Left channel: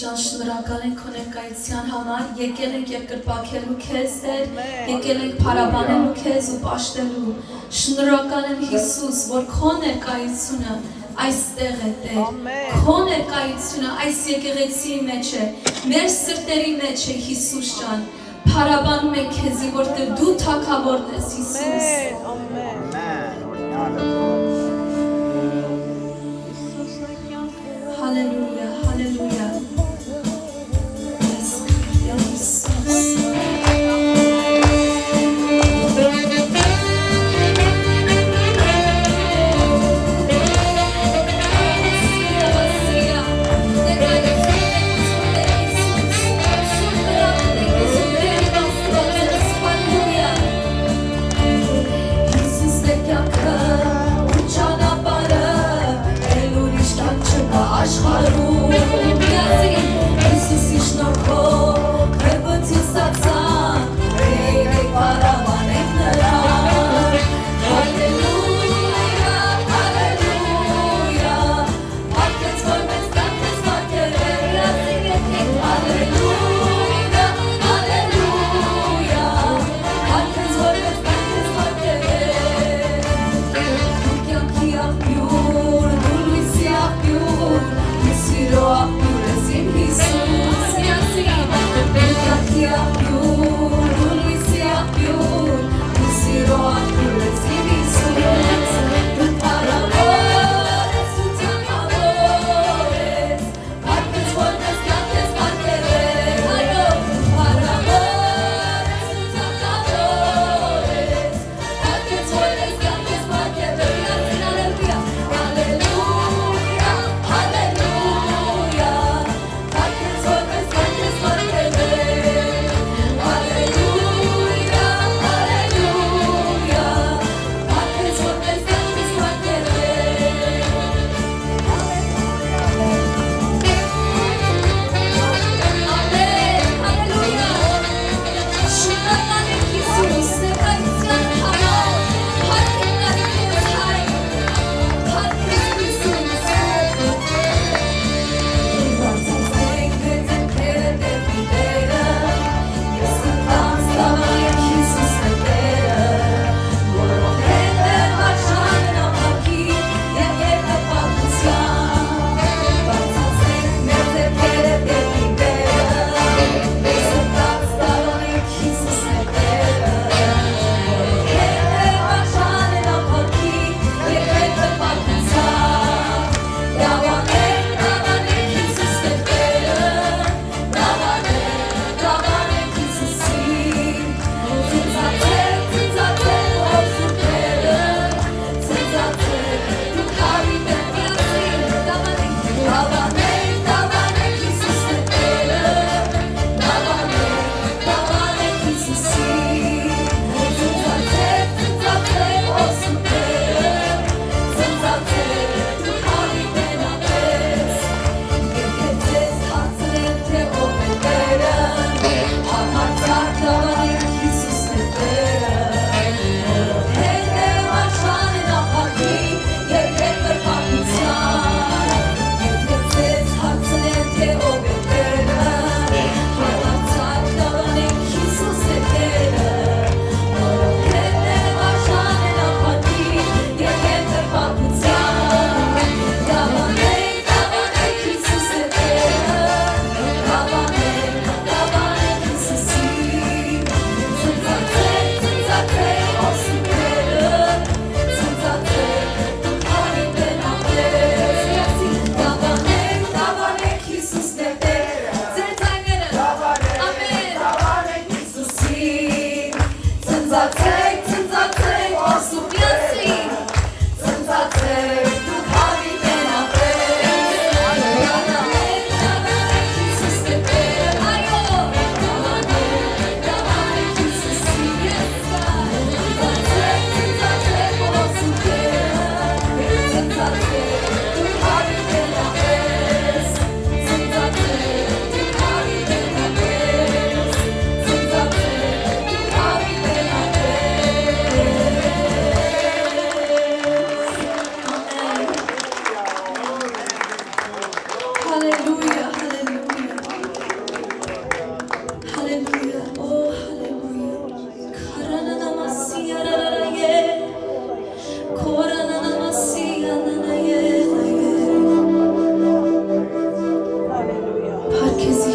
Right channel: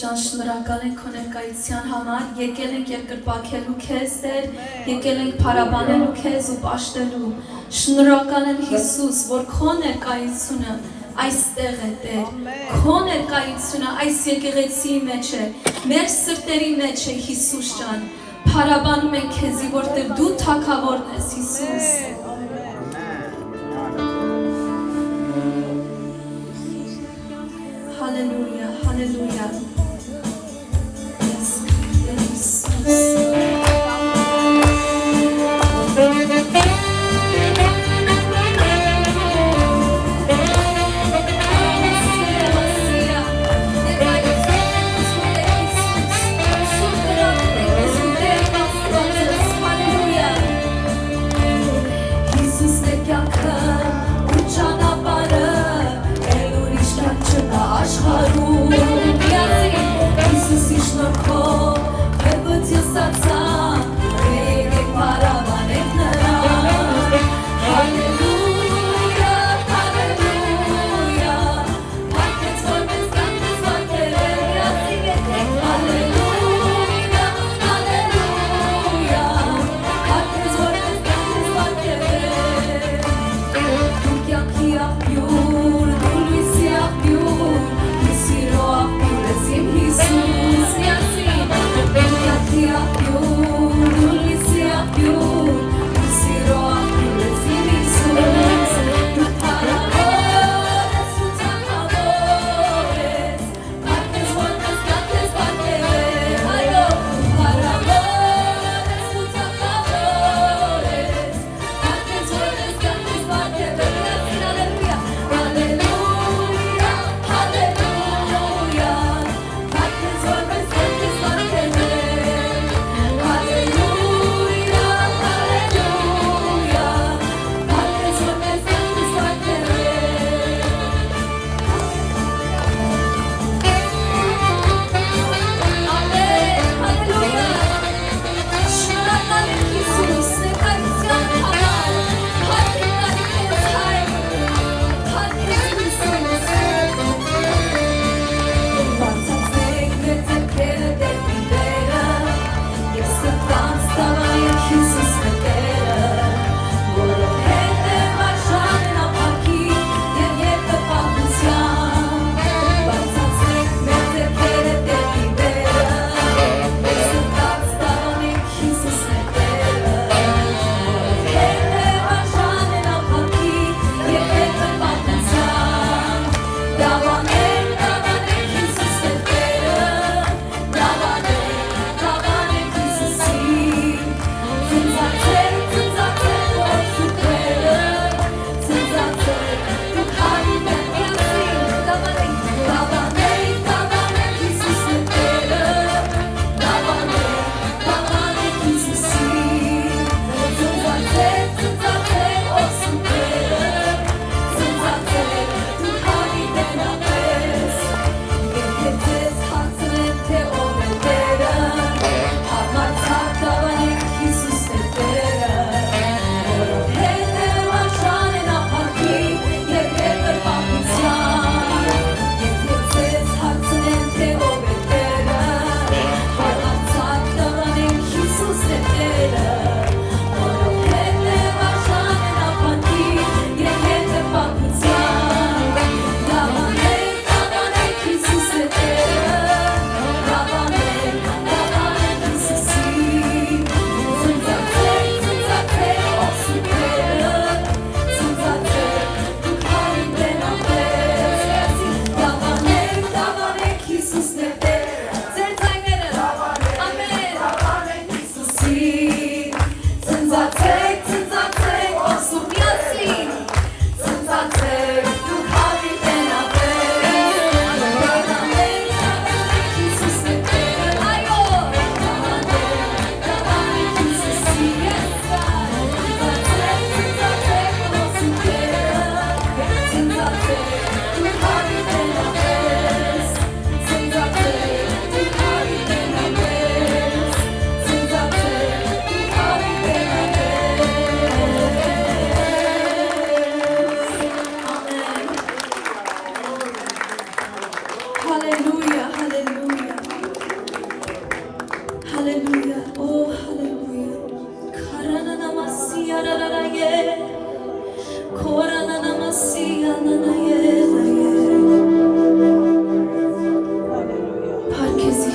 ջան, շնորհակալ ենք քո ներկայության համար, եկել ենք երկրպագելու քեզ Տեր, եկել ենք փառաբանելու քեզ ու պաշտելու։ Շնորհակալ եմ Հիսուս, որ քո ներկայությունը այստեղ է Տեր, քո ներկայությունը այս եկեղեցի մեջ է, մեր սրտերի մեջ է Հիսուս ջան։ Փառաբանում ենք քեզի, որտեղ դու թագավորն ես Հիսուս։ Հալելույա, հալելույա։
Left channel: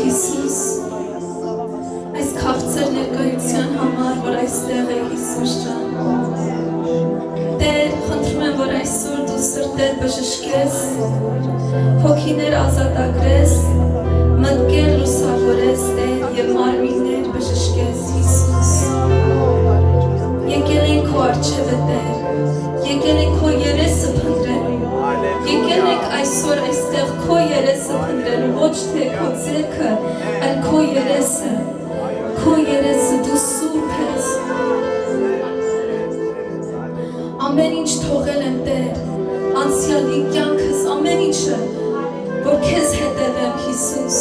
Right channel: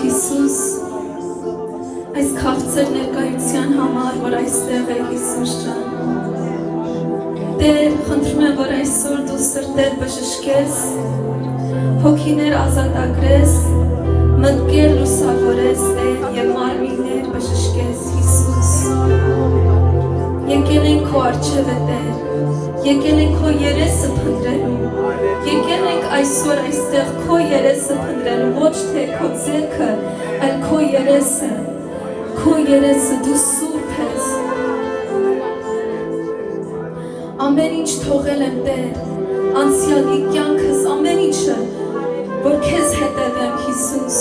Հիսուս այս քաղցր ներկայության համար, որ այստեղ է Հիսուս ջան Տեր, խնդրում եմ, որ այսօր դու սրտեր բժշկես հոգիներ ազատագրես մտքեր լուսավորես Տեր և մարմիններ բժշկես Հիսուս Եկել ենք քո առջևը Տեր եկել ենք քո երեսը փնտրելու եկել ենք այսօր այստեղ քո երեսը փնտրելու ոչ թե քո ձեռքը այլ քո երեսը դու սուրբ ես ամեն ինչ թողել եմ Տեր անցյալի կյանքս ամեն ինչը որ քեզ հետևեմ Հիսուս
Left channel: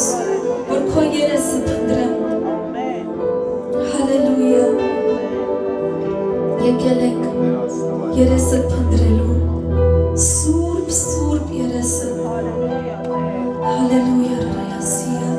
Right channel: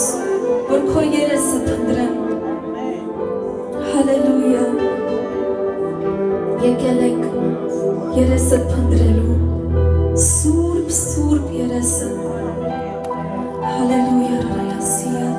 որ քո երեսը փնտրեմ հալելույա եկել ենք երեսը փնտրելու սուրբ երեսը հալելույա ռալասիա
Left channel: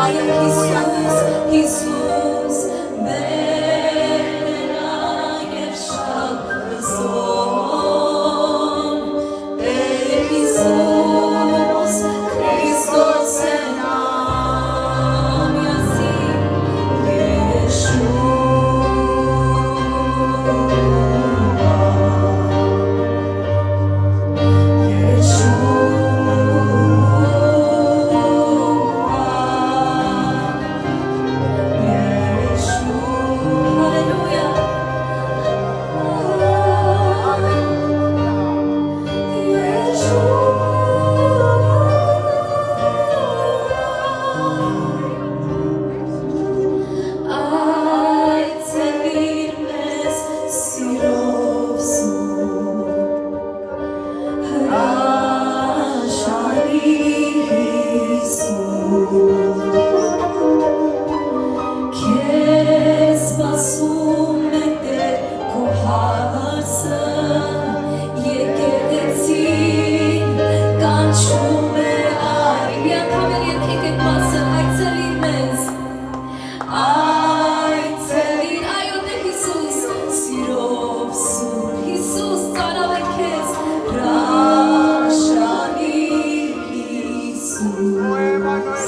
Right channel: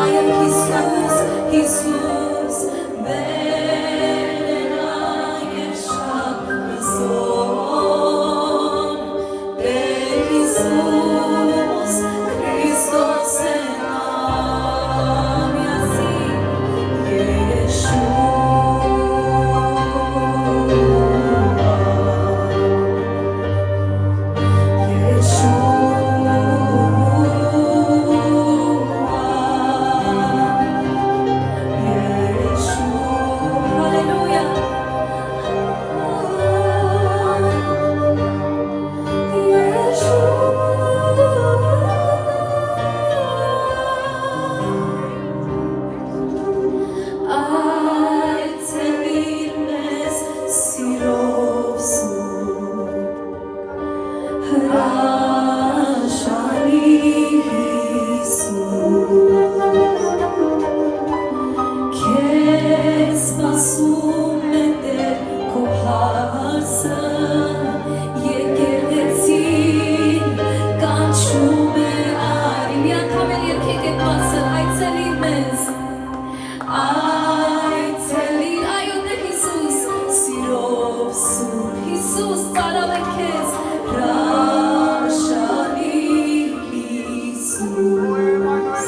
Այո Հիսուս, Հիսուս, վերնա և շատ լսոն, Տեր Հիսուս, Քրիստոս են ամյասին, Հիսուս տարավ է քեզ, հրաշալի Հիսուս,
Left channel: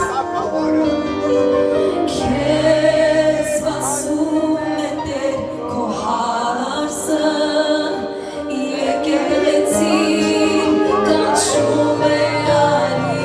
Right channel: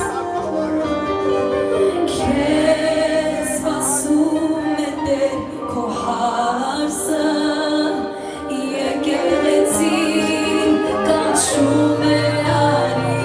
քեզ սպասում է Տեր քո հարսը, եկեղեցին կանչում է արի,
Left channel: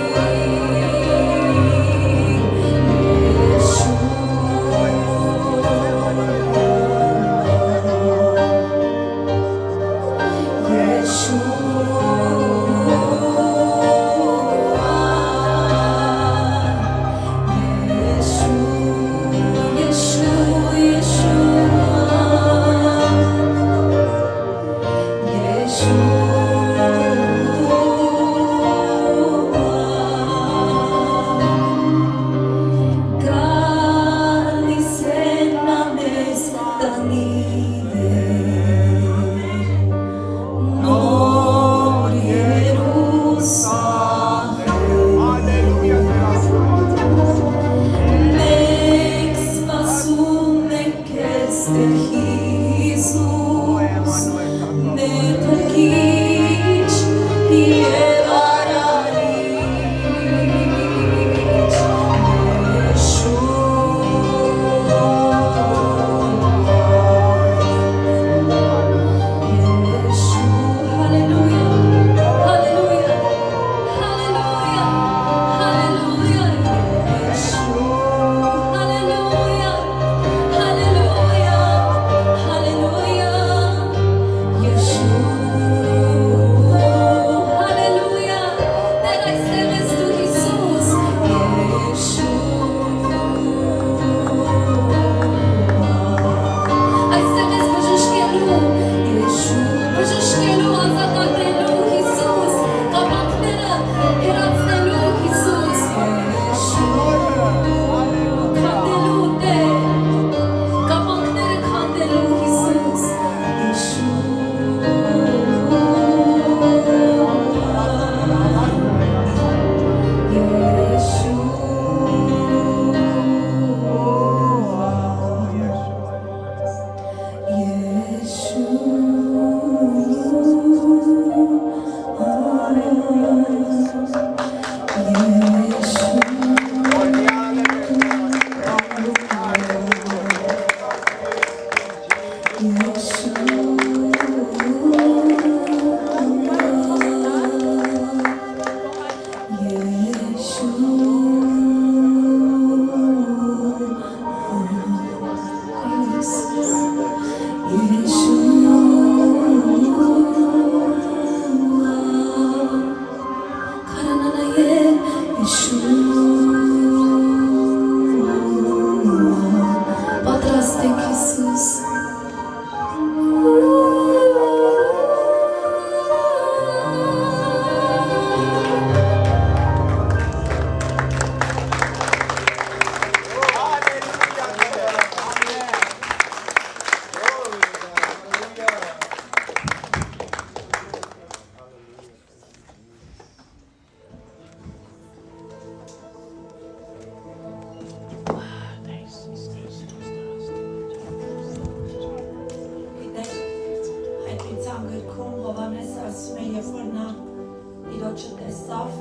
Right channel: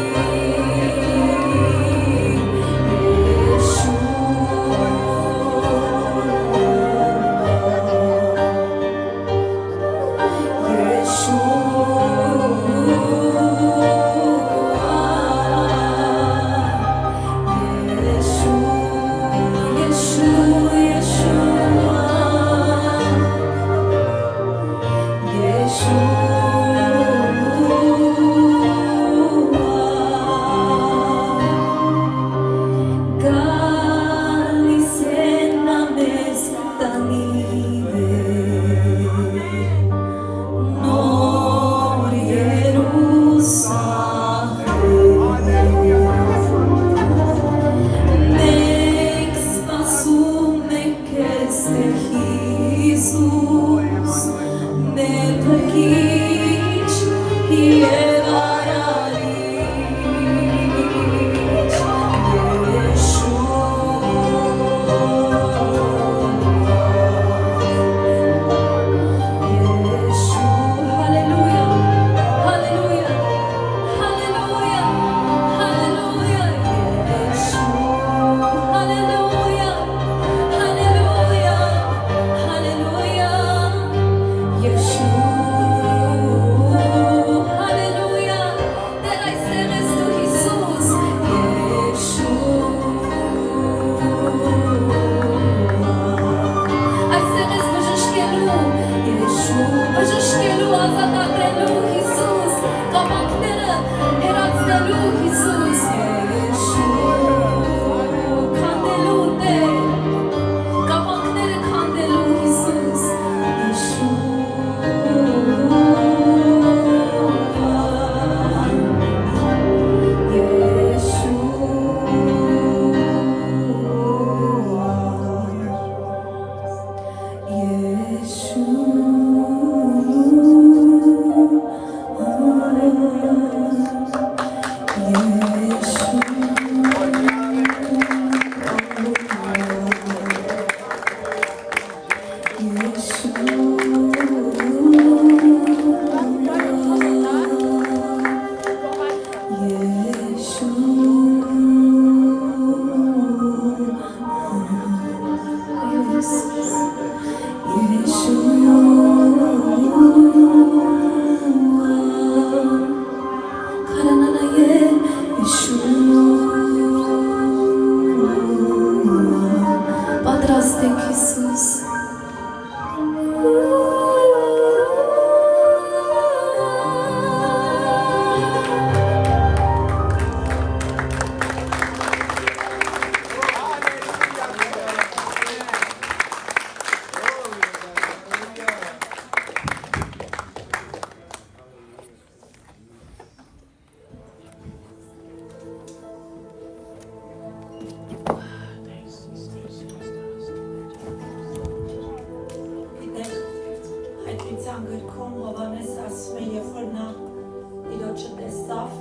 աչքը տեսավ,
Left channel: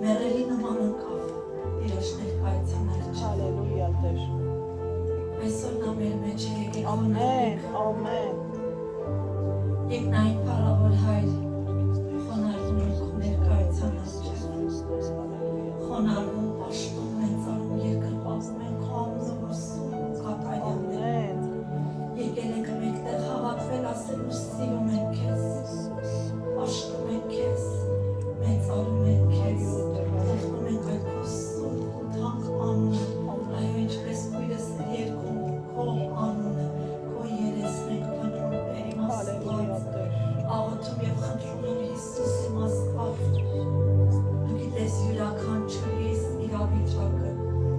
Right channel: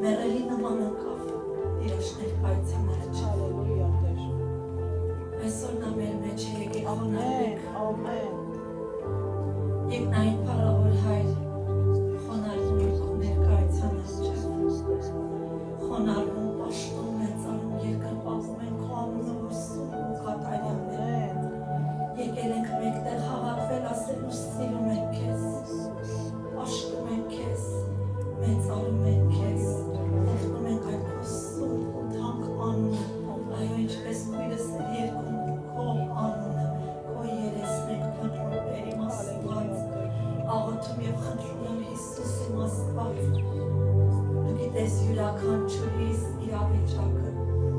մեղելի նման ընկավ, Տիրոջ ներկայության մեջ։ Հալելույա Տեր։ Այսօր նա մեր մեջ է, եկեք խոնարհենք։ Ամեն։ Եկ նայեք փառավոր Հայր, խոնարհվում ենք քո ներկայության առջև։ Խոնարհվում, պաշտում, մեծարում, երկրպագում ենք քո անունը, որ սուրբ ու կատարյալ է։ Եկել ենք մեկտեղ հավաքվել ասելու սիրում ենք քեզ, պաշտում ենք քեզ, մեծարում ենք քեզ, օգնում ենք այդ քո սուրբ ու թանկ անունը, այո ինչպես քույրս երկում քո անունը, քո երեսն ենք փնտրում Տեր իմ Աստված, աղոթում եւ խնդրում եմ Հիսուս իմ Աստված, դու գիտես յուրաքանչյուրիս իրավիճակը,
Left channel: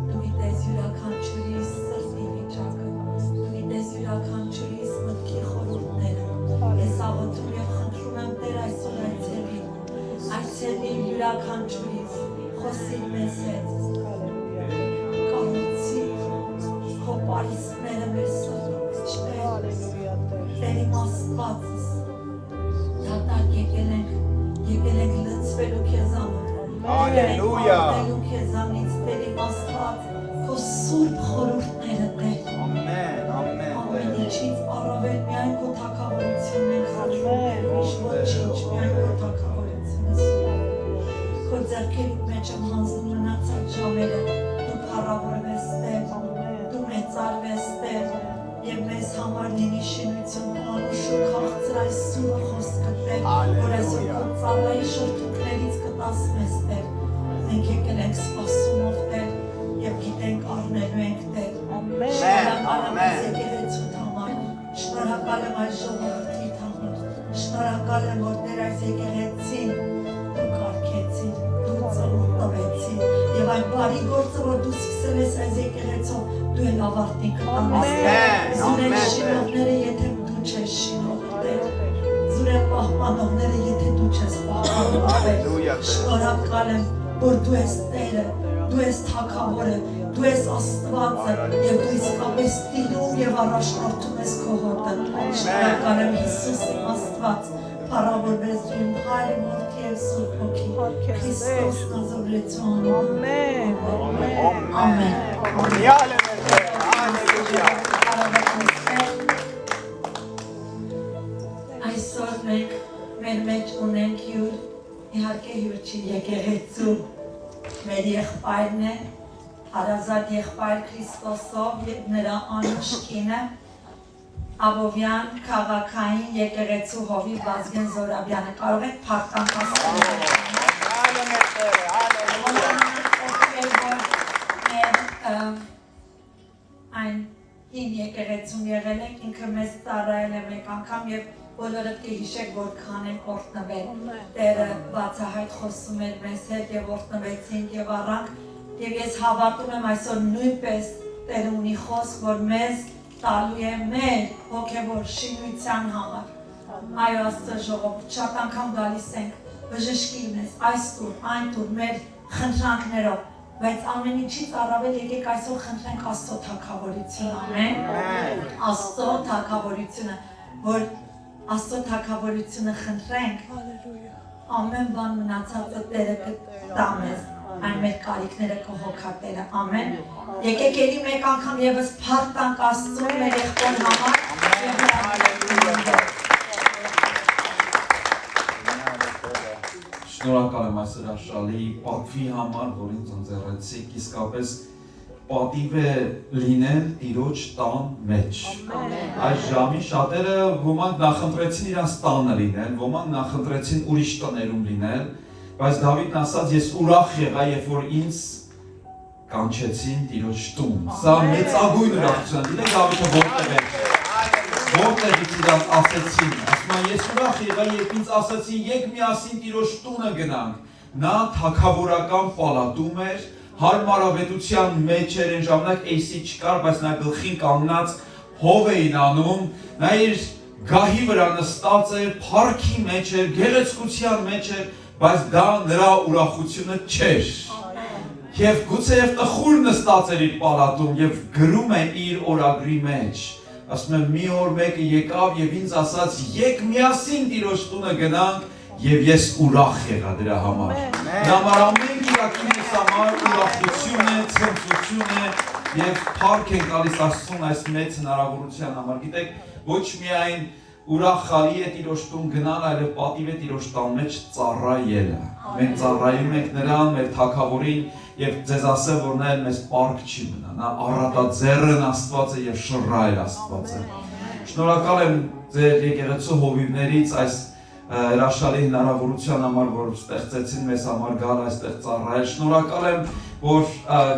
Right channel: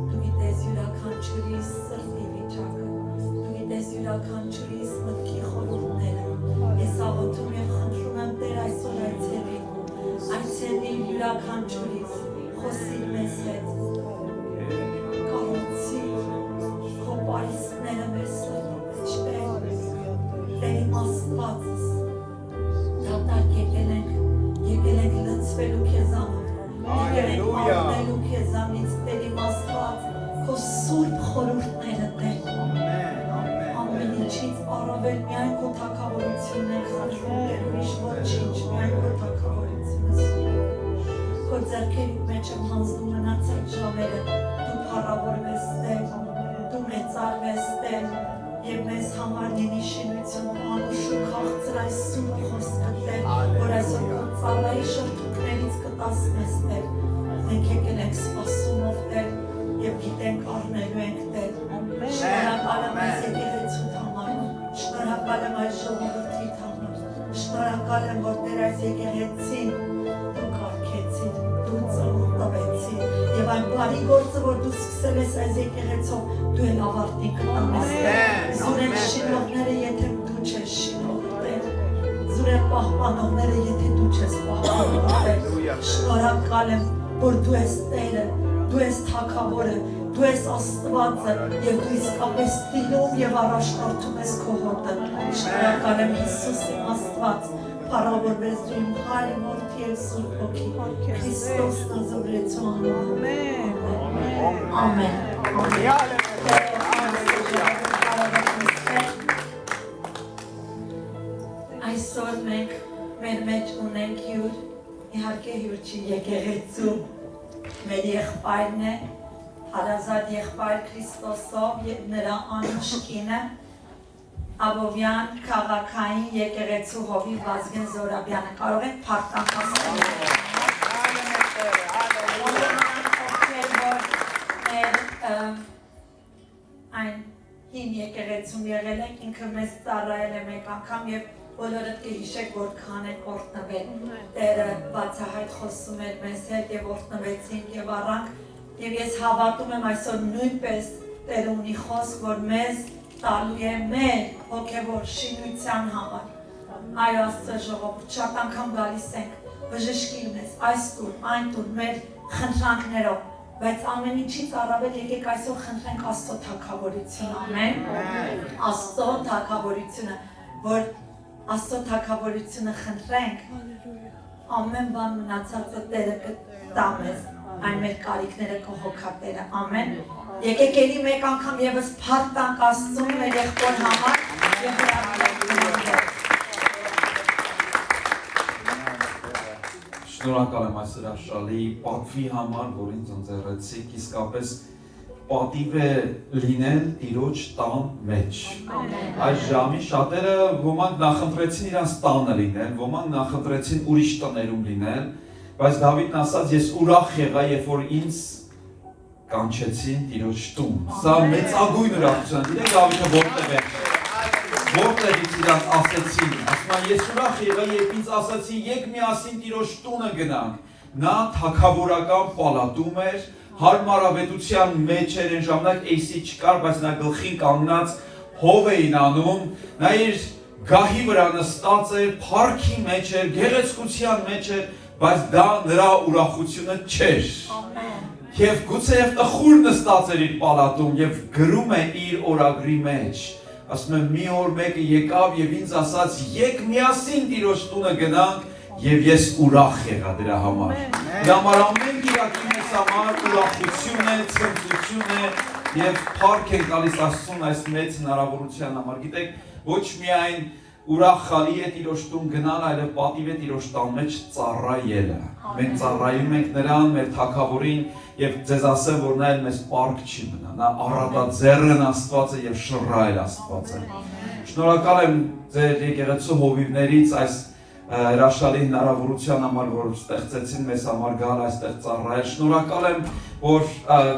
դու գիտես յուրաքանչյուրիս սրտի վիճակը, դու գիտես յուրաքանչյուրիս մտքի խորհուրդները, ես աղոթում եւ խնդրում եմ Տեր այսօր այցելի յուրաքանչյուրիս, խոսի մեզ հետ, կառուցի քո պարիսպները մեր սրտի մեջ Տեր իմ Աստվածս, դատարկ եկել ենք լցվելու քեզանով, եկել ենք ապրելու քեզանից Տեր իմ Աստված, քո սուրբ խորհուրդները Տեր, ամեն ինչից առավել միայն քո թագավորությունն ենք խնդրում Տեր, ուրիշ ոչինչ, միայն քո թագավորությունը քո ձեռքերիդ մեջ եմ հանձնում մնացած ժամերը, դու փառավորվես Տեր, դու մեծարվես Տեր, եւ մեզ համար լինի շինություն, անուշու քաղցր այս սուրբ խոսքը Տեր, որ այսօր քո ծառայի շրթունքներից կտաս մեզ Տեր, մենք եկել ենք սպասումով Տեր եւ գիտենք առնելու ենք Տեր, շնորհակալ եմ այս եկեղեցուդ համար, շնորհակալ եմ այս ժողովրդիդ համար, շնորհակալ եմ որ Տեր այս եկեղեցին դու կարգեցիր, դու ծնունդ տվեցիր եւ այն բարի գործը որ դու սկսել ես այս եկեղեցով դու էլ ավարտին կտանես զուրեն շինողները եթե դու չես շինող Տեր զուրեն պահպանողները եթե դու չես պահպանող Տեր շնորհակալ եմ որ դու ես Տերը դու ես Թագավորը դու ես Աստվածը եւ դու իսկապես տիրում եւ առաջնորդում ես քո հոտը շնորհակալ եմ Հիսուս իմ Աստված փառավորվես դու իմ Հայր որդի եւ Սուրբ Հոգի Քրիստոս Նազարեթյան ամեն այսօր մենք մեր մեջ ունենք հյուր իհարկե հյուր չի եկեղեցու մեր եղբայրն է հարազատ եղբայր Քրիստոսով եւ նրա անուշ կինը Աբովյան քաղաքային եկեղեցու հովիվ Վազգեն Զորաբյանը կարող եք փառքան ասել այն հին եկեղեցում եղել ենք ինքը մեզ ծառայել է մեկ անգամ եւ բոլորը կհիշեք որքան են օրհնվել Տերը բացահայտ խոսում էր մեզ հետ եւ օրհնվեցինք եւ առանք եւ ես հավատում եմ այսօր նույնպես Տերը ունի խոսք որ մեզ տալու է մեր հոգևոր շինության համար այո Աստծո ժողովուրդ շատ անգամ գալիս ենք բժշկի մեզ այս տուր այն տուր մեր խնդրանքներով բայց ամեն ինչից առավել եկեք այսօր խնդրենք Աստծո թագավորությունը ամեն Աստծո թագավորությունը որ Աստծո թագավորությունը խնդրենք ամեն բան մնացածը Տերը կտա մեզ այն մեր կարիքները կհոգա Տերը ամեն եկեք ելի մեկ անգամ եւս փառք տանք Աստծուն մեր եղբոր համար եւ Շնորհակալ եմ այս հրաշալի պատվի համար, որ ինձ ընձեռեցիք, իսկապես պատիվ է լինել Տիրոջ տան մեջ։ Այս ժամի շատերը ոմանք նախընտրեցին իրանց տանը լինել, ոմանք նախընտրեցին ուրիշ տներում լինել, բայց Դավիթն ասաց, ես ուրախ եղա, երբ որ ինձ կանչեցին Տիրոջ տուն։ Սա մեծագույն ուրախություն է, Դավիթը որտեղից իրան ասեցին, ասում են ես ուրախ եղա, երբ ինձ ասացին եկ միասին Տիրոջ տունը գնանք, նա թագավորական պալատում էր, հարմարավետության մեջ էր այն ժամանակ AC չկար, բայց նա գլխին կանգնած հով էին անում, նա իր գահի վրա նստած էր, փառքի մեջ էր, գեղեցկության մեջ էր, բայց դա նրա ուրախությունը չէր։ Եվ գուցեև տխուր նստած էր իր պալատում եւ գրում է իր օրագրի մեջ։ Ասում եմ մի օր մեկը եկավ եւ ինձ ասաց՝ «Եկ միասին Տիրոջ տունը գնանք եւ ես ուրախ եղա դրա համար։ Դրա համար ամեն գիրակի մեզ համար ուրախություն է, ցնծություն է եւ փառք ենք տալիս Աստծուն այս մեծ հնարավորության համար։ Գիտեք, ոչ միայն ուրախալի է Տիրոջ տուն գնալ, այլև պատիվ է Տիրոջ տան մեջ ծառայելը։ Մենք ծառայում ենք նրան, մեր Թագավորին, եւ ձեզ ասեմ, որ նա մեզ պարկ չի մնա։ Նա առատաձեռն Աստված է եւ շռայլ Աստված է։ Շնորհակալ եմ ձեր եկեղեցու հովիվներից այս հրաշալի հնարավորության համար, որ ստեղծեցին մեզ համար գալ այստեղ ծառայել։ Շնորհակալ եմ, որ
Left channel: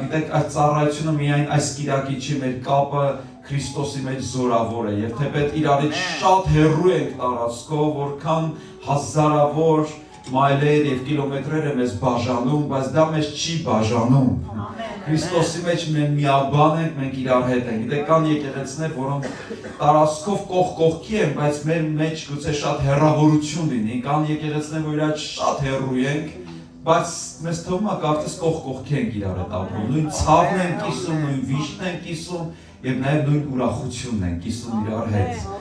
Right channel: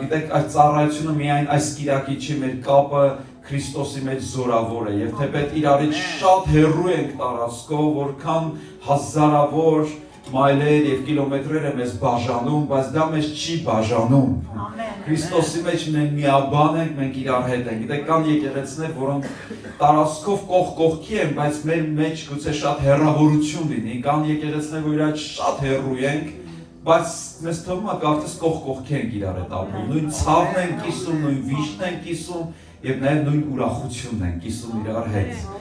գիտեք, այս ծառայությունը միայն այս կիրակի չի, մեր կապը Քրիստոսի մեջ զորավոր է եւ թեպետ իրարից շատ հեռու ենք տարածքով, որքան հազարավոր մայլեր եւ կիլոմետրեր է մեզ բաժանում, բայց դա մեզ չի բաժանում։ Քրիստոսի մեջ մենք միաբան ենք, մենք իրար հետ ենք։ Գիտեք, կան եկեղեցիներ, որոնք տարածքով կողքի են, բայց մեր մեջ գուցե շատ հեռավորություն լինի։ Կան եկեղեցիներ, որ իրար շատ հեռու ենք, բայց մեզ թվում է կարծես կողքի ենք իրար հետ ապրում։ Նույն ցավն են կիսում, նույն վիշտն են կիսում եւ նաեւ նույն ուրախությունն են կիսում իրար հետ։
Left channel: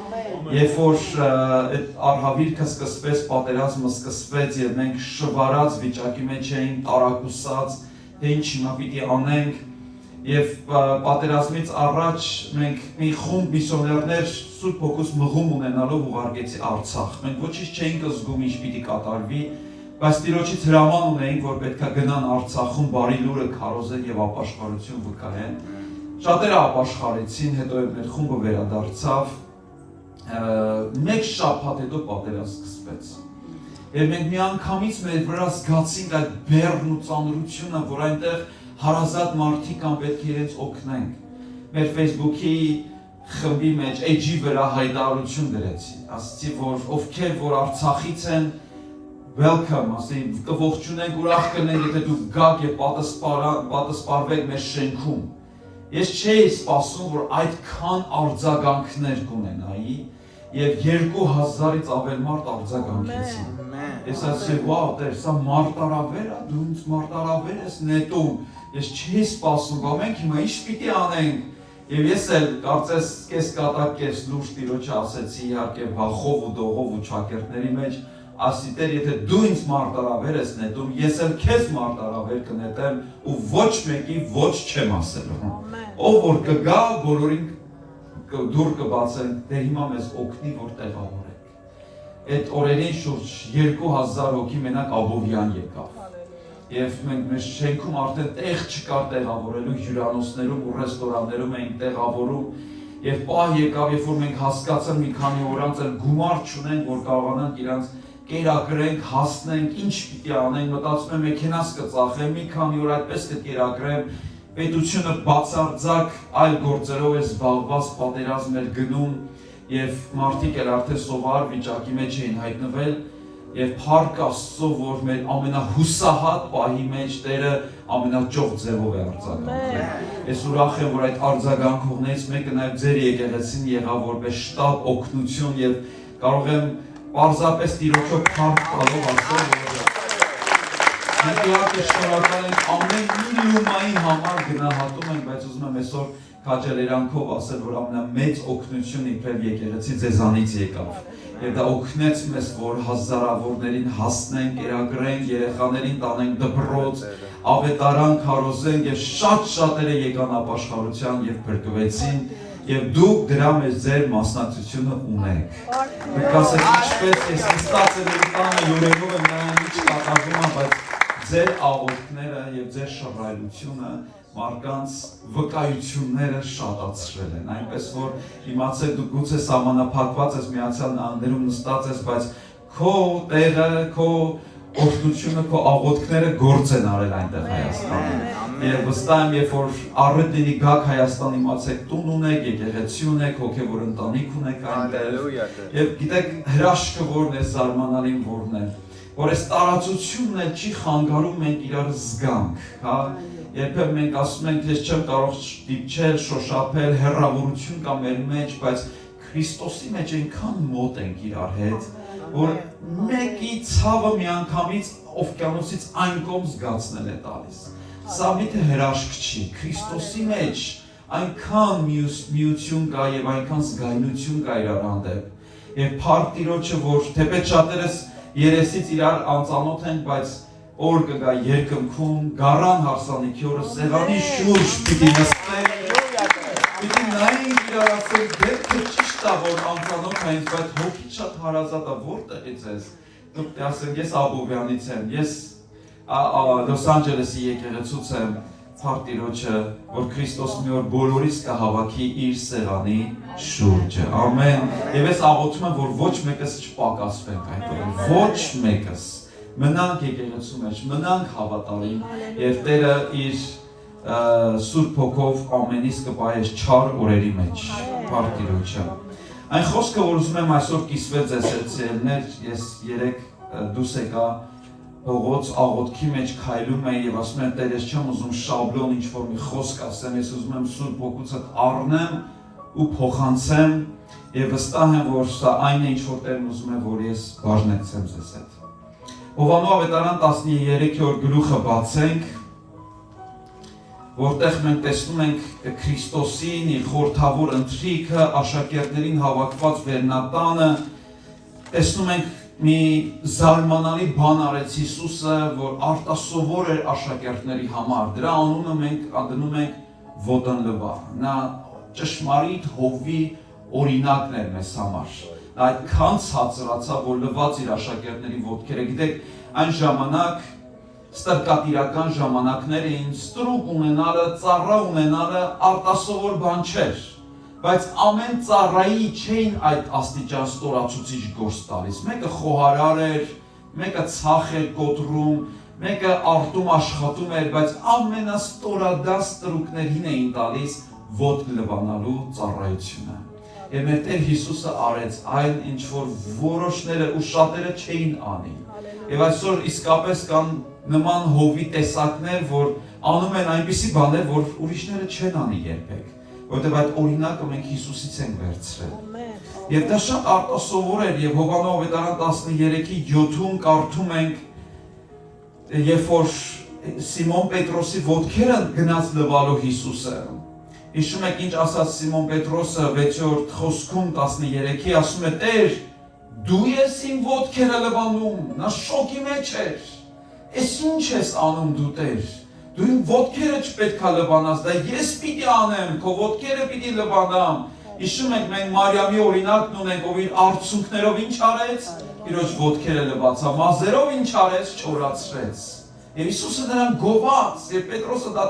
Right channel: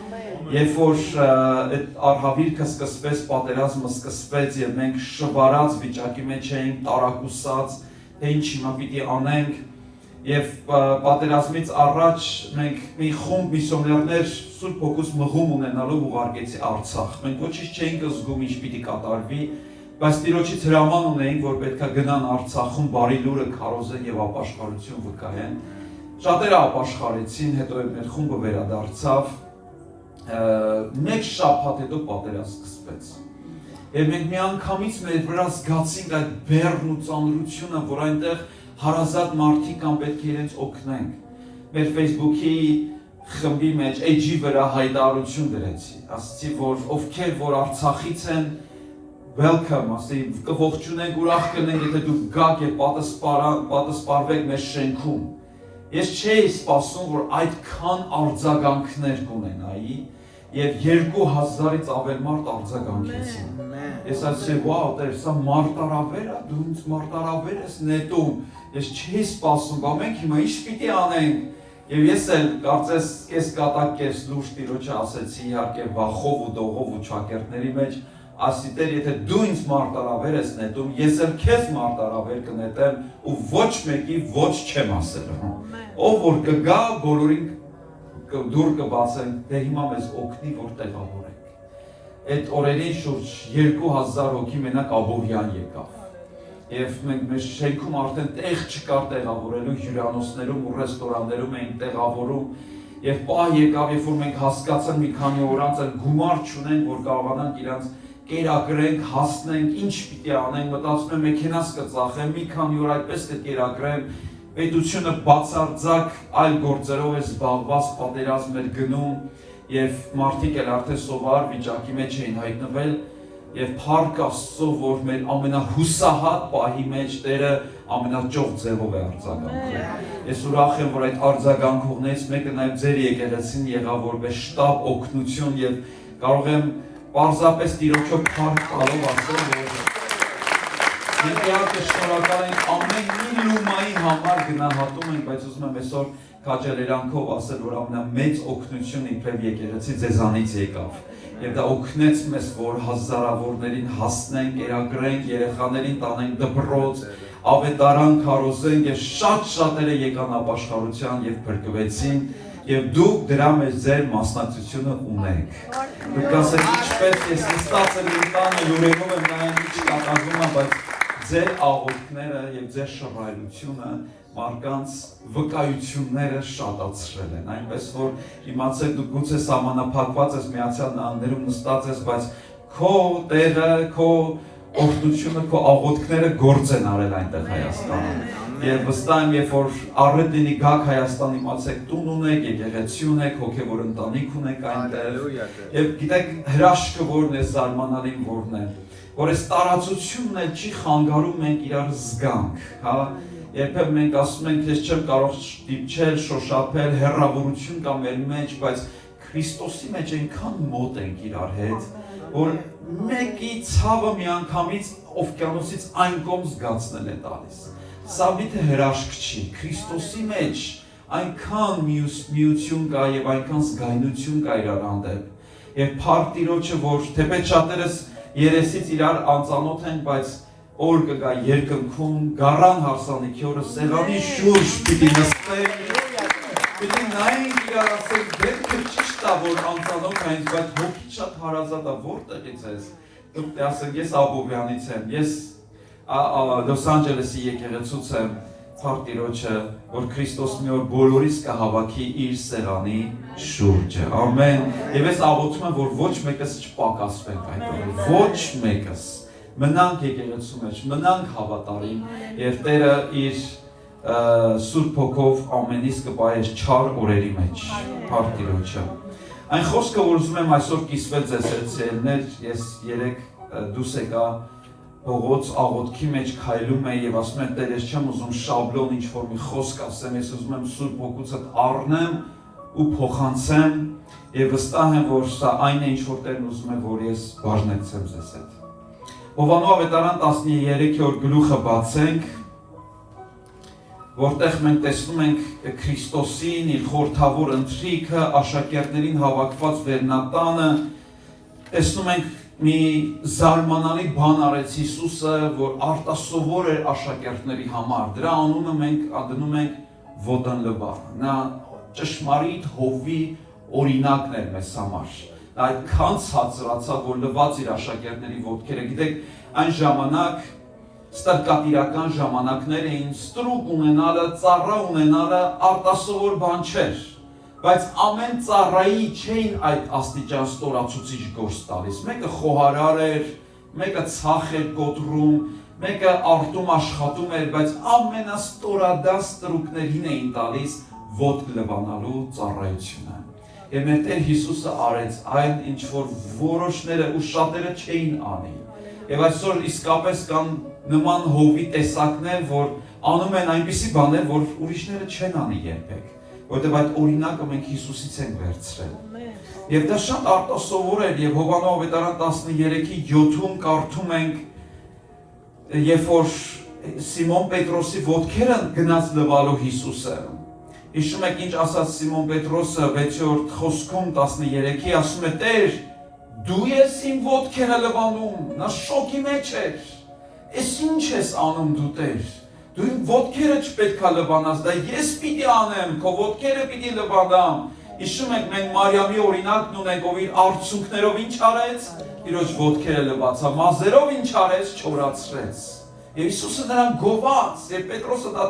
Երբ որ այդ արհավիրքը սկսվեց, պատերազմը սկսվեց եւ մենք շվարած վիճակի մեջ էինք, տարակուսած, թե ինչ հիմա պիտի անենք, եւ պատերազմից առաջ մենք մի խումբ միսիոներներ Սուրբ Հոգուց մղում ունենալով ուղարկեցի Արցախ։ Մենք ոչինչ չէինք զգում ինչ պիտի կատարվի, բայց Տիրոջից հրաման ունեինք, որ պետքա գնան Արցախում բարի լուրը քարոզեն եւ ապաշխարություն վկայեն։ Շատերը ապաշխարեցին, հետո այդ խումբը վերադարձավ։ Մեկ շաբաթ հետո պատերազմ սկսվեց։ Եվ մենք միանգամից մեր վրա զգացինք այդ բեռն ու ծանրությունը, որ այնտեղ հարազատ մարդիկ կան, պետք է իրենց օգնենք։ Մեր Facebook-ի խմբի մեջ էջի վրա հայտարարություն գրեցի, ասացի, որ ովքեր որ Արցախից են, welcome, ասի, կողջունենք, ուրախ կլինենք, եթե դուք գաք եւ պատասպարվեք մեր շենքում։ Ես չէի սպասում, որ այդքան արձագանքներ կունենայի եւ 2000-ից ավել մարդ արձագանքեցին։ Ես ասացի, վաու, Տեր, սա մարտարավեր է, դու ինձ մարտարավեր ես նետում։ Ես չէի սպասում, բա մենք հիմա ինչ պիտի անենք։ Եվ ես էլ կարծես կես կատակ կես լուրջ Տիրոջը ասեցի, իհարկե վախով ու դողով ու ճակերտների մեջ, ասի Տեր, եթե դու ինձ մարտարավեր ես նետում, ես էլ քեզ մարտարավեր կնետեմ ու ոչ մեկի ոչ չեմ ասել։ Ով որ կգա, բոլորին դուր կբացենք, դե հիմա մեզ օգնի, որ տեղավորենք։ Այդ օրերին շուրջ 2000 հոգի մենակ Աբովյան եկավ։ Եվ մենք մեր շենքում արդեն տեղ չկար տեղավորելու, հյուրանոցներում ու ռեստորաններում էին տեղավորում։ Եվ պահ եկավ, երբ որ մենք հասկացանք մի քանի օր անց էլ գումար չունենք, որ կարողանանք իրանց կերակրենք, հասնենք, ինչ պիտի անենք, մտածում եմ մեքենաս կծախեմ, մի քանի օր այդպես կերակրեմ, պետությունը բացարձակ այլ գործերով է զբաղված, պատերազմ էր գնում եւ մարդիկ էլ արդեն սովար վիճակի մեջ էին հայտնվել եւ փառք Աստծո, որ մեր ամենահուսահատ պահի մեջ Տերը ամենաճոխ ձևով է արձագանքել։ Ես ուրախ եմ, որ այդ արձագանքողներից մեկը նաեւ ձեր եկեղեցին եղավ որպես շտապ օգնություն եւ կարող եմ պարզապես Տիրոջով փառք տալով ասել, որ մենք իհարկե շնորհակալ ենք ամեն միլիոնային համար գնահատում ենք, բայց ուզում եմ այսօր քաջալերանքով ասել, որ ամենամեծ օգնությունը իբրև եկեղեցի ձեզանից եկավ։ Եվ դա օգնեց մեզ, որ հազարավորներին հասնենք, կերակրենք, երեխաներին տանենք դպրոց, ավետարան քարոզենք եւ շատ-շատերը եկան ապաշխարության եւ փրկվեցին եւ դուք դրա մեջ ձեր մասնակցությունը ունենք։ Դուք ասեք ինչպես է ստացել ինքանը յուրերով եմ նայում ինչ կատարվում է, բայց ձեր աղոթքները եւ ձեր շռայլությունը մարդկանց վկայությունները շատացրել են, այնպես որ իմացեք դու գուցե սահմանափակված ես Միացյալ Նահանգներում նստած ես, բայց քո տեղը, քո օգնությունը, քո աղոթքները գործ են արել այնտեղ Հայաստանում։ Եվ վստահ եմ, երբ որ առիթ լինի գաք Հայաստան, իմացեք տուն ունեք, եկեղեցի ունեք, հոգևոր ընտանիք ունեք այնտեղ։ Եվ գիտեք հրաշքը որն է, զարմանալին որն է, որ այս տարածությունն էլ չի խանգարում մենք իրար զգանք, հա։ Երբեմն մենք ասում ենք, ես չեմ կարող դիպչել, շոշափել, հեռավորություն կա մեր մեջ, բայց Քրիստոսի մեջ այնքան մոտ ենք իրար հետ, որ մեկի ցավը միանգամից օվկիանոսից այն կողմ զգացնել է տալիս։ Սա միթե հրաշք չի, Քրիստոսի մեջ այնքան միություն կա եւ այնքան զգայունություն կա իրար հանդեպ։ Եվ փառք Տիրոջը, որ թեպետ շատերս երեսից իրար անծանոթ ենք, բայց օր կգա երկնքում, գարան հարսանիքի օրը սեղանի շուրջ պիտի նստենք, պիտի նայենք իրար ասենք, դեպքը ճիշտ է, որ անծանոթ ենք, բայց հոգի շատ հարազատ է, որտեղից ես, դուք ասենք, ես Աբովյանից եմ, ես Լոս Անջելեսի եկեղեցուց եմ, Փառտիրոջը, որ Քրիստոս մի օր բոլորիս կհավաքի իր սեղանի շուրջը, ամեն, և ես աղոթում եմ, որ ոչ մեկս չպակասվենք այդ օրը, ոչ մեկս, մնանք եկեղեցու մեջ, մնանք հավատարիմ, և Տերը իր Սուրբ Հոգով ամենից կպահես չար օրերի մեջ, Փառտիրոջը։ Այն խոսքը, որ ուզում եմ այսօր կիսվել ձեզ սերցիելներ, ես երեկ դուս եկա Հողոց աղոթքի մեջ քայլում եմ և ասում եմ, Տեր, ես չեմ ուզում շաբլոն ինչ-որ մի խոսք ասեմ, ես ուզում եմ Սուրբ Հոգուցդ առնեմ ու փոխանցեմ և վստահ եմ, որ սա այն է, ինչ-որ Տերն ուզում է, որ ես բաժնեցեմ ձեզ հետ։ Հովհաննես ավետարան 13-րդ գլուխը բացենք, որտեղ մենք տեսնում ենք Քրիստոսին, իր խորհրդավոր ընթրիքը, աշակերտներին հավաքված վերնատանը, տեսնում ենք մի զարմանալի բան արեց Հիսուսը, որ արտասովոր էր աշակերտների համար, դրա անունը մենք դնում ենք ոտնլվա, նա ճշմարիտ հովվի օրինակն էր մեզ համար, նա այդքան ցածրացավ, որ լվաց իր աշակերտների ոտքերը, գիտեք, այն ժամանակ ստրկատիրական ժամանակներ էին, ստրուկ ունենալը, ծառա ունենալը արտասովոր բան չէր, բայց ամեն ծառայի չէին այդ աստիճան ստորացուցիչ գործ տալիս, մեկը խոհարար էր, մեկը ցախ էր կոտրում, մեկը արտում աշխատում էր, բայց ամենաստորադաս ստրուկներին էին տալիս ոտք լվանալու ծառայությունը։ Եվ մեր Տեր Հիսուսը արեց այն, ինչ որ որոշները ու շատերը չէին անի։ Եվ այսօր իսկապես կան նման հովի տեսակներ, որ անում են այնպիսի բաներ, որ ուրիշները չեն անի երբեք, որովհետև այդ օրինակը մենք Հիսուսից ենք վերցրել։ Եվ դա շատ արտասովոր էր, եւ Հովհաննես ավետարան 13:7-ում կարդում ենք, երբ որ Սիմոն Պետրոսի ոտքերը գնաց լվալու Հիսուսը։ Հիշում եք ինչ ասաց Սիմոն Պետրոսը 6-րդ խոսքում 13-ի, ասում է, Տեր, դու ես իմ ոտքերը լվանում, նա շոկի մեջ էր, ես ինչ ես անում դու Տեր, դու իմ ոտքերը չպետք է լվանաս, դա ես պիտի անեմ, քո ոտքերը պիտի լվանամ։ Հիշում եք, մենք Մարիամի օրինակն ունենք, ով իր արցունքներով ինչ արեց, Տիրոջ ոտքերը լվացավ, մազերով ինչ արեց, չորացրեց։ Եվ Հիսուսը նրան գովաց, եւ Պետրոսը դա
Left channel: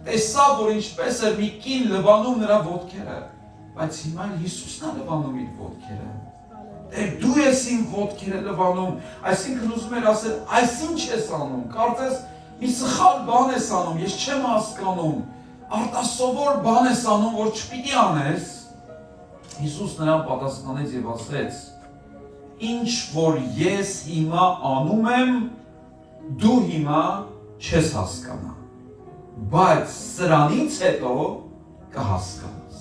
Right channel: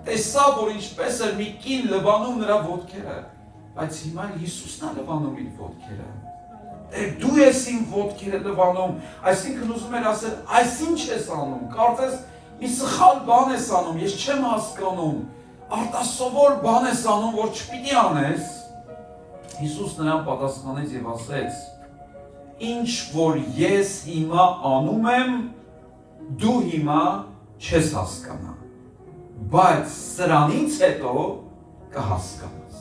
տեսավ, որ ինչպես էր մի կին լվանում նրա ոտքերը, բայց հիմա Հիսուսն է լվանում իր ոտքերը։ Տեր, դու ես իմ ոտքերը լվանում, այսինքն ուզում էր ասել, այս ինչ ես անում, կարծես մի սխալ բան ես անում, ես չեմ հասկանում, արտասովոր բան ես անում, որ չպիտի անես։ Հիսուս նրան պատասխանեց եւ ասեց. Ինչ որ ես հիմա անում եմ, դու հիմա չես հասկանա, բայց սրանից հետո կհասկանաս։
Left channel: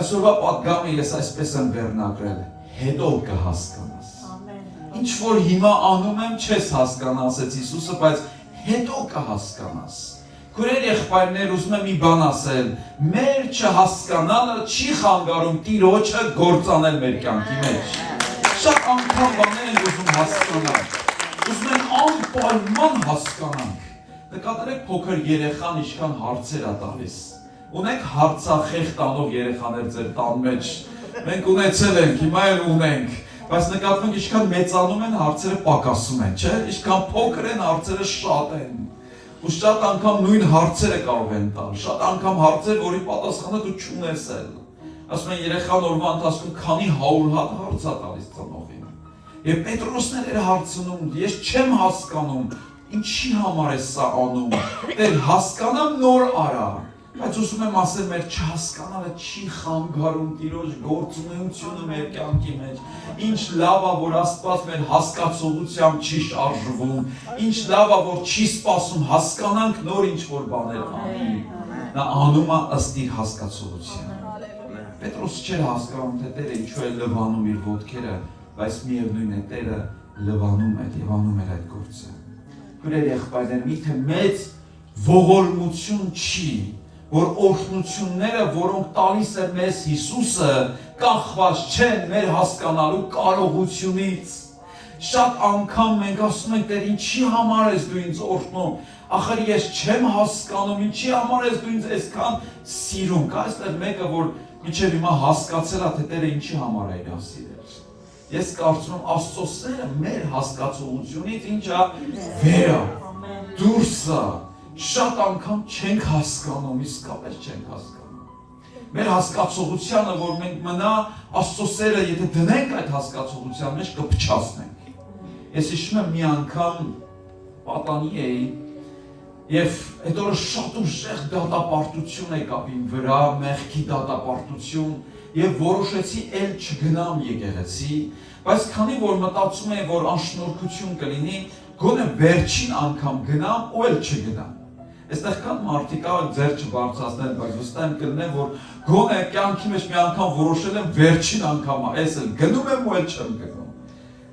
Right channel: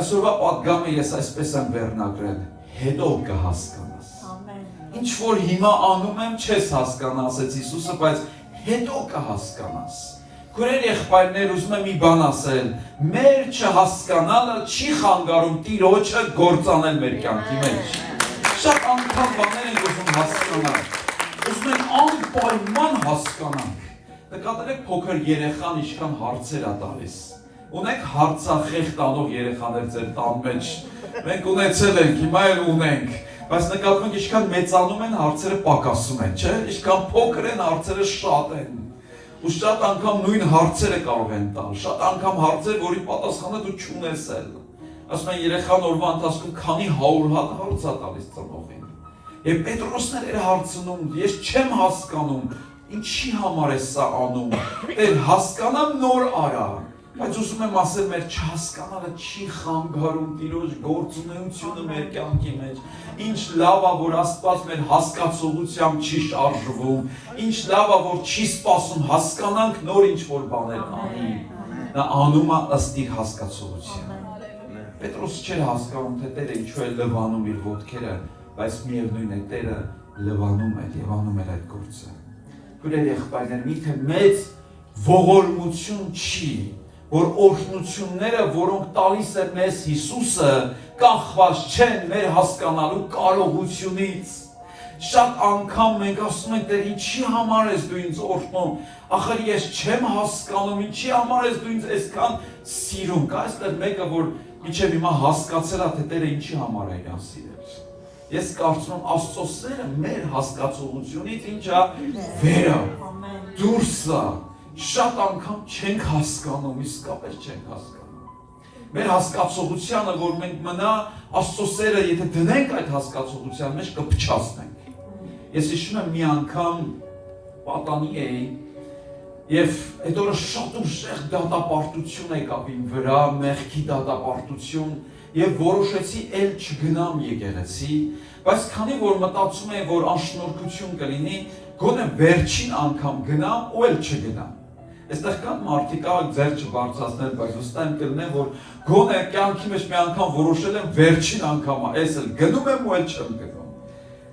Այսօրվա պատգամը ես այսպես եմ վերնագրել, հետո կհասկանաս։ Ինչ որ հիմա անում եմ, չես հասկանա, ասեց Հիսուսը, բայց հետո կհասկանաս։ Քույրեր եղբայրներ, ուզում եմ մի բան ասել, մեր չհասկանալը չի խանգարում Տիրոջը գործանել մեր կյանքի մեջ։ Շատ անգամ բաներ ենք ուզում հասկանալ, ուզում են անպայման հասկանանք։ Նկատելով փոքր երեխան ինչքան հարցեր է տալիս։ Ունենք հարցախեղ տանող երեխաներ ձեր տան մեջ։ Մենք ունեցել ենք, հիմա էլ ունենք, բայց նկատում ենք ինչքան մեծանում են հարցերը պակասում են, չէ՞։ Ինչքան փոքր են հարցերը շատ են։ Ու շատ անգամ նույն հարցերը կարող են տալ, շատ անգամ հարցեր, որի պատասխանը դու չունես էլ։ Ասում են երեխան օրվա ընթացքում քանի 100 հատ հարց է տալիս ծնողին։ Եվ Պետրոսն էր հարցնում, ես չեմ հասկանում, ինչի համար է սա անում։ Էլ հասկանամ նոր արա, բայց ուզում եմ ասել, մեր չհասկանալը չի խանգարում Տիրոջ գործունեությունը մեր կյանքի մեջ։ Ինչ լավ է, որ Աստված մեր հասկացողությամբ չի շարժվում, ինչ լավ է, որ չի սպասում հասկանանք նոր ինչ-որ բաներ անի։ Նա անում է ըստ իր հասկացողության։ Պետրոսը չէր հասկանում, թե Տերը ինչու է լվանում իր ոտքերը, բայց միևնույն է Տերը լվանում է եւ անում է այդ գործը։ Քույրեր եղբայրներ, միթե մեծ ողորմություն չի, որ օրհնությունները, որոնք տալիս է մեզ Հիսուսը, կախված չեն մեր հասկանալու կարողությունից։ Շատ անգամ մենք ասում ենք, Տեր, ինչի համար ես դու ինձ օրհնում, ախր ես չեմ հասկանում, ինչի համար ես դու ինձ այսքան սիրում։ Կա այստեղ մեկը, որ մինչև հիմա հասկացել է, թե Տերը ինչի համար է իրան սիրել։ Ես կարծում եմ Աստծո սերը մեր հասկացողությունից ինչա վեր է, դուրս է, շատ անգամ չենք հասկանում, իսկապես չենք հասկանում։ Մեր հասկացողությանը, որ մենք մնա Աստծո սերը, եթե դնենք այդ հասկացողության մեջ, կփչացնենք։ Ես հիշում եմ մի անգամ պատանի էի, եւ այդ օրը շատ ուժեղ դատապարտություն եկավ իմ վրա, մեղքի դատապարտություն, եւ որոշեցի էլ չգնամ եկեղեցի, բայց քանի որ մտածում եմ, որ անշնորհքություն կլինի, գոնե վերջին անգամ գնամ ու էլ չգնամ։ Այստեղ կան մարդիկ ձեր չբարձրացնել, բայց վստահ եմ կլինեն, որ գոնե կյանքի մեջ մի անգամ որոշել եմ վերջին անգամ, այս էլ գնում եմ ու էլ չեմ գնում։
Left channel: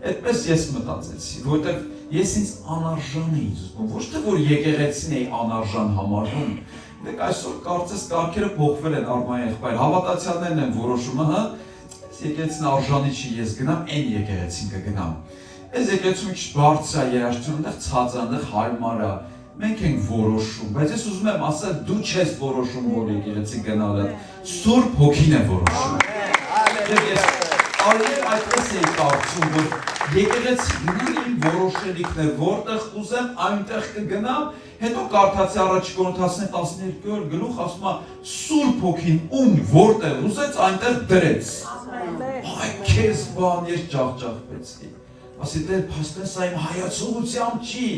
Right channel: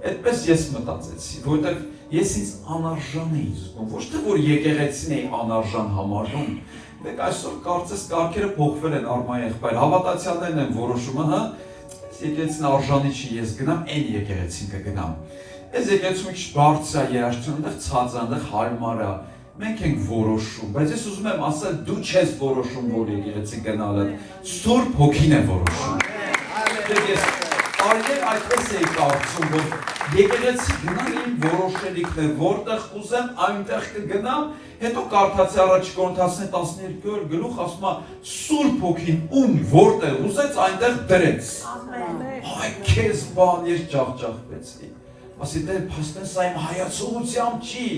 Այդպես ես մտածեցի, որովհետև ես ինձ անարժան էի զգում, ոչ թե որ եկեղեցին էի անարժան համարում։ Մեկ այսօր կարծես կարգերը փոխվել են Արմայի եղբայր, հավատացյալներն են որոշում, հա, եկեղեցին արժանի չի, ես գնամ, այն եկեղեցին կգնամ։ Այս եկեղեցին ինչ բարձր է երաշտում, այնտեղ ցած է, այնտեղ հարմար է, մենք ենք որոշում, բայց ես ուզում եմ ասել, դու չես որոշում, որ եկեղեցի գնալը, Սուրբ Հոգին է որոշում։ Ես Արիք այդպես էի կարծում, որ եկեղեցի գնալ իմ որոշելիքն է, որտեղ ուզեմ այնտեղ կգնամ, հետո կարդացի առաջ Կորինթացիներին 12 գլուխ ասում է Սուրբ Հոգին ում որտեղ ուզեց այնտեղ դրեց։ Այ քեզ բան ես ջախջախվեցի։ Ասի դեր փաստեն սա իմ հայացողությամբ չի։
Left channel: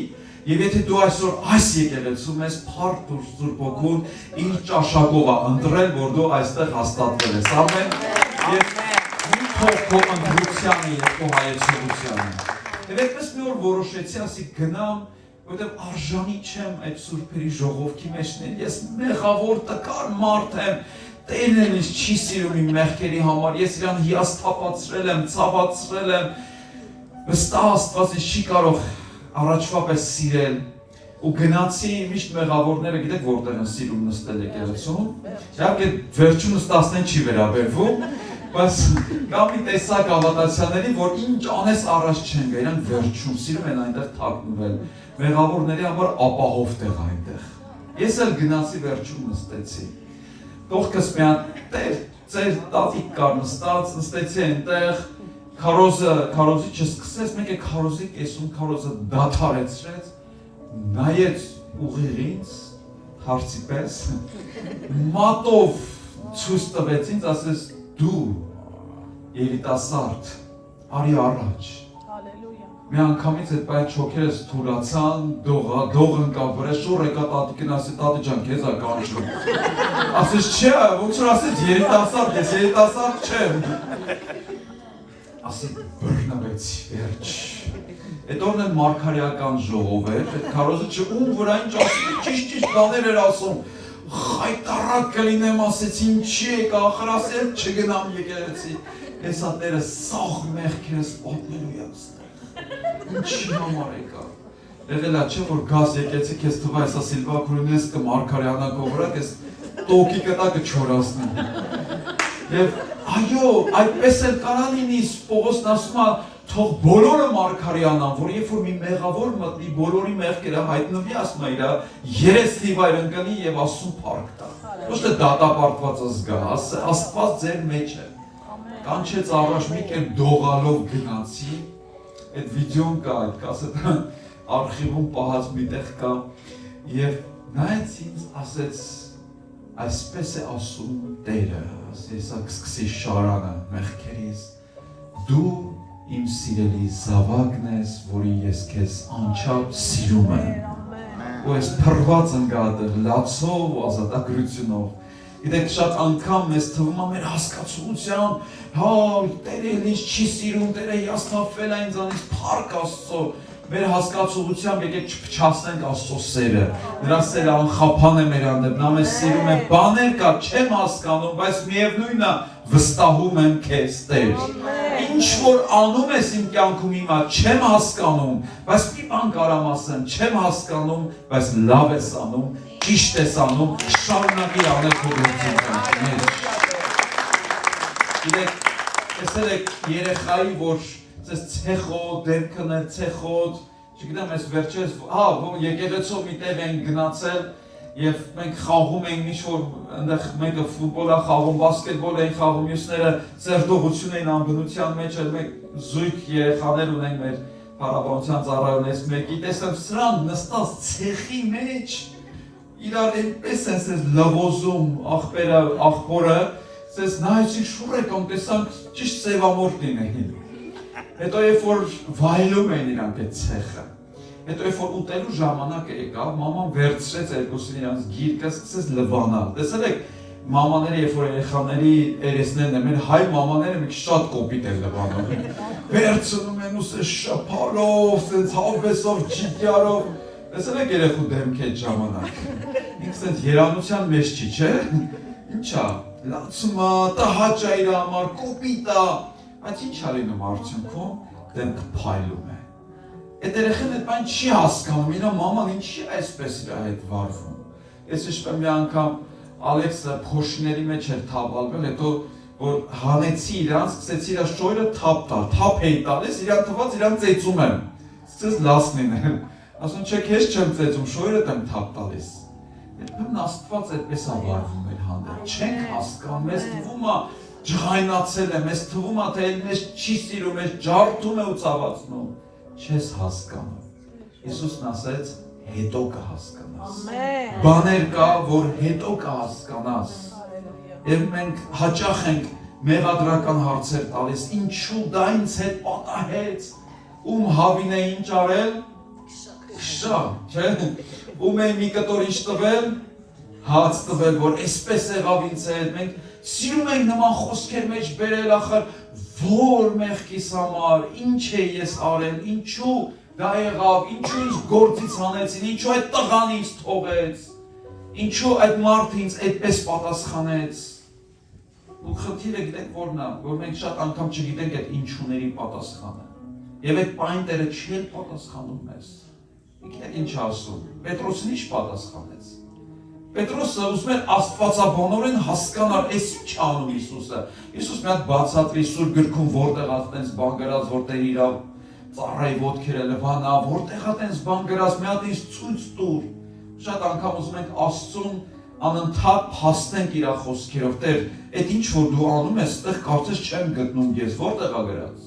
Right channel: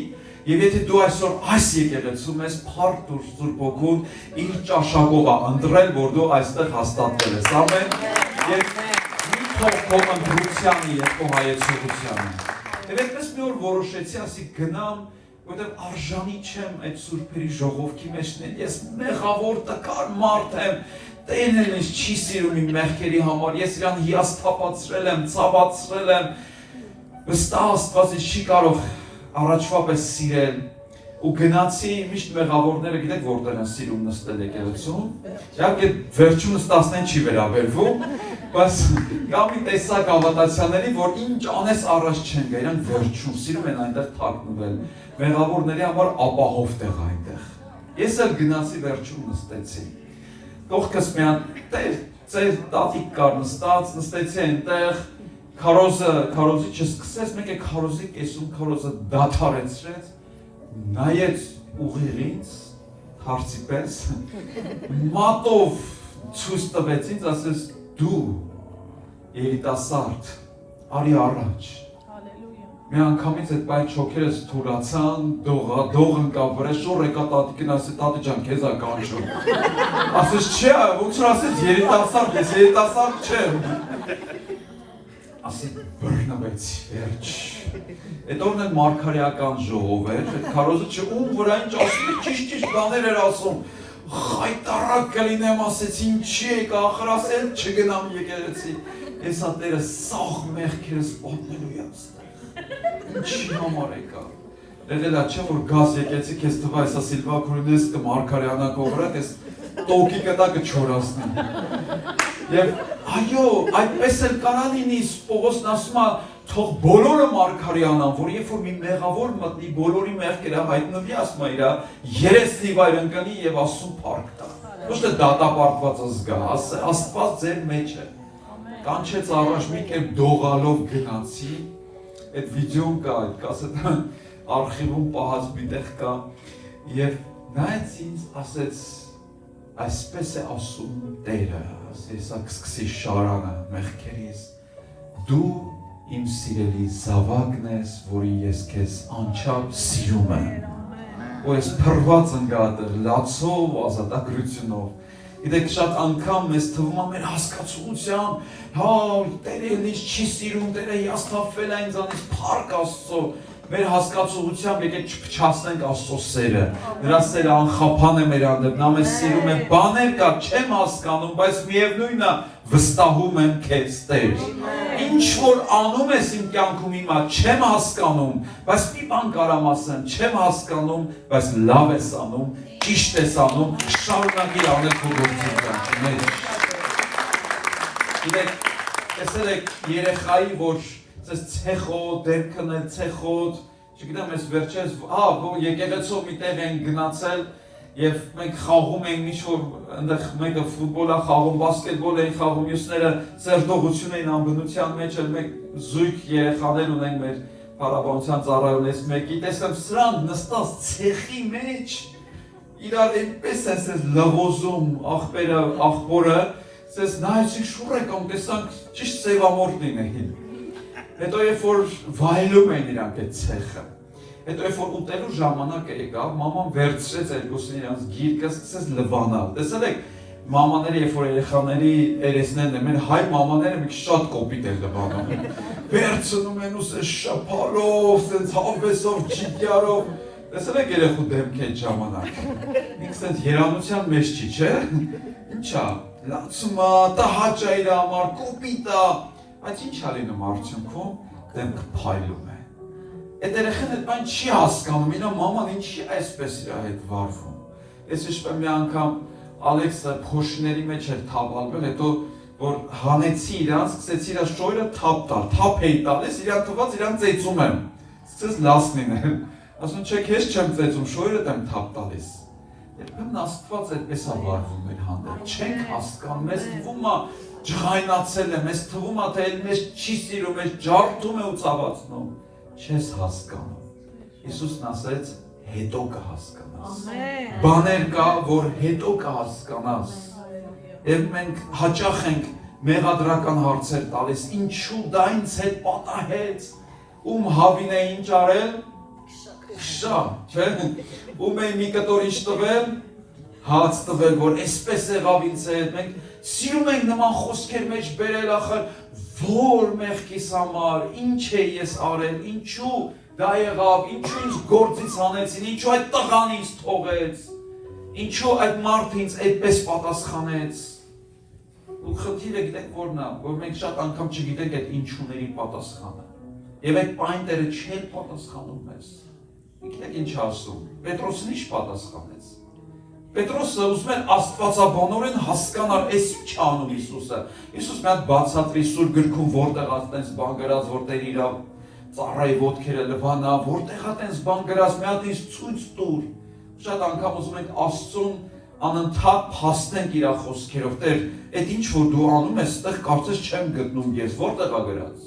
Եվ եթե դու այսօր այս եկեղեցում ես փառք դու Սուրբ Հոգուն իր ճաշակով ընտրել, որ դու այստեղ հաստատվել ես։ Ամեն։ Եվ քո ընտրությանը եւ քո հայացողությանը։ Եվ այդպես մի օր որոշեցի, ասի գնամ, որովհետեւ արժանի չեմ այդ սուրբերի ժողովքի մեջ լինել։ Ես մեղավոր տկար մարդ եմ, Տերն էլ ինձ չի սիրում իմ մեղքերի համար, ես իրան հիասթափացրել եմ, ցավացրել եմ, վստահ Աստված ինձ չի կարող առաջվա պես սիրել, ու գնացի միշտ մեղավորները գիտեք որտեղ են սիրում նստել եկեղեցում, իհարկե վերջումս 10-ին չի վերաբերվում, բայց կա մի տեսակ հավատացյալների, որ ինչ անես առաջ չեն գա, իրան վերջում սիրում են այնտեղ թաքնվել, մեղավորների համար ապահով տեղ այնտեղ։ Ես էլ գնացի վերջում նստեցի։ Կողքս միան ծեր տատիկ կար նստեցի այնտեղ, քարոզի չսկսեց, մեկ է քարոզի կեսում քարոզը դադարեցրեց, նայեց ուղիղ ինձ, հարցի պես, մատով ցույց տվեց ինձ, ասեց դու երիտասարդ, արի առաջ։ Մի անգամից այդ բայց չոքերս թուրացան, դող ընկավ վրա, շոր եկա տատիկին, ասի տատի ջան, քեզ ա կանչում։ Ասեց չէ, ոնց որ ասեց երիտասարդ, ես երիտասարդ չեմ։ Ասեց բռնվեցի, վերջ։ Այդ օրն էլ մարգարեական ժողով էր, այդ քարոզը ում վրա ինչ ասում, ճիշտ բաներ էր ասում, խայտարակ կլինեմ, ասեց ինչի եք, ախր ասել չգնամ եկեղեցի, ես Տերը սաղ մեղքերս պատմելու եմ ստեղ, ինչի համար եկա, եղել է չէ, որ գազ եկեցի, կեզ տվա եսա Սիլվա Քրունես կմարգարեանակով վրա, կեզ տոկի կտա կչորասնեմ, և այո, այդպես էլ կարա լինի, Պողոսն ասում է, թող բոլորը մարգարեանան, որ երբ որ մի մեղավոր մտնի, բոլորի մեղքերը հայտնվի, ասում է իրա երեսնի վայր ընկնի և Աստծուն փառք տա։ Ոչ թե դատապարտվածը զգա, Աստված ձեր մեջ է։ Կանչեց առաջ մի կերպ դողալով գնացի, այդ վիդեոն կա, այդ կասետը արխիվում պահած մի տեղ կա, և նայեց ինձ ասեց, այսպես է ասում Տերը, ես կսկսի շարանը մեղքերից, դու իմ սիրելի զավակն ես, որի ես քեզ անչափ սիրում եմ, ու ես փռված ընկած լացով ու ազատագրությունով։ Գիտեք, շատ անգամ մեզ թվում է մեր հասկացողությամբ, հա, Տերը ինձ չի սիրում, Տերը հիասթափվել է ինձանից, փառք Աստծո, մեր հասկացողությամբ եկեք չփչացնենք Աստծո սերը, նրա սերը անխափան է մեր հանդեպ, նա մեզ սիրում է, բաներ կա, չեմ հասկանում, բայց միևնույնն է, վստահում եմ քեզ, Տեր։ Ինչ որ անում ես իմ կյանքում հիմա, չեմ հասկանում, բայց մի բան կարամ ասեմ, չեմ հասկանում, բայց լավ ես անում, ճիշտ ես անում, շարունակիր անել քո գործընթացը։ Գիտեք, տեսել եք երեխայի, որ ցեխոտ, դերքն է ցեխոտ, չգիտեմ, այս վերջերս, որ եկեղեցով մի տեղ են գնացել եւ մենք խաղում ենք ինչ-որ այնտեղ մեկը ֆուտբոլ է խաղում, բասկետբոլ են խաղում, մյուսները սերտողություն են անգնության մեջ, մենք զույգ երեխաներ ունենք մեր փառաբանության ծառայողներից մեկի, տեսեմ սրանք նստած ցեխի մեջ իրար այնպես են լվոզում աղբորը, սես նայեցինք շուռ եկան, տեսանք ճիշտ սևամորթ լինեին։ Հետո երբ որ վայելում են իրանք այդ ցեխը, հետո երբ որ ուտելու ժամանակը եկավ, մաման վերցրեց երկուսին իրանց գիրկը, սկսեց լվանալ։ Տեսել եք, մամաները երբ որ երեխաների երեսներն են, մեր հայ մամաները մի շատ կոպիտ են լվանում։ Վերցնում են ու սես շփալով, սենց հավեսով, ջիգյարով։ Տեսել եք երեխու դեմքի այդ ժամանակ։ Ինքը սենց երանության մեջ չի, չէ՞։ Ինչա, լացում է, տհաճ է իր համար, կոպիտ է, բայց ինչ ա լինում արդյունքում, դեմքը փայլում է։ Այդ երեխան այդ բան չի հասկանում, իրա մաման ինչի է այսպես իր հետ վարվում։ Ես հիշում եմ մի անգամ Ալեքսը փոշիների մեջ էր թափալվել, հետո որ հանեցի իրանց, սկսեցի իր շոյրը թափ տալ, թափ էի տալիս, իրան թվաց իրան ծեծում եմ, սկսեց լաս լինել, ասում չէ քեզ չեմ ծեծում, շոյրդ եմ թափ տալիս։ Երբեմն Աստված այդպես է վարվում մեր հանդեպ, չենք հասկանում, մեզ թվում է ջղայնացել է, մեզ թվում է թե մեզ չի սիրում, մեզ ջարդում է ու ցավացնում, չես հասկանում։ Հիսուսն ասեց հետո կհասկանաս։ Բաներ կա, որ հետո կհասկանաս։ Եվ մենք հաճախ ենք մեղադրական հարցեր տալիս, ինչու դա ինձ հետ պատահեց, ում հավին է ինչ արել, շա, չէ՞, ում է մի կտոր ինչ տվել, հաց տվել, որ այսպես եղավ ինձ հետ, մենք սիրում ենք նման խոսքեր մեջ բերել ախր, որ մեղքիս համար, ինչ է ես արել, ինչու դա եղավ, ինչու ինձ գործից հանեցին, ինչու այդ տղան ինձ թողեց, ինչու այդ մարդը ինձ այդպես պատասխանեց։ Ու խնդիրը գիտեք որն է, որ մենք շատ անգամ չգիտենք այդ ինչուների պատասխանը։ Եվ այդ պայն Տերը չի պատասխանում մեզ։ Գիտեք ինչ ասում, Պետրոսն ինչ պատասխանեց։ Պետրոսը ուզում էր աստվածաբանորեն հասկանալ, այս ինչ անում Հիսուսը։ Հիսուս մի հատ բացատրի Սուրբ գրքում որտեղ այդպես բան գրած, որտեղ իր ծառայի ոտքերը լվանա, որտեղ այդպես բան գրած, մի հատ ինձ ցույց տուր։ Շատ անգամ ուզում ենք Աստծուն անընդհատ փաստենք իր խոսքերով, Տեր, այդ ինչ որ դու անում ես, այդտեղ կարծես չեմ գտնում ես, որտեղ է գրած։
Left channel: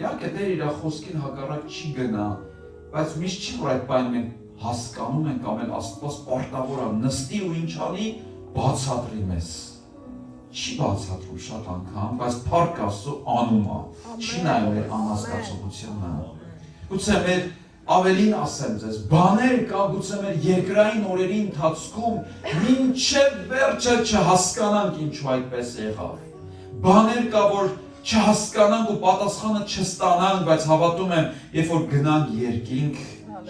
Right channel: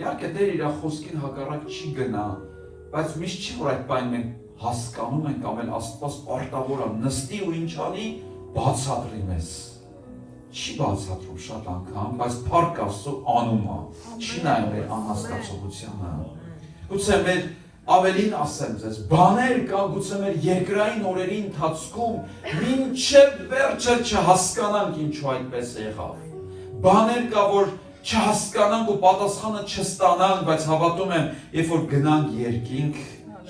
Իհարկե Տեր իր խոսքին հակառակ չի գնա, բայց միշտ չի որ այդ բանը մենք հասկանում ենք ամեն Աստված պարտավոր է նստի ու ինչ անի բացատրի մեզ։ Չի բացատրում շատ անգամ, բայց փառք Աստծո անում է։ Չի նայում մեր անհասկացողությանը։ Գուցե մեր ավելին ասեմ ձեզ, բաներ կա գուցե մեր երկրային օրերի ընթացքում մինչև վերջը չհասկանանք ինչու այդպես եղավ։ Բաներ կա որ չհասկանանք ու պատասխանը չստանանք, բայց հավատում եմ, երբ որ գնանք երկինք,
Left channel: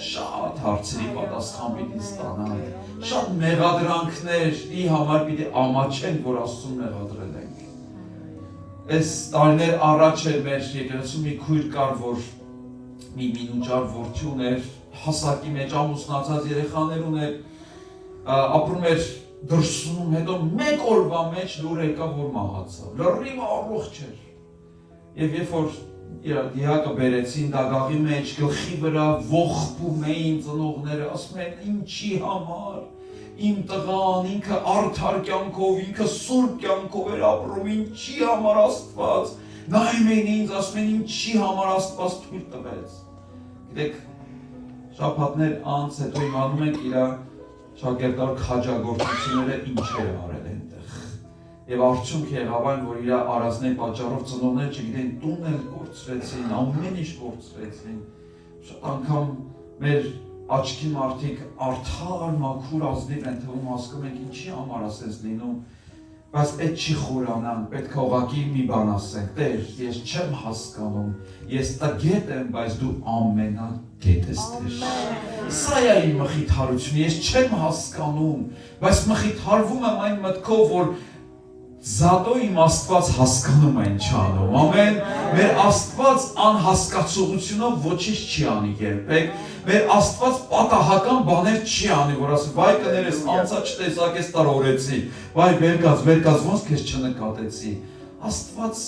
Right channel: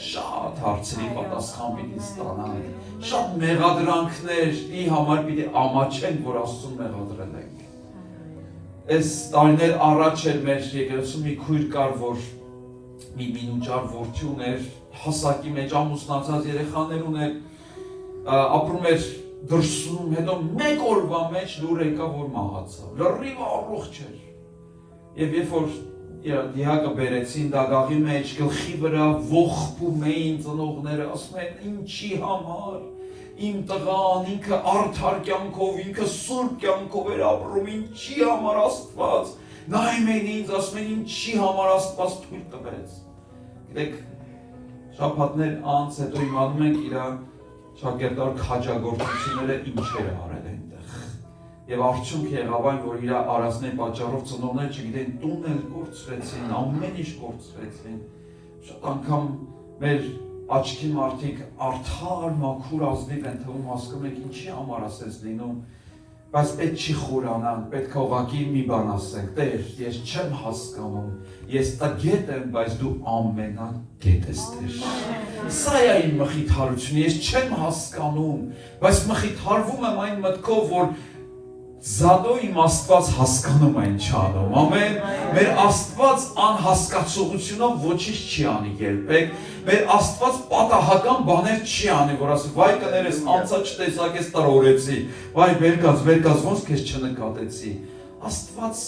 շատ հարցերի պատասխան պիտի ստանանք, շատ մեղադրանքների համար պիտի ամաչենք, որ Աստծուն մեղադրել ենք։ Այս տարիներ առաջ էր մեր եկեղեցում մի քույր կար, որ մի մինուճար որդի ուներ, հասակի մեջ ամուսնացած երեխաներ ուներ, ապրում էր դրսում, հետո մեկ օրվա մեջ լուր եկավ, որ մահացավ, լրիվ առողջ էր։ Եվ երբ որ դիակը բերեցին դագաղի մեջ, գլխի վրա ողբում էին ծնողները, ասում են ինչի համար, իմ տղան ինքը արդար կյանքով, ինքը սուրբ կյանքով էր ապրում, ինչի համար Աստված, նայում էին ինձ, ասում են ինչի համար Աստված թույլ տվեց։ Գիտեք, շաբաթներ անց հետո իմանում ենք իր շակերտար քաջագործությունները ինչեր արել այնտեղ։ Եվ արդյունք եղավ այն, որ իր արածների պատճառով ծնողները չգիտեն տուն էլ կորցրեցին, ամեն ինչ կորցրեցին։ Շատ անգամ մեր աչքի մարդիկ արդար, մաքուր ազնիվ են թվում, հասկանում եք ինչի համար ասես լինում, բայց պետք չի խորանանք, պետք է ուղղակի մի բան ասենք, Տեր, ես չեմ հասկանում, ես տգետ եմ, բայց դու ամենագետ ես Տեր։ Սա է իմ մխիթարությունը, ես չեմ հասկանում, բայց մխիթարվում եմ այն մտքով, որ Զադո իմ Աստված հասկանում է ինչ անում, ամեն, մեր Աստված անհասկացողությունով ոչինչ չի անի երբեք, մեր Աստված պատահական բաներ չի անի, որ ասի, վայ կներես, անցա չտեսակ ես տարօրեցի, վայ վերկաց, ոնց քեզ չնկատեցի, Աստված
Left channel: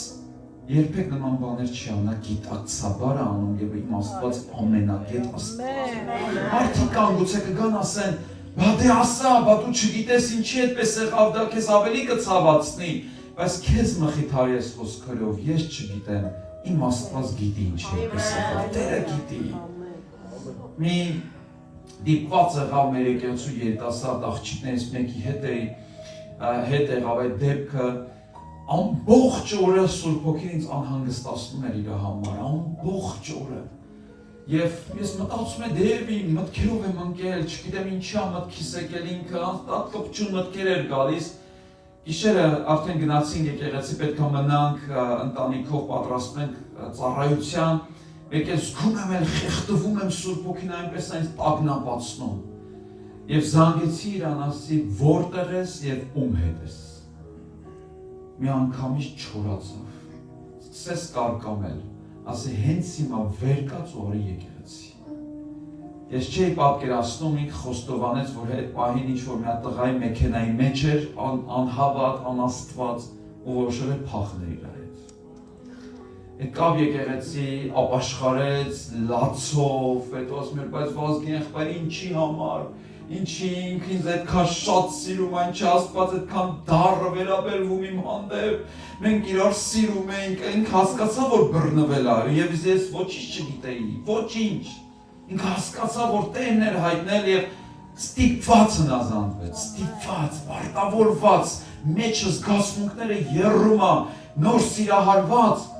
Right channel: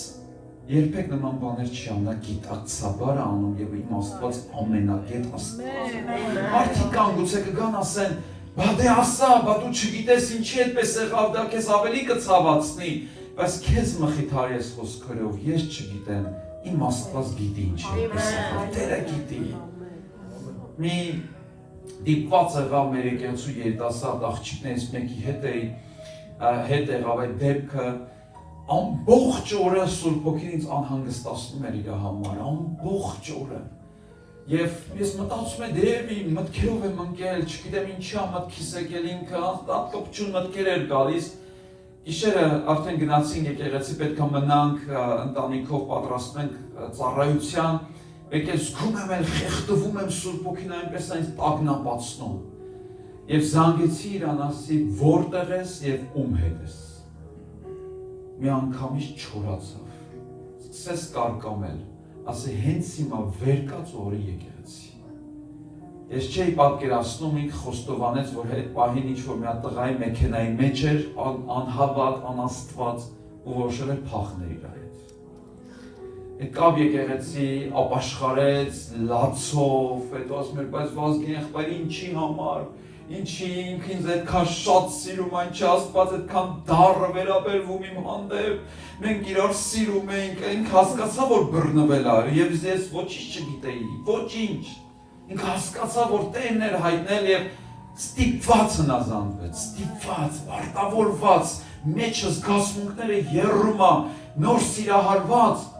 երբեք նման բաներ չի անա, գիտակցաբար անում եւ իմ Աստված ամենագետ Աստված։ Մարդիկ կան գուցե կգան ասեն, բա դե ասա, բա դու չգիտես ինչի այդպես եղավ, դա քեզ ավելի կցավացնի, բայց քեզ մխիթարի ես խոսքերով, ես չգիտեմ, իմ Աստված գիտի ինչի այդպես եղավ, Տերը գիտի։ Մի դիպված եղավ մեր եկեղեցու երիտասարդ աղջիկներից մեկի հետ եղավ այդ դեպքը, ամբողջ օրը Սուրբ Հոգին ինձ անհանգստացնում էր իր համար, ամբողջ օրը։ Եվ ես մտածում եմ դեպ իմ մտքերով եմ ընկել, չգիտեմ ինչի մտքիս եկել ինքը, կպչուն մտքեր էր գալիս։ Գիշերը արդեն գնացին եկեղեցի, պետք է մնանք ընտանիքով պատրաստում ենք ծառայության, եկել զգում եմ էլ խեղդվում եմ Սուրբ Հոգին այնպես այնց տագնապացնում։ Եվ զանգեցի իրան, ասի որտեղ ես եւ ում հետ ես։ Մի անգամից չորացավ, սկսեց կարկամել, ասի հենց հիմա վերկաց օրը եկեղեցի։ Ես չէի պատկերացնում ինքը խոստովանեց, որ այդ պահին ինչ-որ մի հատ տղայի մեքենայի մեջ էր, անհավատ, անաստված, ու որ շրե փախներ իր հետ։ Եկավ եկեղեցի, ապաշխարեց, լացով, հետո ասում էր, բայց Վազգեն եղբայր ինչի համար, ինչի ինքը ինձ այդքան շատ սիրում, այնչի Աստված այդքան դառը վերաբերվում իմ հանդեպ, մենք իրար սիրում ենք, ինքը հասկացավ, որ բռնվել է, եւ ես ոչինչ չգիտեի, ոչինչ։ Ինքը հասկացավ, որ Տերն էր հայտնել եւ ստիպված հնազանդվեց, ստիպված, պարտավորված, մեջը զգացմունքները եռում է, նոր սիրահարված։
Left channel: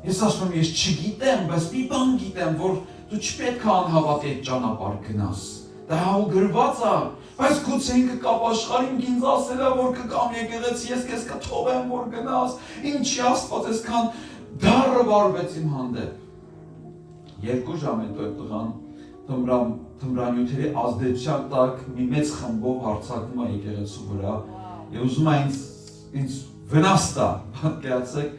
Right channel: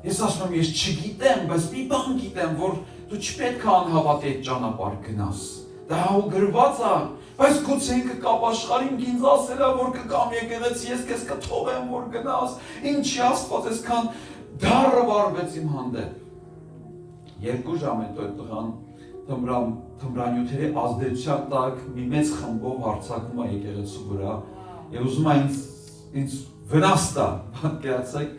Ես ասում եմ, ես չգիտեմ, բայց մի բան գիտեմ, որ դու չպետք է անհավատ այդ ճանապարհ գնաս։ Դա ու գրված է, բայց գուցե ինքը կապաշխարին ինձ ասել է, որ կգամ եկեղեցի, ես քեզ կթողեմ, որ գնաս, ինչի Աստված այսքան դառը վարվեց իմ հանդեպ։ 2 ժամ հետո այդ տղան թմրանյութերի ազդեցության տակ մի մեծ խմբով հարձակվում է եկեղեցու վրա եւ ուզում է ինձ վնաս տա, պատկերացեք,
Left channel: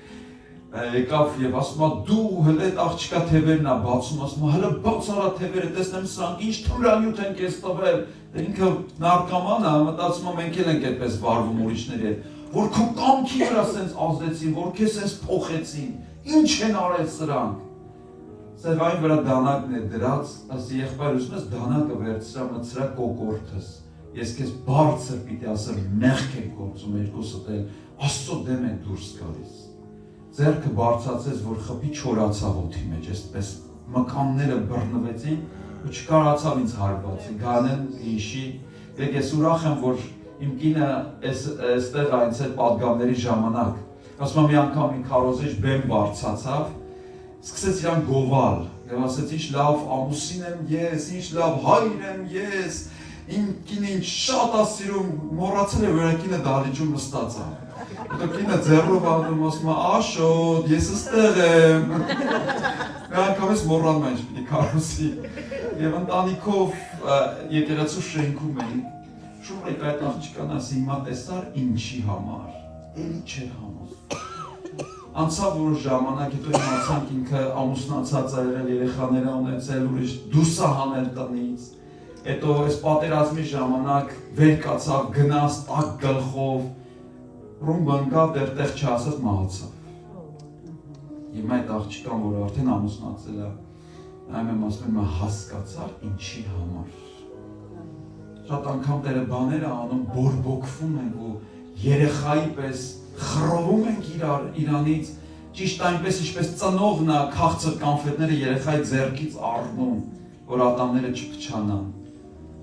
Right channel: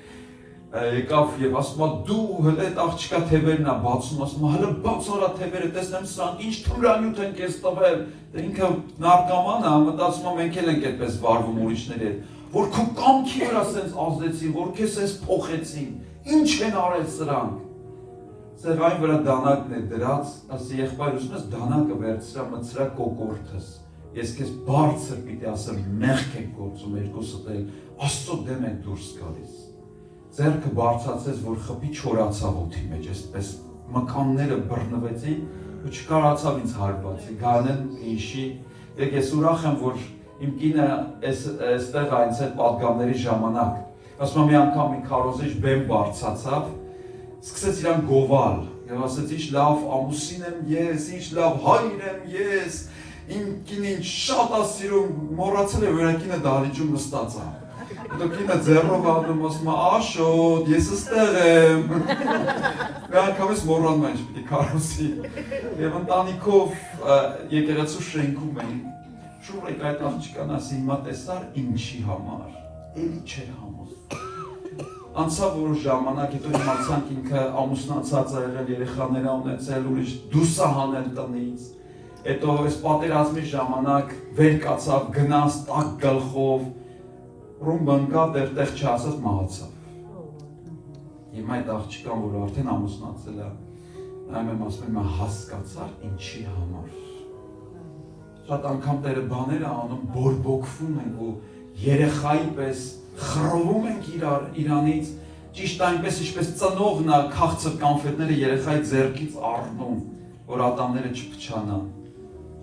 եկավ եւ ասում է դու հələ այդ աղջիկա թևերն է բացում, ասում է հələ բաց արա թևերը, տեսնեմ սրանք ինչ թմրանյութ են քեզ տվել, ինքը նարկոման է, մտածում է մենք էլ ենք այդպես վարվում ուրիշների հետ, որ քո կամքի վրա սենց ազդեցին, որ քեզ սենց փոխեցին, ինչ են արել սրանք։ Սեղանի վրա դանակն է դրած, ասի եղբայր ուզում ես դանակը վերցրա, մտցրա կոկորդս, ես քեզ բարձր պիտի ասեմ մեղք եք գործում երկուսդ էլ, Աստծո դեմ եք դուրս գալիս։ Ձեռքը բարձրացեց, որ խփի չորացավ օդի մեջ, այսպես մկանները բռնվեցին ու չկարողացավ ինձ հարվածի, գանեն իշի, եկ ես ուրախ եմ, որ իմ կինը այստեղ այնց այդ պատգամների ժամանակ, ասում եմ մի անգամ իմ քարոզիչ բեմ բարձրացավ, սկսեց իրան գովալ, եւ ասեց ինչ լավ ամուսին եմ ես, ինչ լավ հայր եմ ես, իմ կինին շատ է սիրում, մոռացել է, որ կինը դահլիճում նստած է։ Հետո կինը ձեռով անում, ասում է Աշոտ, ես ստեղ եմ։ Մի անգամ ես մոռանում եմ ինչ պիտի քարոզի։ Եվ ընտանիքով եկեղեցու շենքում էին, շուռ եք այդ աղջկան ասի հիմա տեսար ինչի համար, էլի չէր համոզվում։ Անցավ որ ժամանակ, հետո իմացանք ինքը ամուսնացած է եղել, երեխաներ ա ունեցել, ուրիշ դուրս է հանել տնից։ Հետո այս պատերազմի ժամանակ վեր կացավ, գնաց տաք գլխով, ռումբ ընկավ, դերտեղ չասած մահացավ։ Հիմա այդ աղջիկան, որ արդեն ամուսնացել է, նայում եմ ասում եմ հասկացա ինչի համար։ Շատ անգամ Տերը բաներ է անում, բորբոքվում ենք ու երեխայի պես խռովում ենք իրանից, ճիշտ այնպես ինչպես ծնողն է քաղցր կանֆետները երեխայի ձեռքից առնում, որ ատամները չփչանան,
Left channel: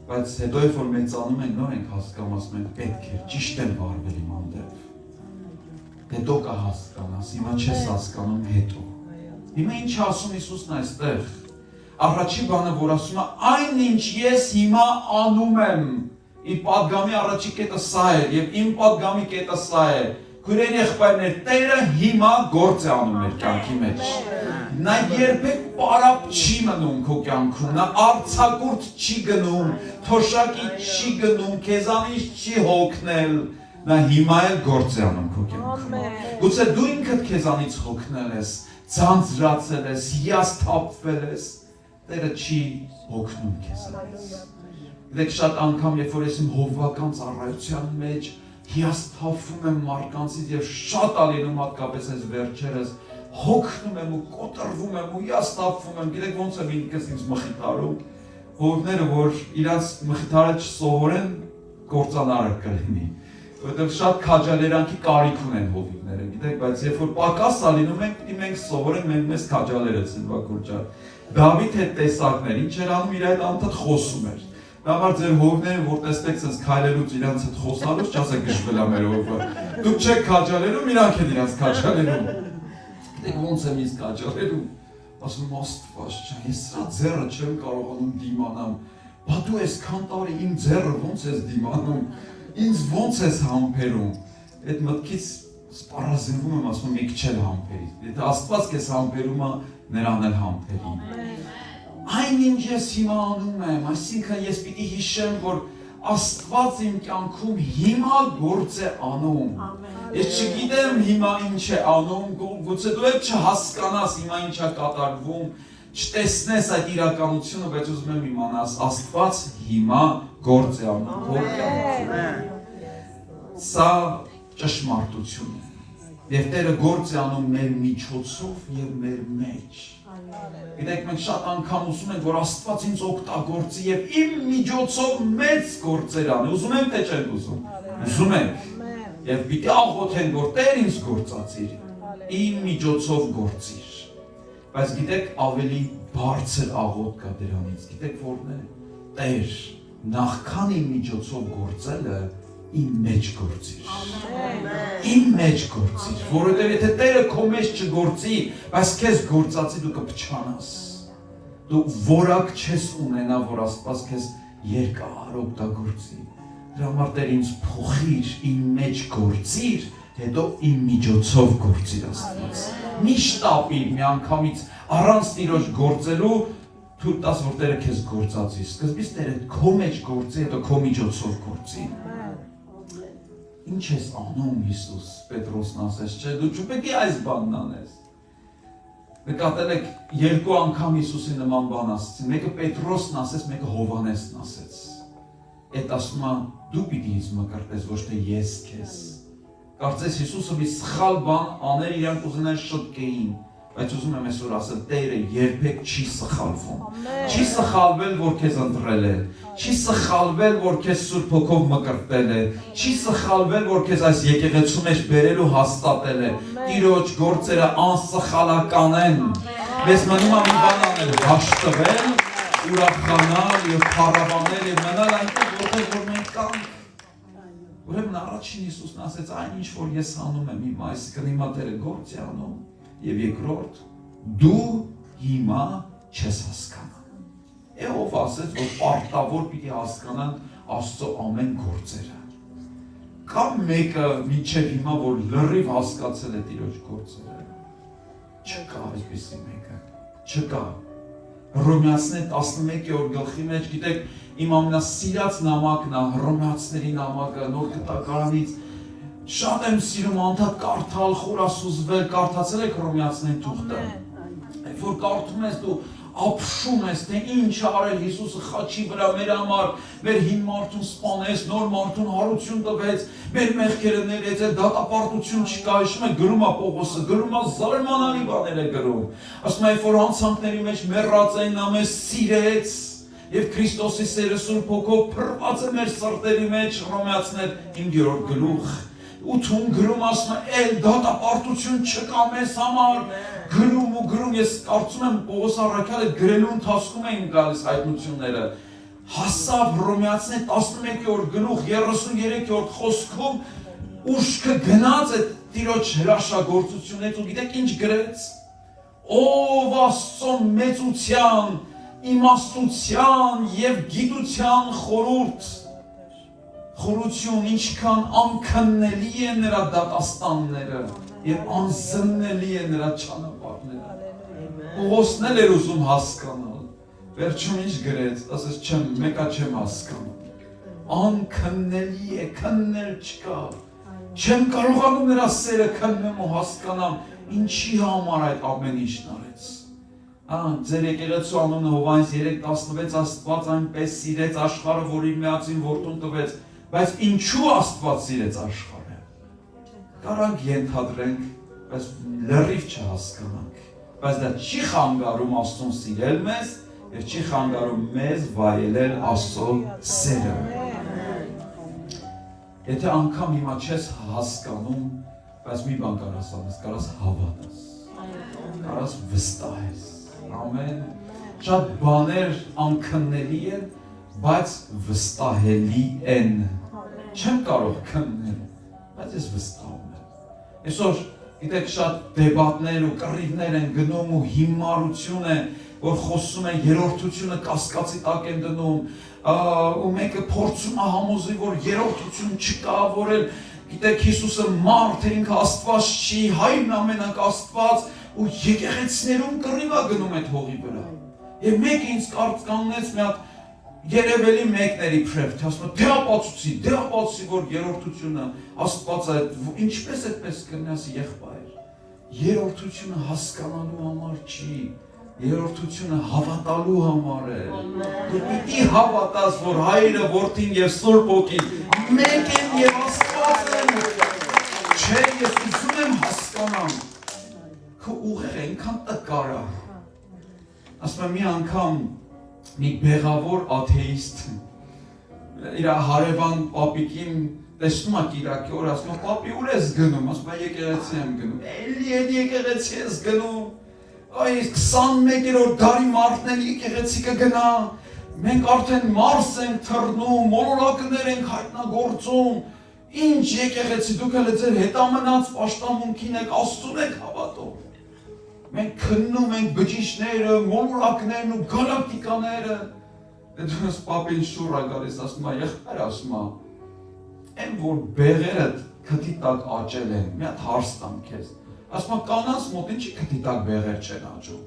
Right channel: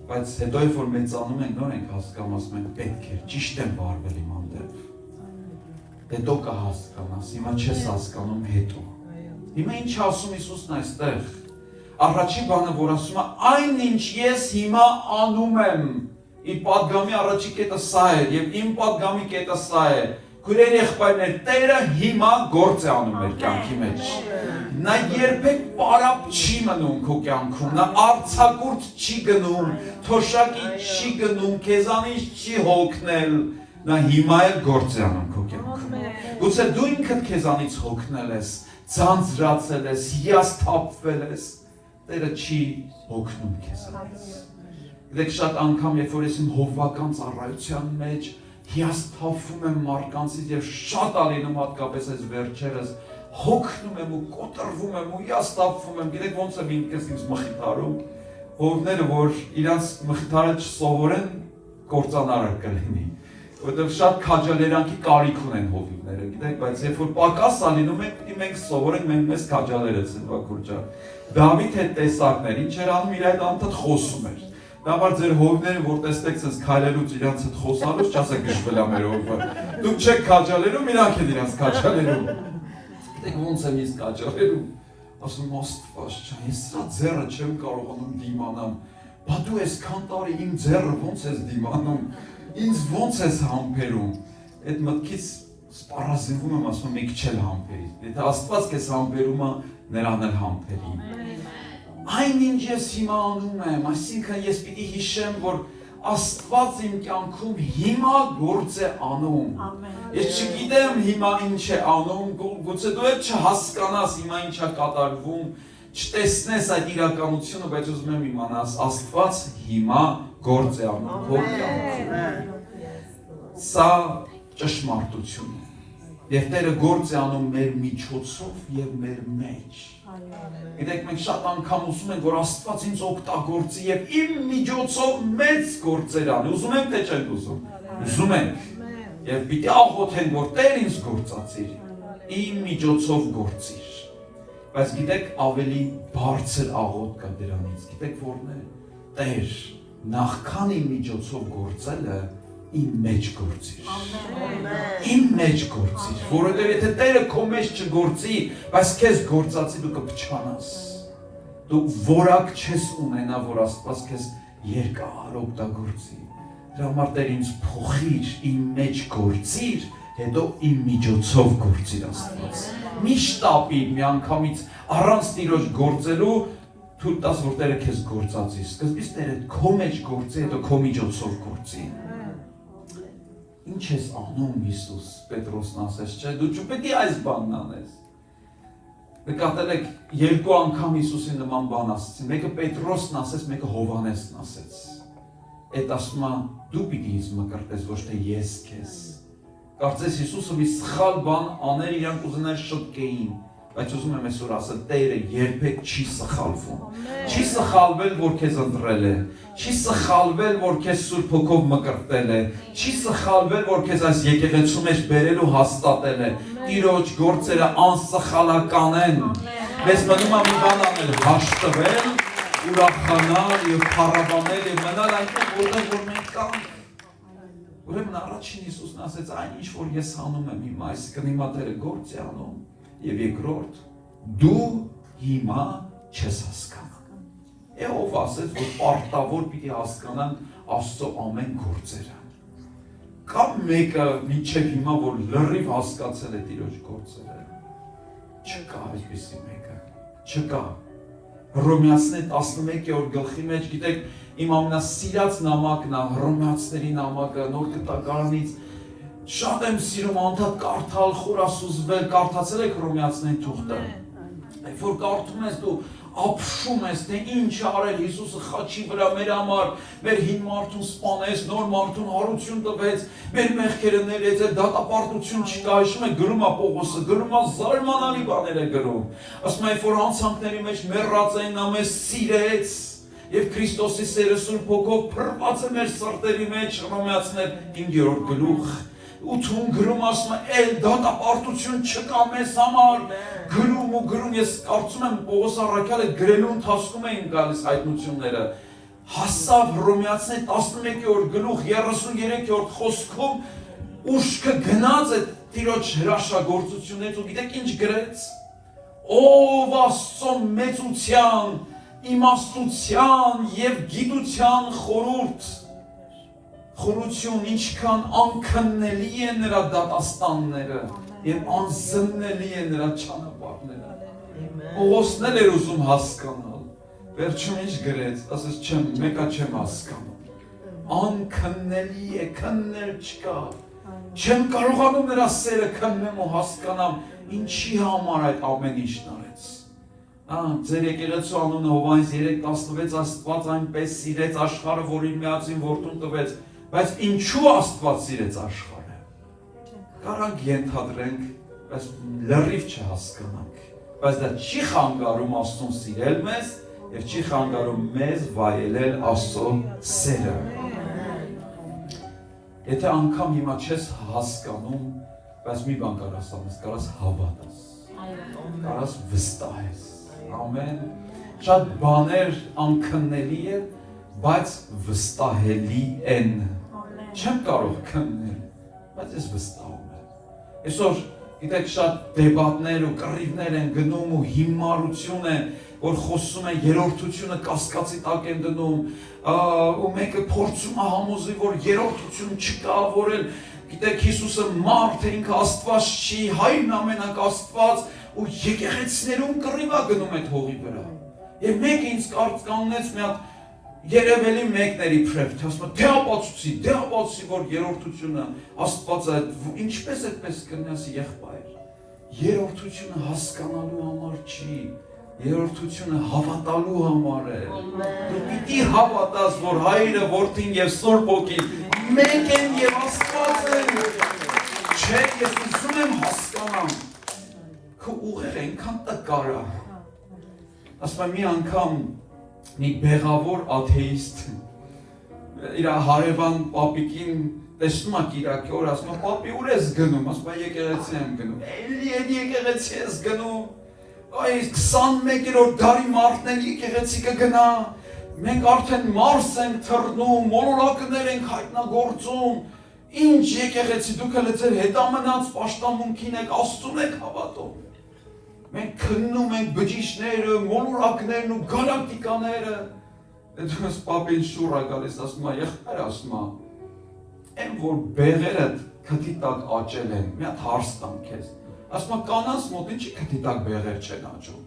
բայց հետո որ մեծանում ենք նոր ենք հասկանում, ասում ենք պետք է, ճիշտ եմ վարվել իմ հանդեպ, հետո կհասկանաս, հիմա չես հասկանում հետո, հիմա ինչ ասում Հիսուսն այստեղ, առաջին բանը որ ասում է այն ինչ ես հիմա անում եմ, իր պատգամի առաջի կետը սա է եւ իմ պատգամի կետը սա է, Քույրեր եղբայրներ, Տերը հիմա գործ է անում մեր կյանքի մեջ։ Նա երբեք պարապ չի մնում քո կյանքում, նա արձակուրդ չի գնում, թոշակի չի գնում, քեզանից չի հոգնել, նա հիմա էլ գործ է անում քո կյանքում։ Գուցե դու ինքդ քեզանից հոգնել ես, ձանձրացել ես, հիասթափվել ես, Տերը չի հոգնում քեզանից։ Դեք շատ անգամ, երբ որ ես իմ հովվական ծառայության մեջ հիասթափվում եմ մարդկանցից եւ շատ ալինում հատկապես այս վերջերս հոգնում եմ ու կոտրվում եմ ու հիասթափվում եմ, գիտեք ոնց եմ ինքս ինձ մխիթարում, հովները որ իրանց մխիթարը չսովորեն կործանարը կլինի, որովհետեւ շատ քաջալերանքի կարիք ունեն հովիվները, գիտեք, բայց երբ որ պակաս ալինում ենք, պիտի մենք սովորենք մեզ քաջալերից ինվակուրջա։ Դավիթ հետ տեսակներ, ինչ էր անում, իր հետ անդադ խոսում էր։ Դավար ձեր հովները, որ տեսնեք sense քայլելուց իրանց հետ խոսալուց, չասեք դժվելա մեր հովը։ Դուք չեք քաջալերում, իրանք են իրանց քաջալերում։ Դեք ոնց եմ ինձ քաջալերում։ Ասում Աստված ջան, ես սա ձեռը չեմ կարողանում դիմանամ։ Բա դու այսքան տարի իմ ձեռը ոնց ես դիմանում։ Ինձ ոնց ես համբերում։ Այդ մտքից սպառազինվում եմ, ասում եք չել համբերի։ Եթե Աստված քեզ համբերում է, նրան էլ համբերի։ Այնինչ ես հիմա անում եմ, այսինքն ես պիտի հիշեմ, որ Աստված իմ կյանքում հիմա գործ է անում։ Ես չգիտեմ հիմա ինչ է անում, գուցե դու էլ չհասկանաս հիմա ինչ է կատարվում, չտեսնես այդ իրականությունը, բայց ուզում եմ իմանաս, Աստված հիմա գործ է անում քո կյանքում։ Սա ճշմարտություն է։ Եվ Տերը գործ է անում մեր միջոցով եւ մեր մեջ։ Գիտեք, մենք շատ անգամ ուզում ենք, որ Աստված ինձ օգտագործի եւ իմ միջոցով մեծ գործեր անի։ Ուզում ենք թե չենք ուզում։ Ուզում ենք։ Եվ պիտի աղոթենք, որ Տեր ինձ գործածիր, իմ միջոցով գործիր։ Բայց գիտեք, ավելի բարձր աղոթք կա դրանից։ Գիտեք որն է։ Տեր, նախքան իմ միջոցով գործելը իմ մեջ գործիր։ Իմ մեջ գործիր, որովհետև եթե Տերը քո մեջ չգործի, բայց քեզ գործածի դու կփչանաս։ Դու որակ չես ունենա, որ Աստված քեզ երկար օգտագործի։ Դրա համար Տեր ինձ փոխիր, իմ մեջ գործիր, հետո իմ միջոցով գործիր Աստված։ Մի շտապիր միանգամից առանց Տիրոջ գործելու, թույլ տաս, որ Տերը քեզ գործածի։ Սկզբից Տերը քո մեջ գործի, հետո քո միջոցով գործի։ Ինչ ես անում Հիսուս, Պետրոսն ասեց, չէ, դու չպետք է այս բանն անես։ Նկատել եք երկու անգամ Հիսուսի նման բան ասեցին, մեկը Պետրոսն ասեց, մեկը Հովհաննեսն ասեց։ Այդ ասում է դու պիտի ինձ մկրտես, ոչ թե ես քեզ։ Կարծես Հիսուսը մի սխալ բան աներ, իրանք ուզենան շտկեին, բայց ուզում եմ այսօր ասել, Տերը երբեք չի սխալվում։ Չի սխալվել, որ քեզ ընտրել է, չի սխալվել, որ քեզ Սուրբ Հոգով մկրտել է, չի սխալվել, որ քեզ այս եկեղեցու մեջ բերել ու հաստատել է։ Տիրոջ գործերը անսխալական են։ Մեզ մնում է մի բան անել, հաշտվել, ուրախանալ եւ փառաբանել եւ մնալ այնտեղ, որ մենք կանք։ Ուրեմն առաջին Հիսուսն ասեց, այն ինչ որ ես անում եմ հիմա, այսինքն հիմա Տերը գործ է անում, եւ երկրորդ, դու հիմա չես հասկանա։ Ով ասեց, որ պարտավոր պիտի հասկանան Աստծո ամեն գործերը։ Կամ մեկը մինչև հիմա, որ լրիվ հասկացել է Տիրոջ գործերը։ Չկա այդպիսի մեկը։ Չկա։ Հռոմեացիներ 11-րդ գլխի մեջ, գիտեք, իմ ամենասիրած նամակն է Հռոմեացիների նամակը, Նոր Գտականից շատ եմ սիրում անդադ կարդալ, խորասուզվել, կարդացել եք Հռոմեացիների թուղթը։ Երբ որ կարդում ես դու ապշում ես, թե ինչ արել Հիսուսը խաչի վրա մեր համար, մեր հին մարդուն սպանեց, նոր մարդուն հարություն տվեց, մեր մեղքերը ներեց, դատապարտություն չկա, հիշում եք գրում է Պողոսը, գրում է զարմանալի բաներ է գրում։ Ասում է, երբ որ հանցանքների մեջ մեռած էին, նա մեզ սիրեց, եւ Քրիստոսի սերը Սուրբ Հոգով փռված է մեր սրտերի մեջ, Հռոմեացիներ 5-րդ գլուխ։ 8-ում գրում ասում է, էլ դատապարտություն չկա մեզ համար, գրում ու գրում, ես կարծում եմ Պողոս առաքյալը գրելու ընթացքում էին գալիս հայտնությունները, հասավ Հռոմեացիներ 11-րդ գլուխ 33-րդ խոսքում, ուշքը գնաց է Տիրոջ հրաշագործությունից ու գիտեք ինչ գրեց, ով Աստծո մեծության, իմաստության եւ գիտության խորություն, ինչքան անքննելի է նրա դատաստանները եւ անզննելի է նրա ճանապարհները։ Պողոսն էլ էր ուզում հասկանալ, վերջում ինչ գրեց, ասես չեմ, մեկա չեմ հասկանում։ Անքննելի է, քննել չկա, Չեմ կարողանում նրա սերը քննեմ ու հասկանամ ինչի համար այդ ամեն ինչն արեց։ Ձեր եկեղեցու անունը Հովհաննես 3:16 Աստված այնպես սիրեց աշխարհը, որ իր միածին որդուն տվեց, բայց ինչու Աստված սիրեց աշխարհը։ Կարանք ենթադրենք, բայց լրիվ չհասկանանք, բայց դա չի խանգարում Աստծուն սիրել մեզ եւ չի խանգարում մեզ վայելել Աստծո սերը։ Եթե անգամ հիմա չես հասկանում, բայց մի բան կարաս անես, կարաս հավատաս, կարաս վստահես։ Ամեն շատ բաներ անքննելի են, բայց վստահելի են։ Չեմ կարող քննել, բայց ես վստահում եմ։ Այսօր գիտեք շատ դեբատներ ու կռիվներ են գնում ու հիմարություն է, որ խոսում են երրորդությունը կասկածի տակ են դնում, ու մեկը փորձում է համոզել, որ երրորդություն չկա, որ գիտեք Հիսուսը մարդ է, ինքը Աստված չի, Հայրն ամենակ Աստված, ու եկեղեցիներում կռիվ է գնում այդ հողի վրա։ Եվ մեկը ինձ կանգնեց մի հատ երևելի մեկների փրեփ, ասում դեապացուցի, որ երրորդությունը Աստված է, ինչպես այդպես կնես եղբայր։ Երրորդությունը հասկանալու համար չի, երրորդությունը հավատալու համար է։ Դու պիտի հավատաս, որ Հայրը, Որդին եւ Սուրբ Հոգին մեկ են եւ Աստված են։ Չէ, ես ուզում եմ հասկանամ։ Քո ուղեղը այնքան տկար է։ Ասում եմ մի անգամ մի բեղավոր աթեիստ իր հարևան պապիկին տեսնում է Կիրակի օր, ասում է պապի ուր ես գնում, ասում է եկեղեցի եմ գնում, էլի եկեղեցի ես գնում, այ 21-րդ դարի մարդն եկեղեցի կգնա, մենք արդեն Մարս ենք թռնում, մոլորակներ ենք հայտնագործում, ինչ եկեղեցի դուք էլ ձեր հետամնաց պաշտամունքին եք Աստծուն եք հավատում։ Մենք քննում ենք բջիջները, մոլորակներն ու գալակտիկաները։ Դրանց պապին շուռ է գալիս, ասում է, եղբայր, ասում է, այն որ բեղերը քթի տակ աճել են, մի հատ հարց տամ քեզ։ Ասում է, կանանց մոտ ինչի քթի տակ բեղեր չեն աճում։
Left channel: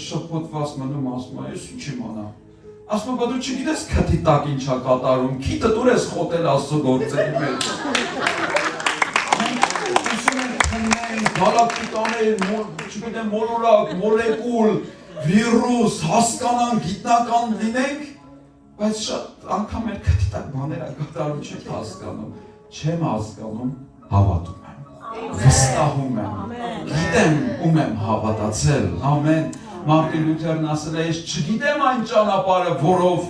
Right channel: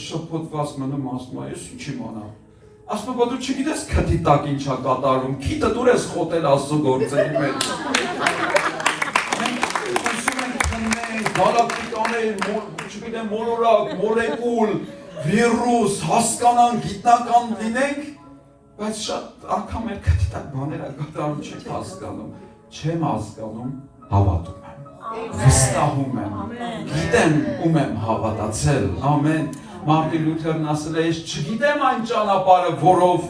Շփոթված մնում, ասում է, ես ինչ իմանամ։ Ասում է, բա դու չգիտես քթի տակ ինչ է կատարում, քիթը դուր ես խոտել Աստծո գործերի մեջ։ Գալակտիկաներ, չգիտեմ, մոլորակ, մոլեկուլ, վիրուս, հասկանանք, գիտնական լինենք, բայց շատ անգամ մեր քթիտակ բաները կատարում չեմ հասկանում, հավատում եմ, վստահում եմ, գիտեմ ում եմ հավատացել, ամեն, Մարտին Լյութերն ասել է, ես չգիտեմ այն ճանապարհը, որով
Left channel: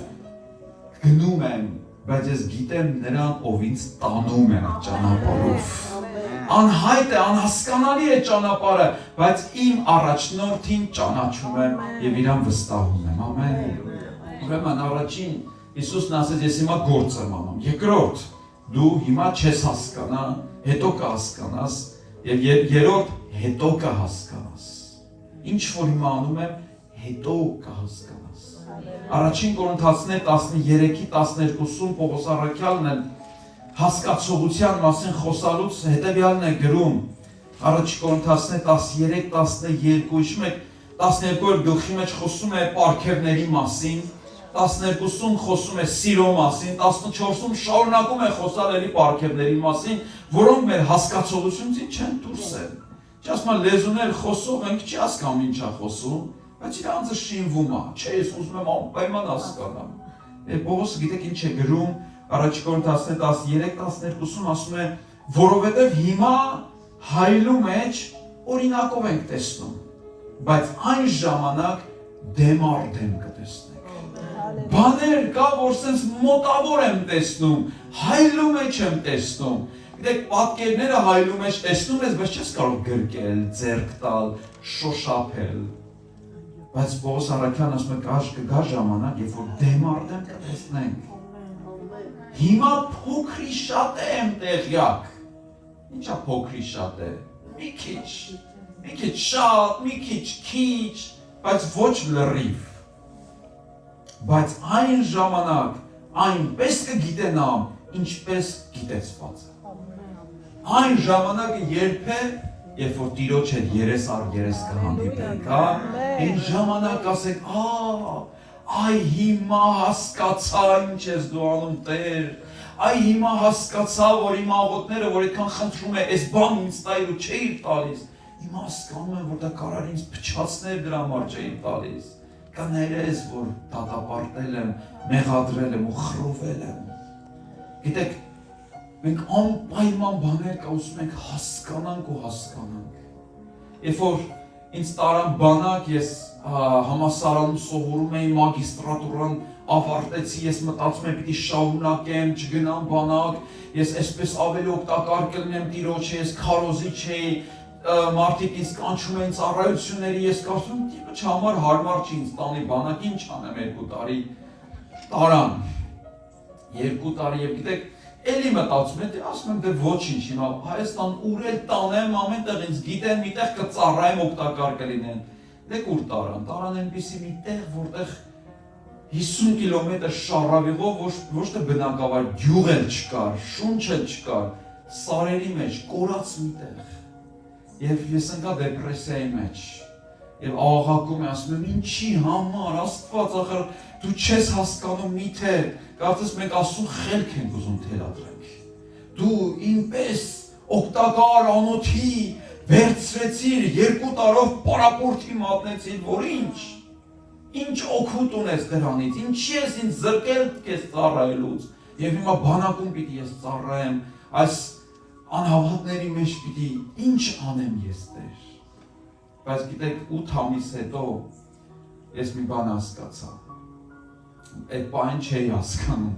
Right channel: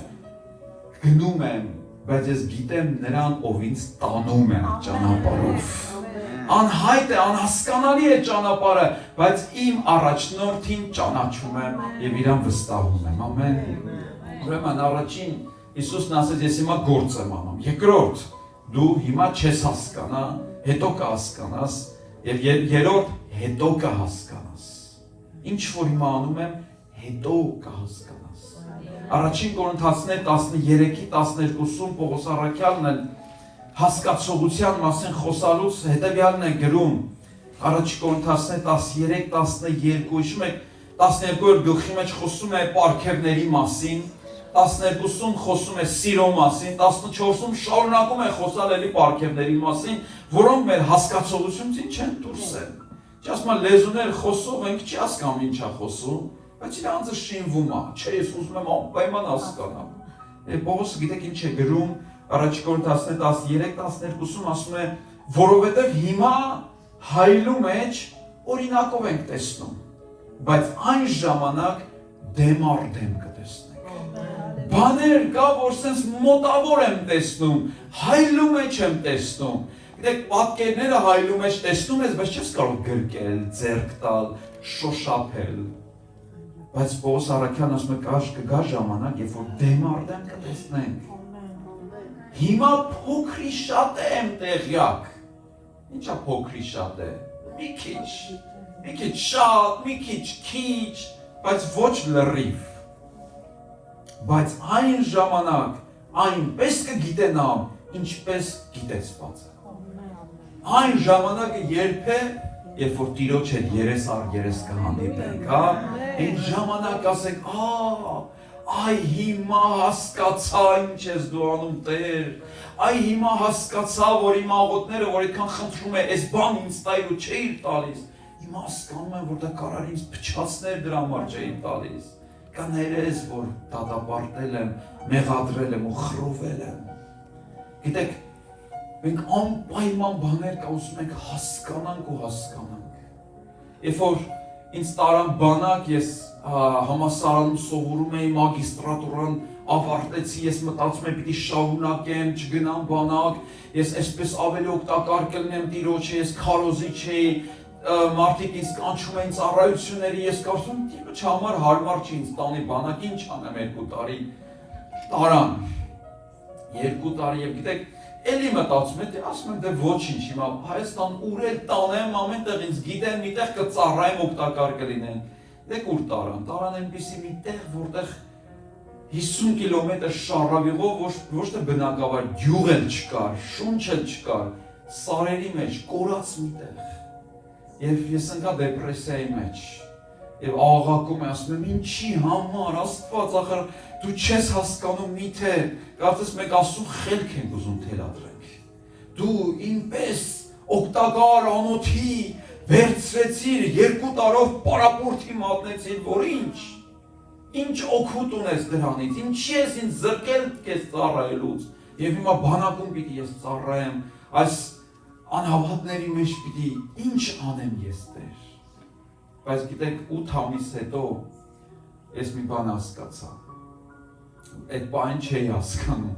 գնում եմ, բայց ես գիտեմ նրան, ով ինձ տանում է այդ ճանապարհով։ Անհայտ է, անհասկանալի է ճանապարհը, բայց իմ առաջնորդին ճանաչում եմ եւ իրան վստահում եմ, ամեն։ Ուրեմն առաջին Հիսուսն ասեց, ես հիմա գործ եմ անում։ Երկրորդ, դու հիմա չես հասկանա, հետո կհասկանաս, եւ երրորդ, հետո կհասկանաս։ Ինչ որ հիմա անում եմ, հետո կհասկանաս։ Առաջին Կորինթացիներ 13:12-ում Պողոս առաքյալն է հասկացողության մասին խոսալուց հետևյալն է գրում առաջին Կորինթացիներ 13:12, հիշում եք 12-րդ գլխի մեջ խոսում է պարգևների մասին, 12-ում խոսում է սիրո մասին, 14-ում շարունակում է խոսալ էլի պարգևների մասին, որոնք մեր հասկացողությունից չեն դուրս են։ Չասում եմ լեզուներ խոսող ենք, չի հասկանում ինչ է խոսում, բայց իր անձը շինվում է, չէ, ես ուզում եմ անպայման հասկանամ։ Պողոսը գիտեք ինչ է գրում առաջին Կորինթացիներ 13:12-ում ասում է, որովհետև հիմա հայլու մեջ օրինակով ենք տեսնում, բայց այն ժամանակ դեմ առ դեմ կտեսնենք։ Բաներ կա, որ սենց մոտավոր եմ տեսնում, հայլու մեջ եմ տեսնում։ Գիտեք, պատկերները հայլու մեջ տեսնում ես, բայց չես կարող գրկել, ձեռք տալ, շոշափել։ Բայց Պողոս առաքյալն ասում է, կգա ժամանակ, երբ որ դեմ առ դեմ կտեսնենք։ Հիմա փոքրի շատ է եմ տեղյակ։ Ինչա փոքրի շատ է։ Մի քիչ շատ, մի քիչ, բայց ոչ լրիվ։ Բայց այն ժամանակ այնպես կգիտենամ, ինչպես գիտեցված է։ Այն ժամանակը երբ է, երբ որ Տիրոջ հետ երես առ երես կհանդիպենք, հա, այն ժամանակ ասենք, այ հիմա հասկացա ինչ ես դու անում Տեր, այ հիմա հասկացա, որ իմ աղոթները, որ այդքան խնդրում է, այս բան ինձ տայր ու չէիր տալիս, հիմա հասկանում եմ, որ դա կարար ինձ փչացներ, դրա համար չէիր տալիս։ Կա ներես, որ դատապարտել եմ, մեղադրել եմ ու խռովել եմ։ Գիտեք, մենք անպայման բաներ կա ուզում ենք հասկանանք ու հասկանանք։ Երբ որ ինձ տարան բանակ, ես համալսարանում սովորում էի, մագիստրատուրան ավարտեցի, ես մտածում եմ պիտի շարունակեմ, չգնամ բանակ, ես այսպես ավելի օգտակար կլինեմ Տիրոջ, ես քարոզիչ էի, մարդիկ ինձ կանչում էին ծառայությունների, ես կարծում եմ Տիրոջ համար հարմար չի ինձ տանի բանակ, ինչ անեմ 2 տարի տարան, 2 տարի եւ գիտեք, էլի մտածում եմ, ասում եմ դե ոչինչ, հիմա Հայաստան ուր էլ տանեմ, ամենտեղ ինձ գիտեն, միտեղ կծառայեմ, օգտակար կլինեմ։ Դեք ուր տարան այնպիսի մի տեղ, որտեղ 50 կիլոմետր շարավիղով ոչ թե բնակավայր, գյուղ էլ չկար, շունչ էլ չկար, սարերի մեջ, կորած մի տեղ։ Եվ ես ընկա դեպրեսիայի մեջ։ Եվ աղաղակում եմ, ասում եմ, ինչի համար, Աստված, ախր դու չես հասկանում միթե, կարծես մենք Աստծուն խելք ենք ուզում թելադրենք։ Դու ինպես օգտակար անոթի վերցրեցիր 2 տարով պարապորտի մատնեցիր, որ ինչ օգուտ ունես դրանից, ինչի ես ինձ զրկել քեզ ծառայելուց, եւ հիմա բանակում պիտի ես ծառայեմ, այս անհավատների մեջ պիտի ինչ անեմ ես Տեր։ Բայց գիտեք 8 ամիս հետո ես մի բան հասկացա։ Այդ բանը չէի հասկանում։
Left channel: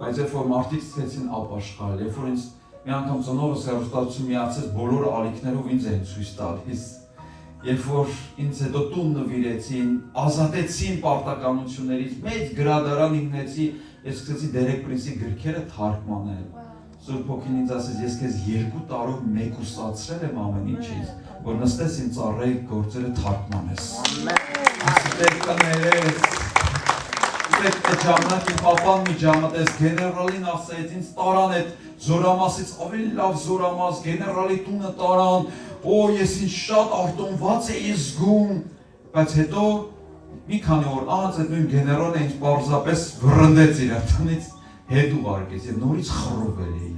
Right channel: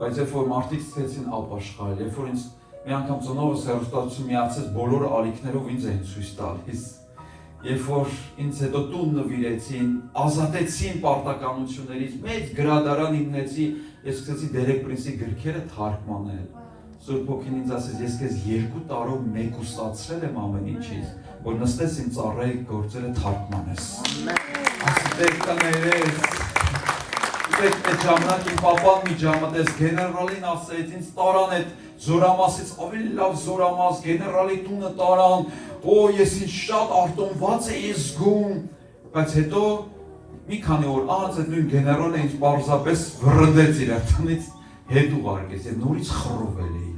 Բայց երբ որ մարդիկ սկսեցին ապաշխարել, երբ որ ինձ մի անգամ ծնողս հեռուստացություն միացեց բոլոր ալիքներով ինձ էին ցույց տալիս։ Երբ որ ինձ հետո տուն նվիրեցին, ազատեցին պարտականություններից, մեծ գրադարան հիմնեցի, ես սկսեցի Դերեկ Պրինսի գրքերը թարգմանել։ Սուրբ Հոգին ինձ ասեց, ես քեզ 2 տարով մեկուսացրել եմ ամեն ինչից, որ նստես իմ ծառայի գործերը թարգմանես։ Այդ ժամանակ իմ պապան մի ժամանակ այս գեներալին ասեց, ինձ տարան այդ զորամասից ավելի լավ զորամաս, գեներալի տունը տարան, ես ինձ շատ արտոնված էի զգում, բայց հետո մի քանի օր անց այդ նույն գեներալը ինձ պարզապես վռնդեց իր արտանից հետ ուղարկեց եւ նորից խռովել էի։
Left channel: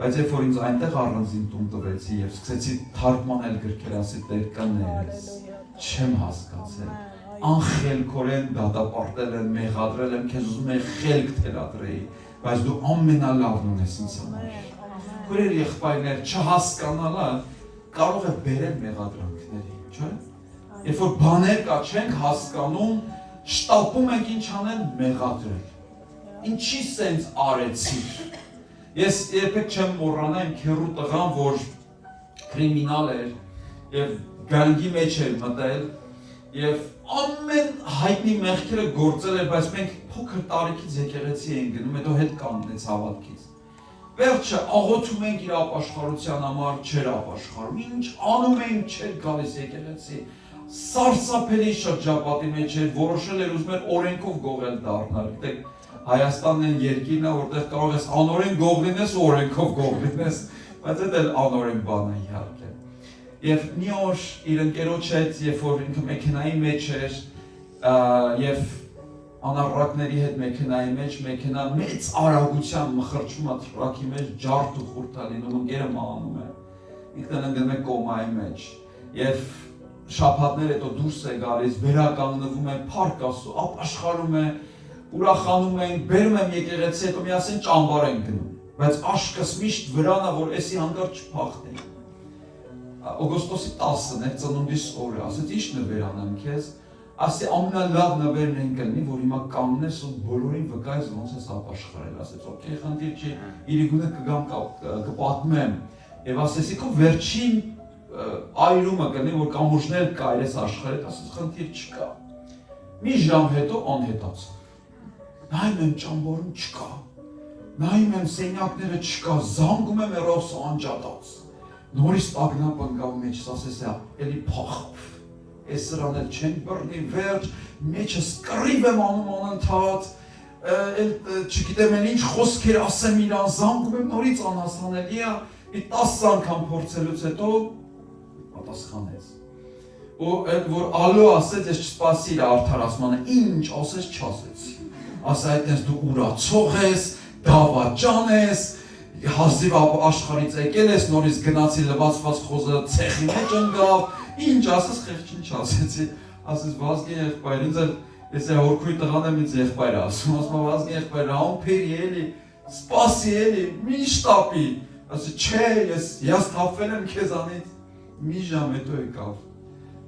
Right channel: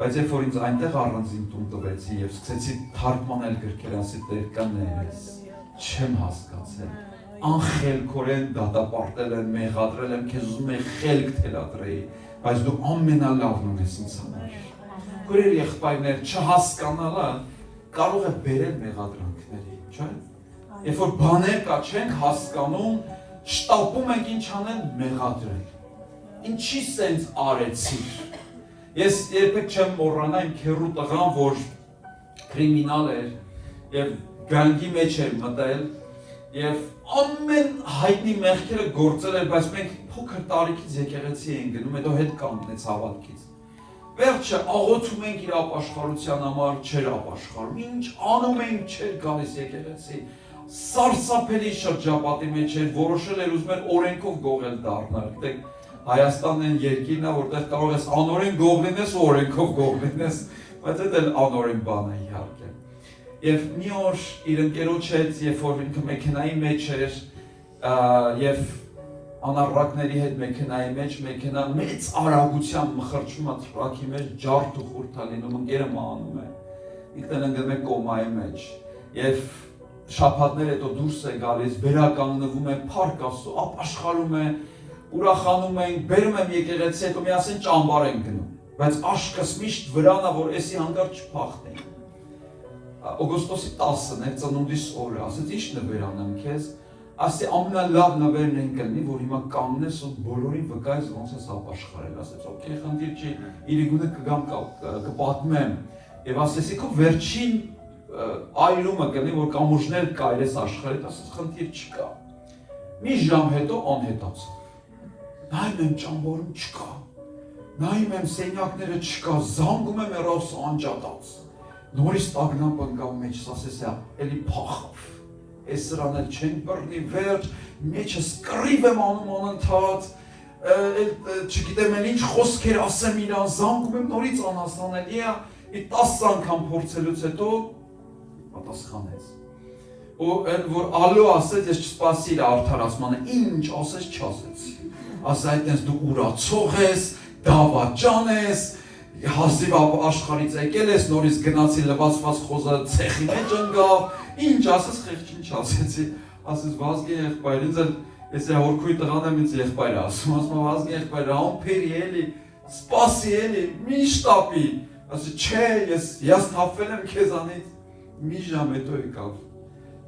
Բայց երբ որ ինձ այնտեղ առանձին տուն տվեցի եւ սկսեցի թարգմանել գրքեր, ասի Տեր կներես, չեմ հասկացել, անխելքորեն դատապարտել եմ, մեղադրել եմ, քեզ ուզում եմ խելք թելադրեի, բայց դու ամենալավն ունես ինձ համար։ Քույրեր եղբայրներ, չհասկանալը կարող է բերել մեղադրանքների, չէ՞։ Երբ որ բաներ կա չենք հասկանում, շտապում ենք ինչ անել, մեղադրել։ Ինչի սենց արեցիր։ Ես երբեք չեմ մոռանա իմ քեռու տղան, որ կրիմինալ էր եւ գանգի մեջ էր մտել եւ ամեն հայտնի մեղքերը գործել էր, բայց մենք փոքր տարիքից եկեղեցի էինք գնում, հետո հետ կանգնեց հավատքից։ Վերջը աղոթում ենք իր ապաշխարության համար, չէր ապաշխարում, ինչ անում ենք, չէր գալիս եկեղեցի, սարսափելի շրջապատի մեջ էր, որոշել էր ուզում էր օրենքով գողել դառնալ, գիտեք, Հայաստանն այն երկիրն է, որտեղ կարող ես անօրեն գող լինես ու օրենքով գող լինես, բայց դա էլ անօրեն բան է իհարկե։ Եվ մի օր իր ընկերոջ հետ, երբ որ ինքը մեքենայի մեջ էր, եւ անառակների հետ մեքենայի մեջ, մեքենա մեծ արագությամբ մխրճում է թրակի մեջ, ջարդ ու խորթ է լինում, ընկերը մահանում է, ինքն ընկնում է կոմայի մեջ, եւ շաբաթներ հետո դուրս է գալիս, վերականգնվում է, փառք Աստծո, ապաշխարում է, ուրախանում ենք, բերում եմ եկեղեցի, հետո միասին ճամբար ենք գնում, բայց աշկս միշտ վրան է, որ էսի հանգար չփախտի։ Օգոստոսի 10-ն էր ծնունդիս օրը, ասեց ի՞նչ նվեր անեմ քեզ, ասի ամենալավ նվերն են կլինի, որ հիմա կանգնես ու բոլորին վկայես ոնց ես ապաշխարել, ասեց օքեյ, խնդիր չի, իրիկունը կգամ կպատմեմ, եւ ասեցի քո վերջին այրումը կլինի, որ կամուրջներ կայրես աշխարհի, ասեց խնդիր չկա։ Մի ժամ հետո անհետացավ։ Նայում եմ ճամբարում չկա, նայում եմ սենյակները չկա, զանգում եմ հեռախոսը անջատած, նորից տագնապ ընկավ մեջս, ասես էլի փախավ, այս սրան էլ չեն բռնի, վերջ, մեջս կռիվ եմ անում անընդհատ, չգիտեմ էլ ինչ խոսքեր ասեմ իրան, զանգում եմ նորից անհասանելի է, մի 10 անգամ փորձելուց հետո պատասխանեց։ Ու էլ որ ալո ասեց, ես չսպասի իր արդարացմանը, ինչ ասեց չասեց։ Ասա այդպես դու ուրացող ես, դավաճան ես, հազիվ աշխարհից եկել ես, նորից գնացի լվացված խոզը ցեխի մեջ ընկավ, ինչ ասես խեղճ ինչ ասեցի, ասես Վազգեն եղբայր, ինձ էլ ես հորքույի տղան եմ ինձ եղբայրը ասում, ասում Վազգեն եղբայրը, ամփերի էլի, սպասի էլի, մի շտապի, ասի չէ, ես հիասթափվել եմ քեզանից, մի ժամ հետո եկավ,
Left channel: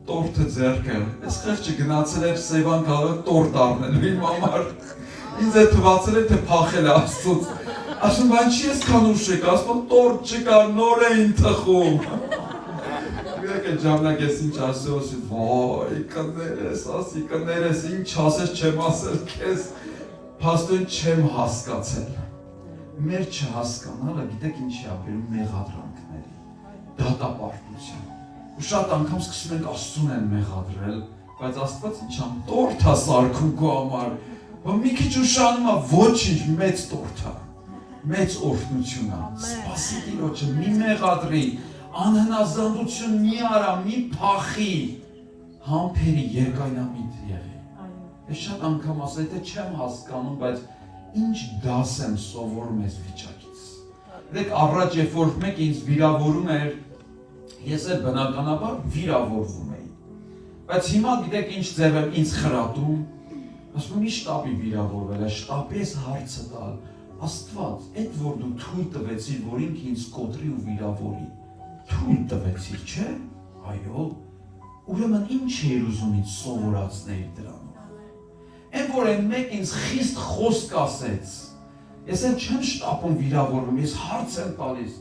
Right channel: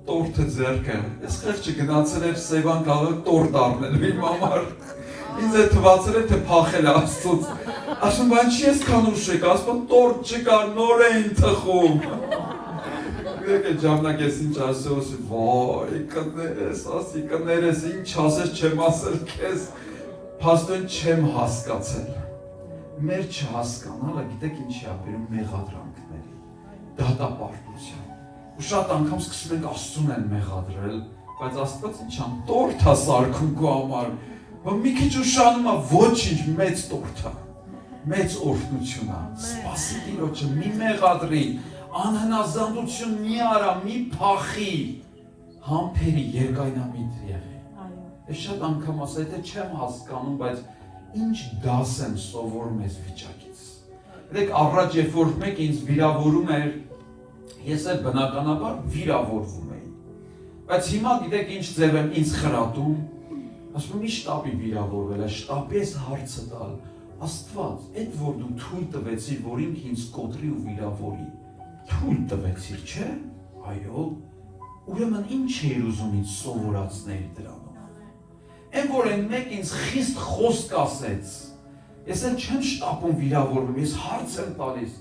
տորթը ձեռքը, ես խեղճը գնացել էր Սևան քաղաքը տորթ առնելու իմ համար, ինձ է թվացել է թե փախել է Աստծուց, ասում բան չի ես քանուշ եք, ասում տորթ չկա, նոր էին թխում, Եկե ժամանակ ես ինչ ասում, ասում, վայ, կներես, ինչ ասես չեմ ասել քեզ, փաստորեն չեմ հասկացել, մեր չհասկանալը, գիտեք ինչի ապերում մեղադրանքների, դատապարտության, ու շատ անգամ սկսում ենք Աստծուն են մեղադրել, բայց Աստված ինչ ամ տորթ է սարքում քո համար, մի քիչ ուշանում է ոչինչ մեծ տորթ է, մեծ օրհնություն է, սպասի Տիրոջը, մի մեղադրի, անհնազանդություն մի արա, մի փախի, համբերի երկայնամիտ եղի։ Ես շատ անգամ ասա, եթե չեմ հասկանում, բայց ինչ դաս եմ սովորում այս վիճակից։ Դեք առաջ երբ որ մեկ ինձ վիրավորում էր, ես էլ բնականաբար վիրավորվում էի։ Բայց հիմա գիտեք ինչ ձև եմ ինձ խրատում, ասում մի շտապի վիրավորվել է, շտապի ես հարցը տալ, Աստված, այդ որ դու թույլ տվեցիր, որ ինքը ինձ կոտրի ու վիրավորի, թույլ տվեցիր, չէ՞, այո, ուրեմն ինչ էիր ուզում ինձ սովորացնել դրանով։ Այն որ այն մեկ ինձ խիստ խոսք ասեց, ես էլ չեմ շտապում վիրավորվում, ես հարց եմ տալիս,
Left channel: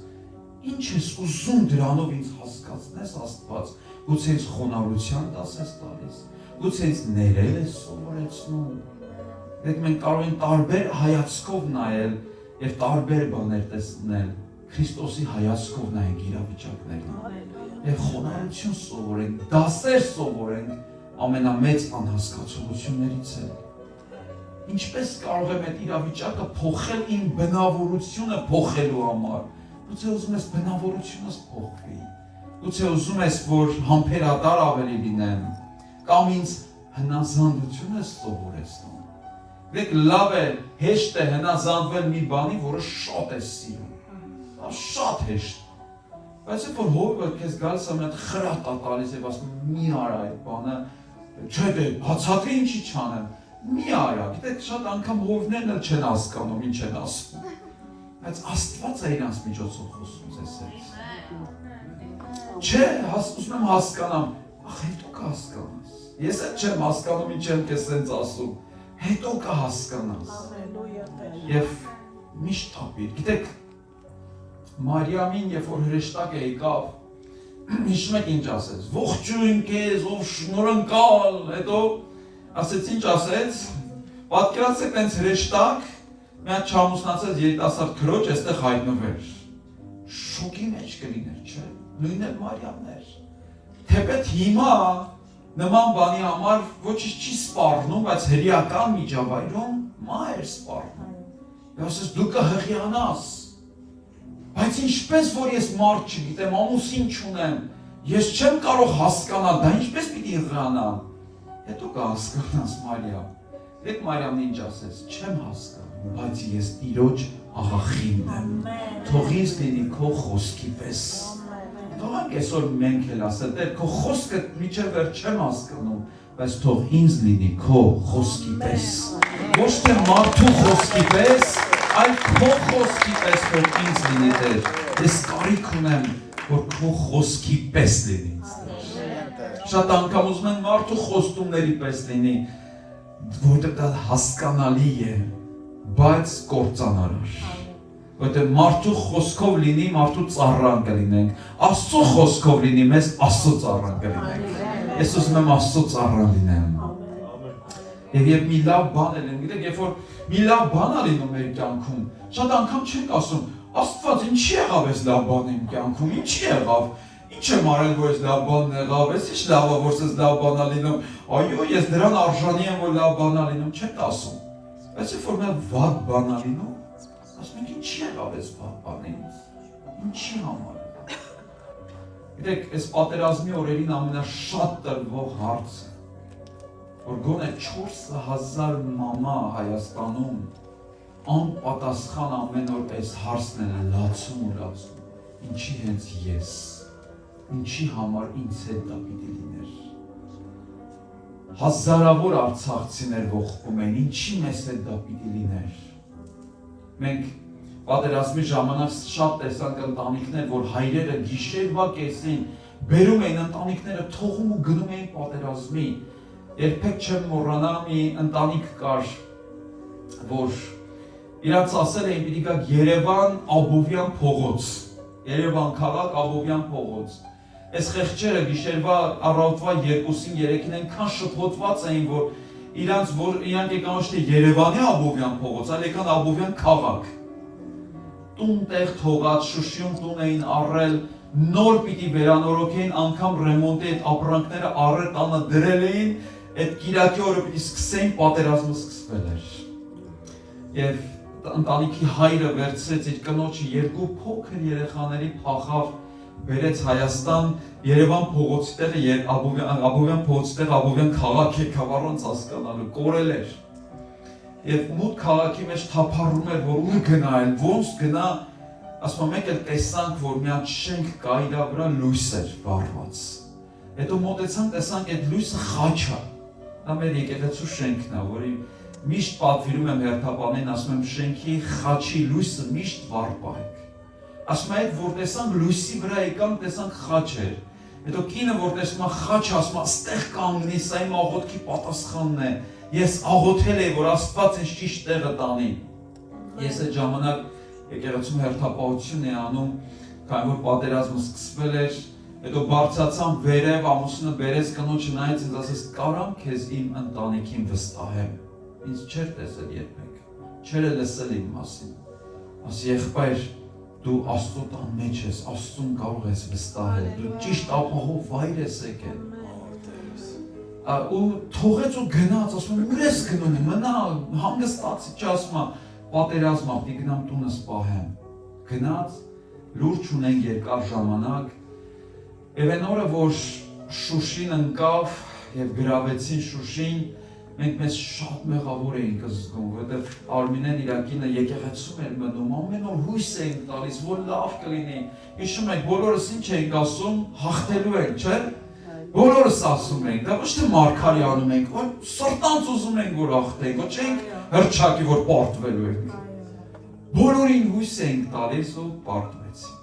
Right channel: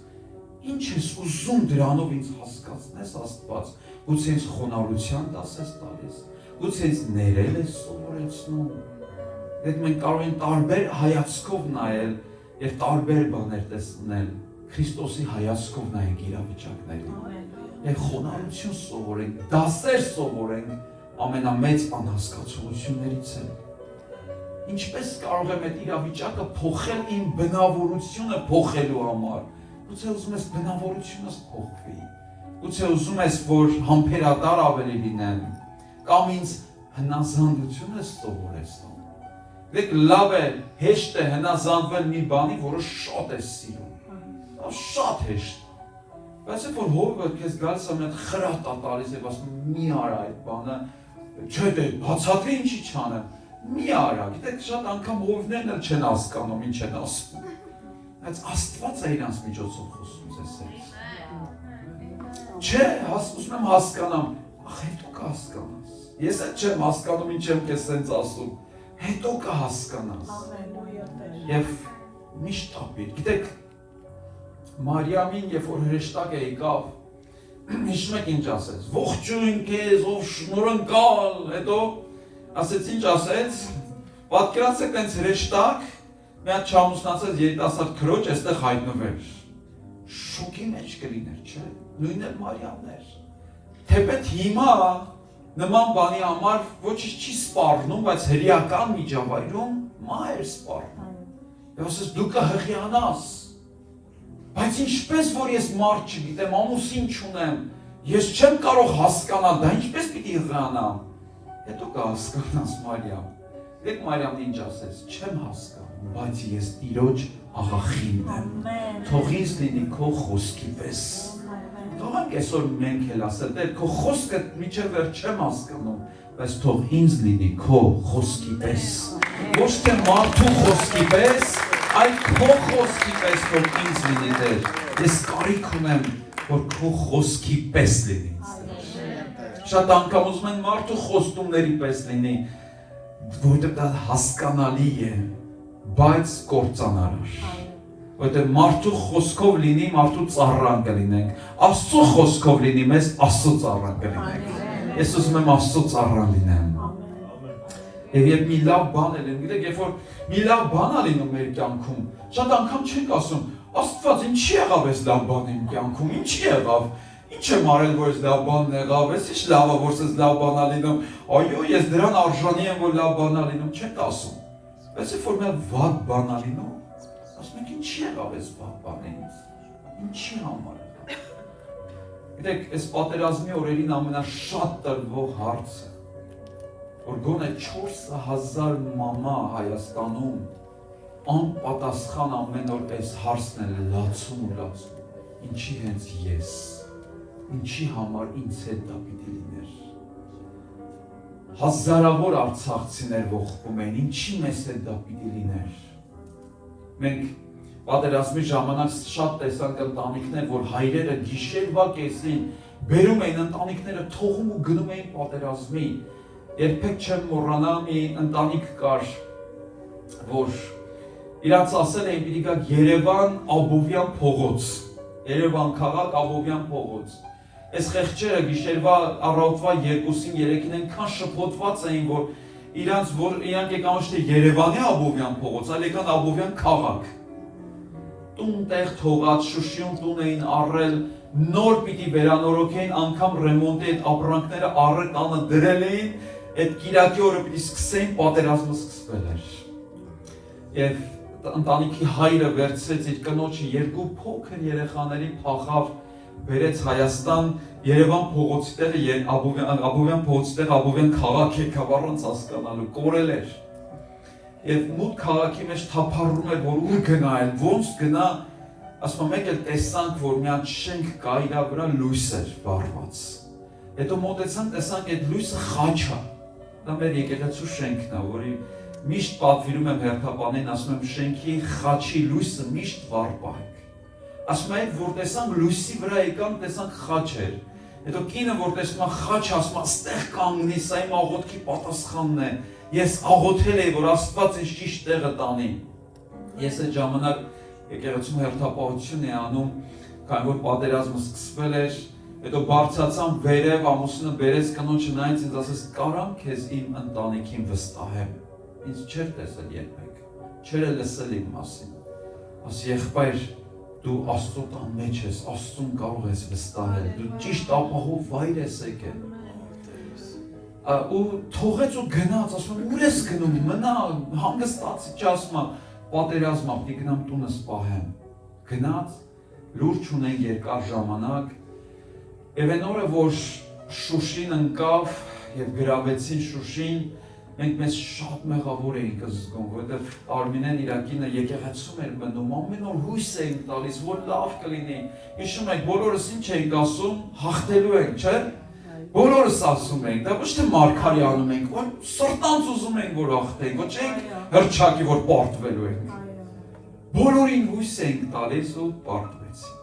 ինչ ես ուզում դրանով ինձ հասկացնես Աստված, գուցե ինձ խոնարհության դաս ես տալիս, գուցե ինձ ներել ես սովորեցնում, այդ մենք կարող ենք տարբեր հայացքով նայել և տարբեր բաներ տեսնել, Քրիստոսի հայացքով նայենք իրավիճակներին, և խոնարհություն սովորենք, դասեր սովորենք ամենամեծ անհասկացություններից է։ Ինչպես կարող եմ այդ իրավիճակը փոխել իմ բնավորությունը փոխելու համար, գուցե ուզում ես բնավորությունս փոխվի, գուցե ուզում ես, որ համբերատար ավելի լինեմ, կամ ինձ հնազանդություն ես սովորեցնում։ Դեք լավ է, հեշտ է հնազանդվել մի բանի, որը շատ է սիրում, շատ հեշտ, բայց երբ որ հովը քեզ գալիս է մի հատ խրատ է տալիս և ասում մի արա այդ բանը, չէ դե բացատրի ինչի չանեմ, մի արա, գիտեք շատ անգամ հովներն էլ չեն հասկանում ինչ են ասում, բայց Աստված է իրանց միջոցով խոսում ձեզ հետ, չէ, ուզում եմ հասկանամ, ախ հետո կհասկանաս, ես էլ չեմ հասկանում ինչ եմ քեզ սենց ասում, հետո կհասկանաս, և միշտ ապիր, գիտեք, Մարիամին, երբ որ հրեշտակը եկավ, հիշում եք ինչ ասեց, ողջույն քեզ, ով շնորհընկալ, հետո ասեց ինչ ասեց, պատկերացրեք տենց հրեշտակ, մի հատ չամուսնացած երիտասարդ քրոջ այստեղ հայտնվեր, շոկի մեջ կլիներ, չէ, նույնն էլ Մարիամն էր, թեպետ հիմա նման բանի համար ոչինչ չի սպառնում, բայց հրեական միջավայրում մահ էր սպառնում, և ասեց դու կհղիանաս, բայց ինչպես որ ես մարդ չգիտեմ, ամուսին չունեմ, ես չեմ կարող հասկանալ, դա ինչպես պիտի հղիանամ, հետո կհասկանաս Մարիամ, դեք Մարիամն ինչ ասես, չեմ հասկանում, բայց ես Տիրոջ աղախինն եմ, թող ինձ լինի քո խոսքի պես, թողանք այսօր մենք էլ ասել, Տեր քո խոսքը մինչև վերջ չեմ հասկանում, բայց թող ինձ լինի քո խոսքի պես, ոչ թե մարդու խոսքի պես, այլ քո խոսքի պես որ ինձ լինի Տեր, ես կարիք ունեմ, որ քո խոսքի պես լինի ինձ Տեր, շատ անգամ ուզում են մարդու խոստումների պես լինի, որտեղ դա հասկանալի է, բայց կործանարար, որտեղ մարդու խոսքով լինի, մարդու ծառան կլինենք, Աստծո խոսքով լինի, մեզ Աստծո ծառան կլինենք, ես ուզում եմ Աստծո ծառան լինեմ, և երբ մի լավ բան է լինում, գիտեք, երբ որ մի լավ բան է լինում մեր կյանքում, շատ անգամ չենք ասում, Աստված ինչի եղավ այս լավ բանը իմ կյանքում, ինչի եղավ, ինչ եմ արել, որ այս լավ բանն եղավ, ես ինչ լավ է, որ այս լավ բան է լինում, այո, ես դրան արժանի եմ, որ լավ բան է լինում, չենք ասում, բայց երբ որ մի վատ բան է լինում, ասում ենք ինչի եղավ այս վատ բանը ինձ, ինչի համար։ Գիտեք, այս պատերազմի օրերին ամենաշատ տրվող հարցը, որ գոնե 4000 մամա Հայաստանում անպատասխան ամեն օր այս հարցն է լացում ու լացում։ Ինչի հենց ես, ինչի համար ինձ հետ դա պիտի լիներ։ Հազարավոր արցախցիներ ողբում են, ինչի մեզ հետ դա պիտի լիներ։ Մենք պատերազմի ժամանակ շատ տեսանք ընտանիքներ, որ հայրերը գիշերվա կեսին բերում էին ընտանիքները, թողում ու գնում էին պատերազմի։ Երբեք չեմ մոռանա, մի ընտանիք կար, որ իրանց ասել էին պիտի գաք Երևան Աբովյան փողոց, Երևան քաղաք Աբովյան փողոց։ Այս խեղճերը գիշերվա առավոտվա 2-ին 3-ին այնքան շփոթված էին, որ իրանք եկան ոչ թե Երևանի Աբովյան փողոց, այլ եկան Աբովյան քաղաք։ Տուն-տեղ թողած, Շուշիում տուն էին առել, նոր պիտի վերանորոգեին, անգամ ռեմոնտի այդ ապրանքները առել տանը դրել էին, այդ կիրակի օրը պիտի սկսեին, պատերազմը սկսվել էր։ Եվ ընտանիքի հայրը վերցրեց իր կնոջը, երկու փոքր երեխաների փախավ, բերեց Հայաստան, Երևան փողոցի տեղը, Աբովյան փողոցի տեղը, Աբովյան քաղաք եկավ առանց հասկանալու, կորել էր։ Եվ մութ քաղաքի մեջ թափառում էր, որ ուր գնա էլ, ոնց գնա, ասում մեկ էլ տեսանք, որ մի հատ շենք կա, իրա վրա լույս էր վառված։ Հետո մոտեցանք, տեսանք այդ լույսը խաչ է։ Դա մեր եկեղեցու շենքն է, որի միշտ պատվիրում եմ հերթապանին, ասում եմ շենքի խաչի լույսը միշտ վառ։ Ասում եմ, որ տեսանք լույսի վրա եկան, տեսանք խաչ էր։ Հետո կինը, որ տեսնում է խաչ, ասում է, ստեղ կանգնի, սա իմ աղոթքի պատասխանն է։ Ես աղոթել էի, որ Աստված ինձ ճիշտ տեղը տանի։ Ես այդ ժամանակ եկեղեցում հերթապահություն էի անում, քանի որ պատերազմը սկսվել էր, հետո բարձրացամ վերև, ամուսինը բերեց կնոջը նայեց ինձ, ասեց, կարամ քեզ իմ ընտանիքին վստահեմ։ Ինձ չէր տեսել երբեք, չէր լսել իմ մասին։ Ասի եղբայր, դու Աստծո տան մեջ ես, Աստծուն կարող ես վստահել, դու ճիշտ ապահով վայր ես եկել։ Ու թողեց ու գնաց, ասում եմ, ուր ես գնում, մնա, համնստացի, չասում եմ, պատերազմա, պիտի գնամ տունս պահեմ։ Գնաց, լուրջ ունեն երկար ժամանակ, եւ այն օրը, որ Շուշին ընկավ եւ գրավեցին Շուշին, մենք մեզ շատ մեղավոր էինք զգում, որովհետև Արմինեն իր կինը եկեղեցում էր մնում, ամեն օր հույս էինք տալիս, որ լավ կլինի։ Հիշում եք, բոլորս ինչ էինք ասում, հաղթելու ենք, չէ՞։ Բոլորս ասում ենք, դա ոչ թե մարգարի անում ենք, այլ սրտանց ուզում ենք, որ հաղթենք, ոչ ենք հրճակի, որ պարտվելու ենք։ Բոլորին հույս էինք տալիս ու պարտվեցինք։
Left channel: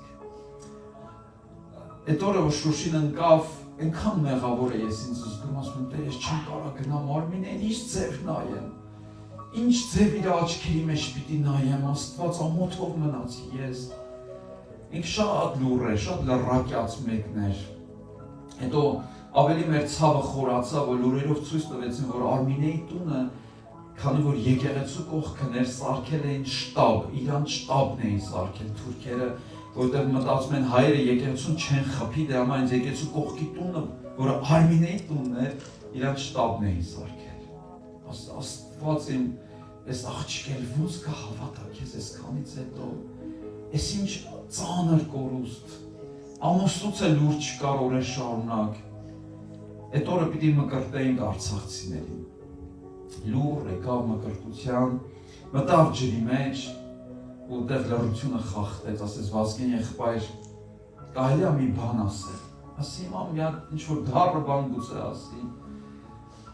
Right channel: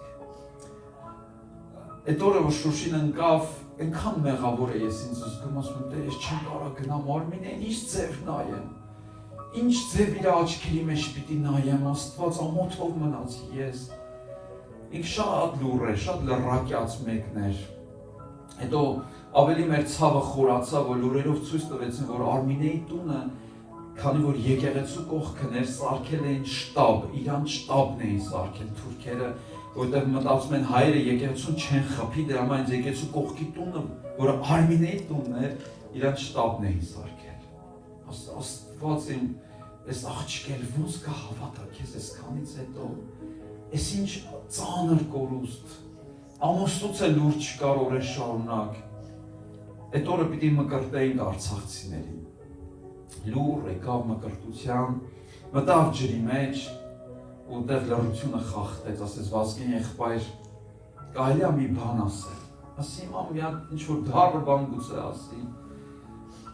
Այդ օրը, որ Շուշին ընկավ, այնքան մեղավոր է ես ինձ զգում, ասում եմ, ես չեմ կարող գնամ Արմինեն, ինչ ձև նայեմ, ինչ ձև իր աչքերի մեջ պիտի նայեմ, Աստված ամոթով մնացի ես։ Ինք շատ լուռ է, շատ լռակյաց մեկն էր։ Հետո ավելի մեր ցավը խորացավ, որ լուրերով ցույց տվեցին, որ Արմինեի տունը, քանի որ եկեղեցու կողքն էր, սարքել էին շտաբ, իրանց շտաբն էին սարքել թուրքերը, որտեղ մտածում են հայերը եկեղեցուն չեն խփի, դրա համար այս եկեղեցու կողքի տունը, որը Արմինեի տունն էր, իրանց շտաբն էին սարքել։ Աստված իմ այս աղջիկել ոնց կհավատա քեզ այսքանից հետո, այս ինչ ծանր կորուստ, ամուսնուց է լուրջ չկար օրեր շարունակ, այդ օրը պիտի մկրտեինք արցախցիներին, լուր եկավ մկրտության, մտավ ջրի մեջ, ու տեղ լրությունը խախտեց, ասեց Վազգեն եղբայր, կարելի է մի բան ասել, ասի իմ մի հատ ինչ-որ դառը բան գուցե ասի,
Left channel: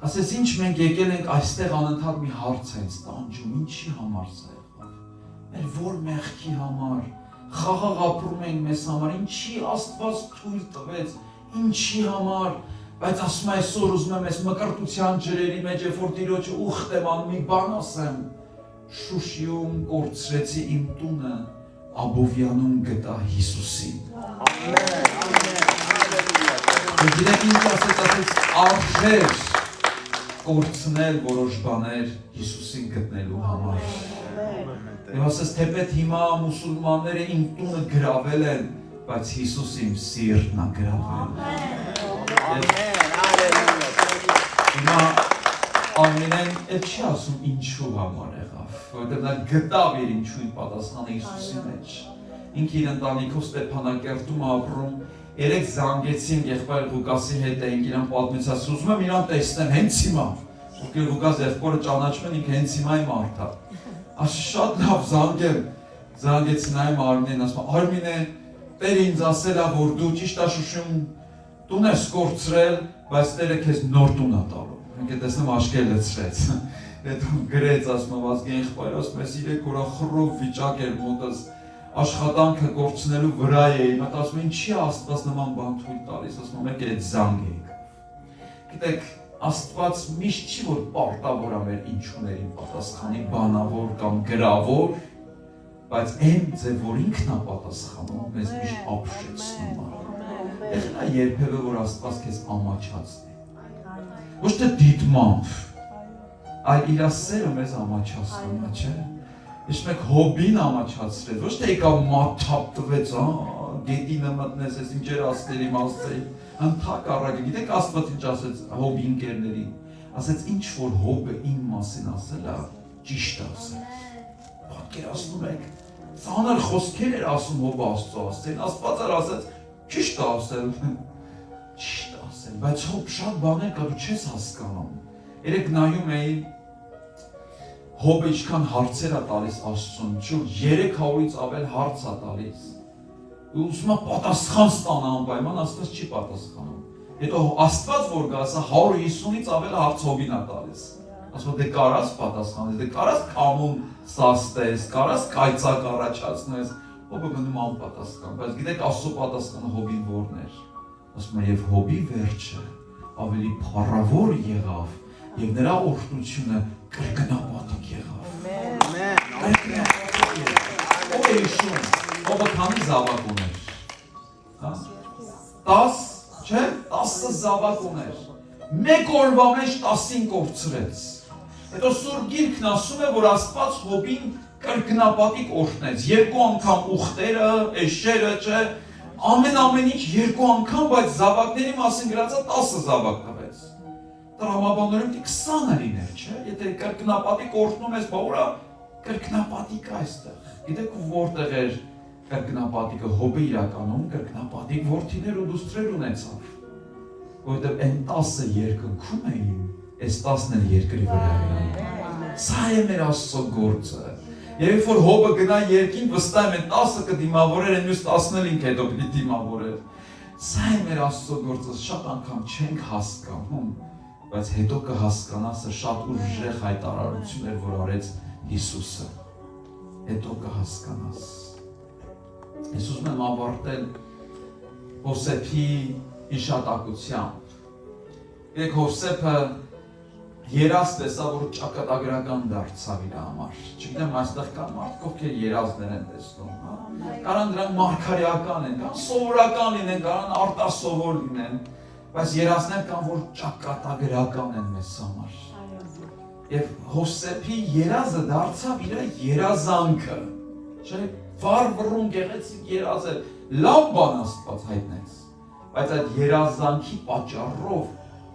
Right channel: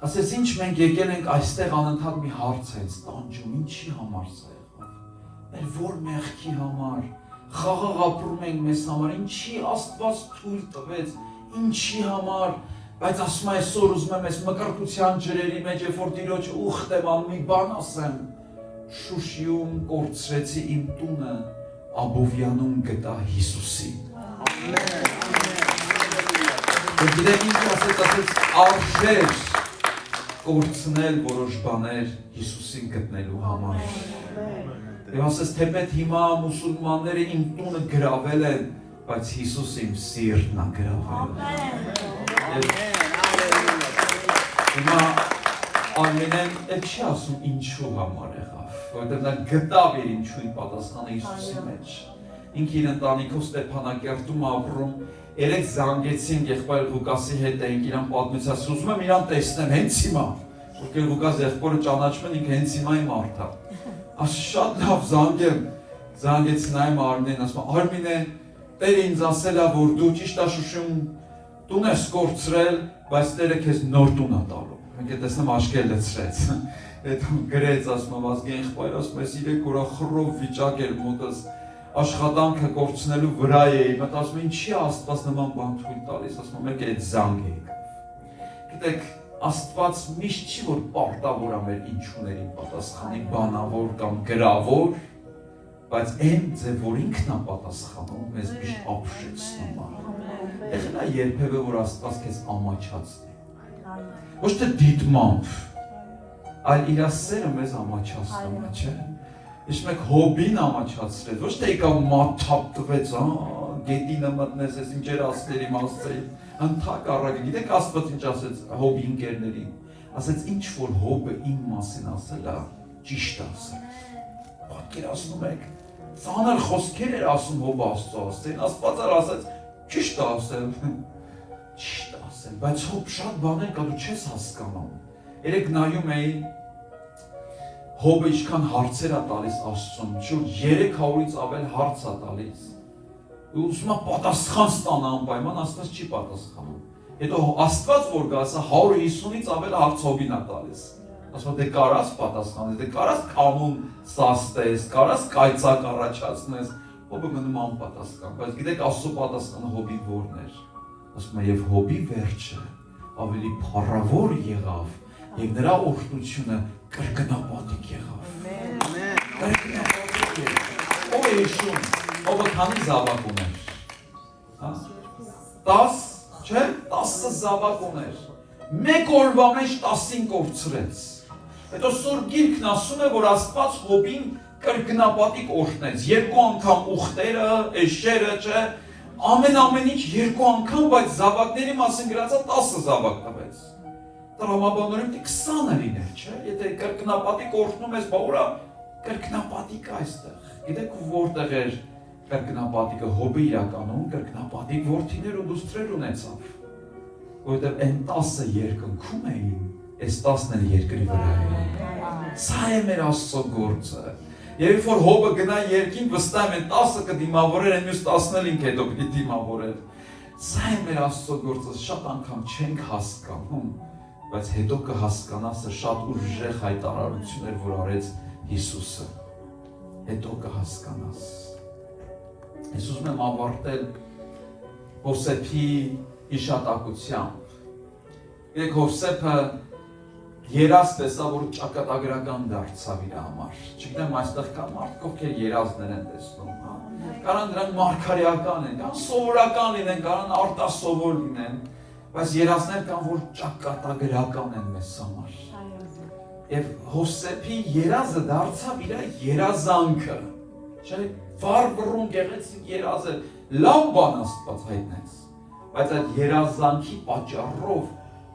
ասեց ինչ մենք եկել ենք այստեղ անընդհատ մի հարց է ինձ տանջում, ինչի համար սա եղավ, մեր որ մեղքի համար, խաղաղ ապրում ենք մեզ համար, ինչի Աստված թույլ տվեց, ինչի համար, բայց ասում եմ այսօր ուզում եմ այս մկրտության ջրերի մեջ, երբ որ Տիրոջը ուխտեմ ան մի բան ասեմ, Շուշիում կորցրեցի իմ տունը, Աբովյանում գտա Հիսուսին։ Գիտեք ինչ ասեց արժեր կորցնել որոշ բաներ Հիսուսին գտնելու համար։ Եվ ասեց թեպետ հիմա մուսուլմանները իմ տունը գրավել են, բայց Հիսուս իմ սիրտն է գրավել։ Հիմա Արմինեն էլ չի ասում ինչու համար եղավ, որտեղ նա գտավ իր ինչու պատասխանը Հիսուսի մեջ։ Ինքը իր ընտանիքով Ստեփանակերտում ապրում, երեք զանգեցին եղբայր Ղուկասի հետ էինք իրան պատմեցած, ուզում եմ իրան տեսնեմ հենց հիմա, ովքեր Ղուկաս եղբորը ճանաչում են, ինքը հենց հիմա իմ արդ է։ Ասա շատ լավ զանգեց նայում Արմինեն, ասում Արմինե, Տերը ինձ ասել է, որ դու ճիշտ է Շուշիում տուն ես կորցրել, բայց Տերը քեզ նոր տուն է տալու։ Մենք տեսնեմ աչքերը լցրեց։ Այդ գրեց, ասում Ազգային եղբայրը, ասում ես 3 օր խռով վիճակ էր մոտս աշխատանքը կորցնելու վրա էի, մտ ասում ինչի Աստված նման բան թույլ տալիս, ասում մեկ էլ այդ զանգ եկավ։ Գիտեք, Աստված միշտ չի որ պարտավոր է մեր ինչուներին պատասխանի բանավոր կամ գրավոր, բայց այն ձև որ ինքն է պատասխանում, մեզ միշտ ապշեցնում է։ Եղել է երբևէ որ Աստված քեզ ամաչացնի։ Ոչ թե դիտմամբ, այլ իր սերը մեզ ամաչացնում է, չէ՞։ Իսկ մեկ հոբին ամաչացրեց, ոչ թե եկավ մաթափ տվեց, գետինը մտնեց, ես ինչեր ասել իմ ասել, ընդհակառակը, գիտեք Աստված ինչ ասեց հոբի ընկերներին, ասեց ինչ որ հոբը իմ մասին ասել է, ճիշտ ասել։ Պատկերացնում եք, ծանր խոսքեր էր ասում հոբը Աստծո ասել, Աստված էլ ասեց ճիշտ ասել, ճիշտ ասել, բայց հոբ շատ բաներ կա դու չես հասկանում։ Երեք նայում էին Հոբը ինչքան հարցեր է տալիս Աստծուն, շուրջ 300-ից ավել հարց է տալիս։ Ու ուզում է պատասխան ստանա անպայման, Աստված չի պատասխանում։ Հետո Աստված որ գա, ասա 150-ից ավել հարց Հոբին է տալիս։ Ասում դե կարաս պատասխանես, դե կարաս կանոն սաստես, կարաս կայծակ առաջացնես։ Հոբը գնում անպատասխան, բայց գիտեք Աստծո պատասխանը Հոբին որն էր։ Ասում է եւ Հոբի վերջը ավելի փառավոր եղավ եւ նրա օրհնությունը կրկնապատիկ եղավ։ Ո՞վ է հիշում, ով քանի զավակ ուներ։ 10, չէ՞, 10 զավակ ուներ։ Մեկ օրվա մեջ 10-ին կորցրեց։ Հետո Սուրբ Գիրքն ասում է, որ Աստված Հոբին կրկնապատիկ օրհնեց։ 2 անգամ ուխտերը, էշերը, չէ՞, ամեն ինչ 2 անգամ, բայց զավակների մասին գրածա 10 զավակ տվեց։ Տրամաբանորեն 20-ը լիներ, չէ՞, եթե կրկնապատիկ օրհնում ես, բա ուրա կրկնապատիկ այստեղ։ Գիտեք որտեղ էր կրկնապատիկը Հոբը իրականում կրկնապատիկ որդիներ ու դուստրեր ունեցավ, որովհետև այն 10-ը երկնքում էին, այս 10-ն էլ երկրի վրա էին։ Սա է մեր Աստծո գործը։ Երբ որ Հոբը գնա երկին, վստահ եմ 10-ը կդիմավորեր, այն մյուս 10-ն էլ ինքը հետո պիտի դիմավորեր։ Սա է մեր Աստծո գործը, շատ անգամ չենք հասկանում, բայց հետո կհասկանաս շատ ուժեղ հայտարարություններ, որ արեց Հիսուսը։ Հետո կհասկանաս։ Ես ուզում եմ ավարտել Հովսեփի հիշատակությամբ։ Երեք Հովսեփը երազ տեսա, որ ճակատագրական դարձավ իր համար։ Չգիտեմ, այստեղ կա մարդիկ, ովքեր երազներ են տեսնում, կարան դրանք մարգարեական են, կարան սովորական լինեն, կարան արտասովոր լինեն, բայց երազներ կան, որ ճակատագրական են մեզ համար։ Եվ Հովսեփի երազը դարձավ իր երազանքը, չէ՞, վառ-վռուն գեղեցիկ երազ է, լավ բան Աստված հայտնեց, բայց այդ երազանքի պատճառով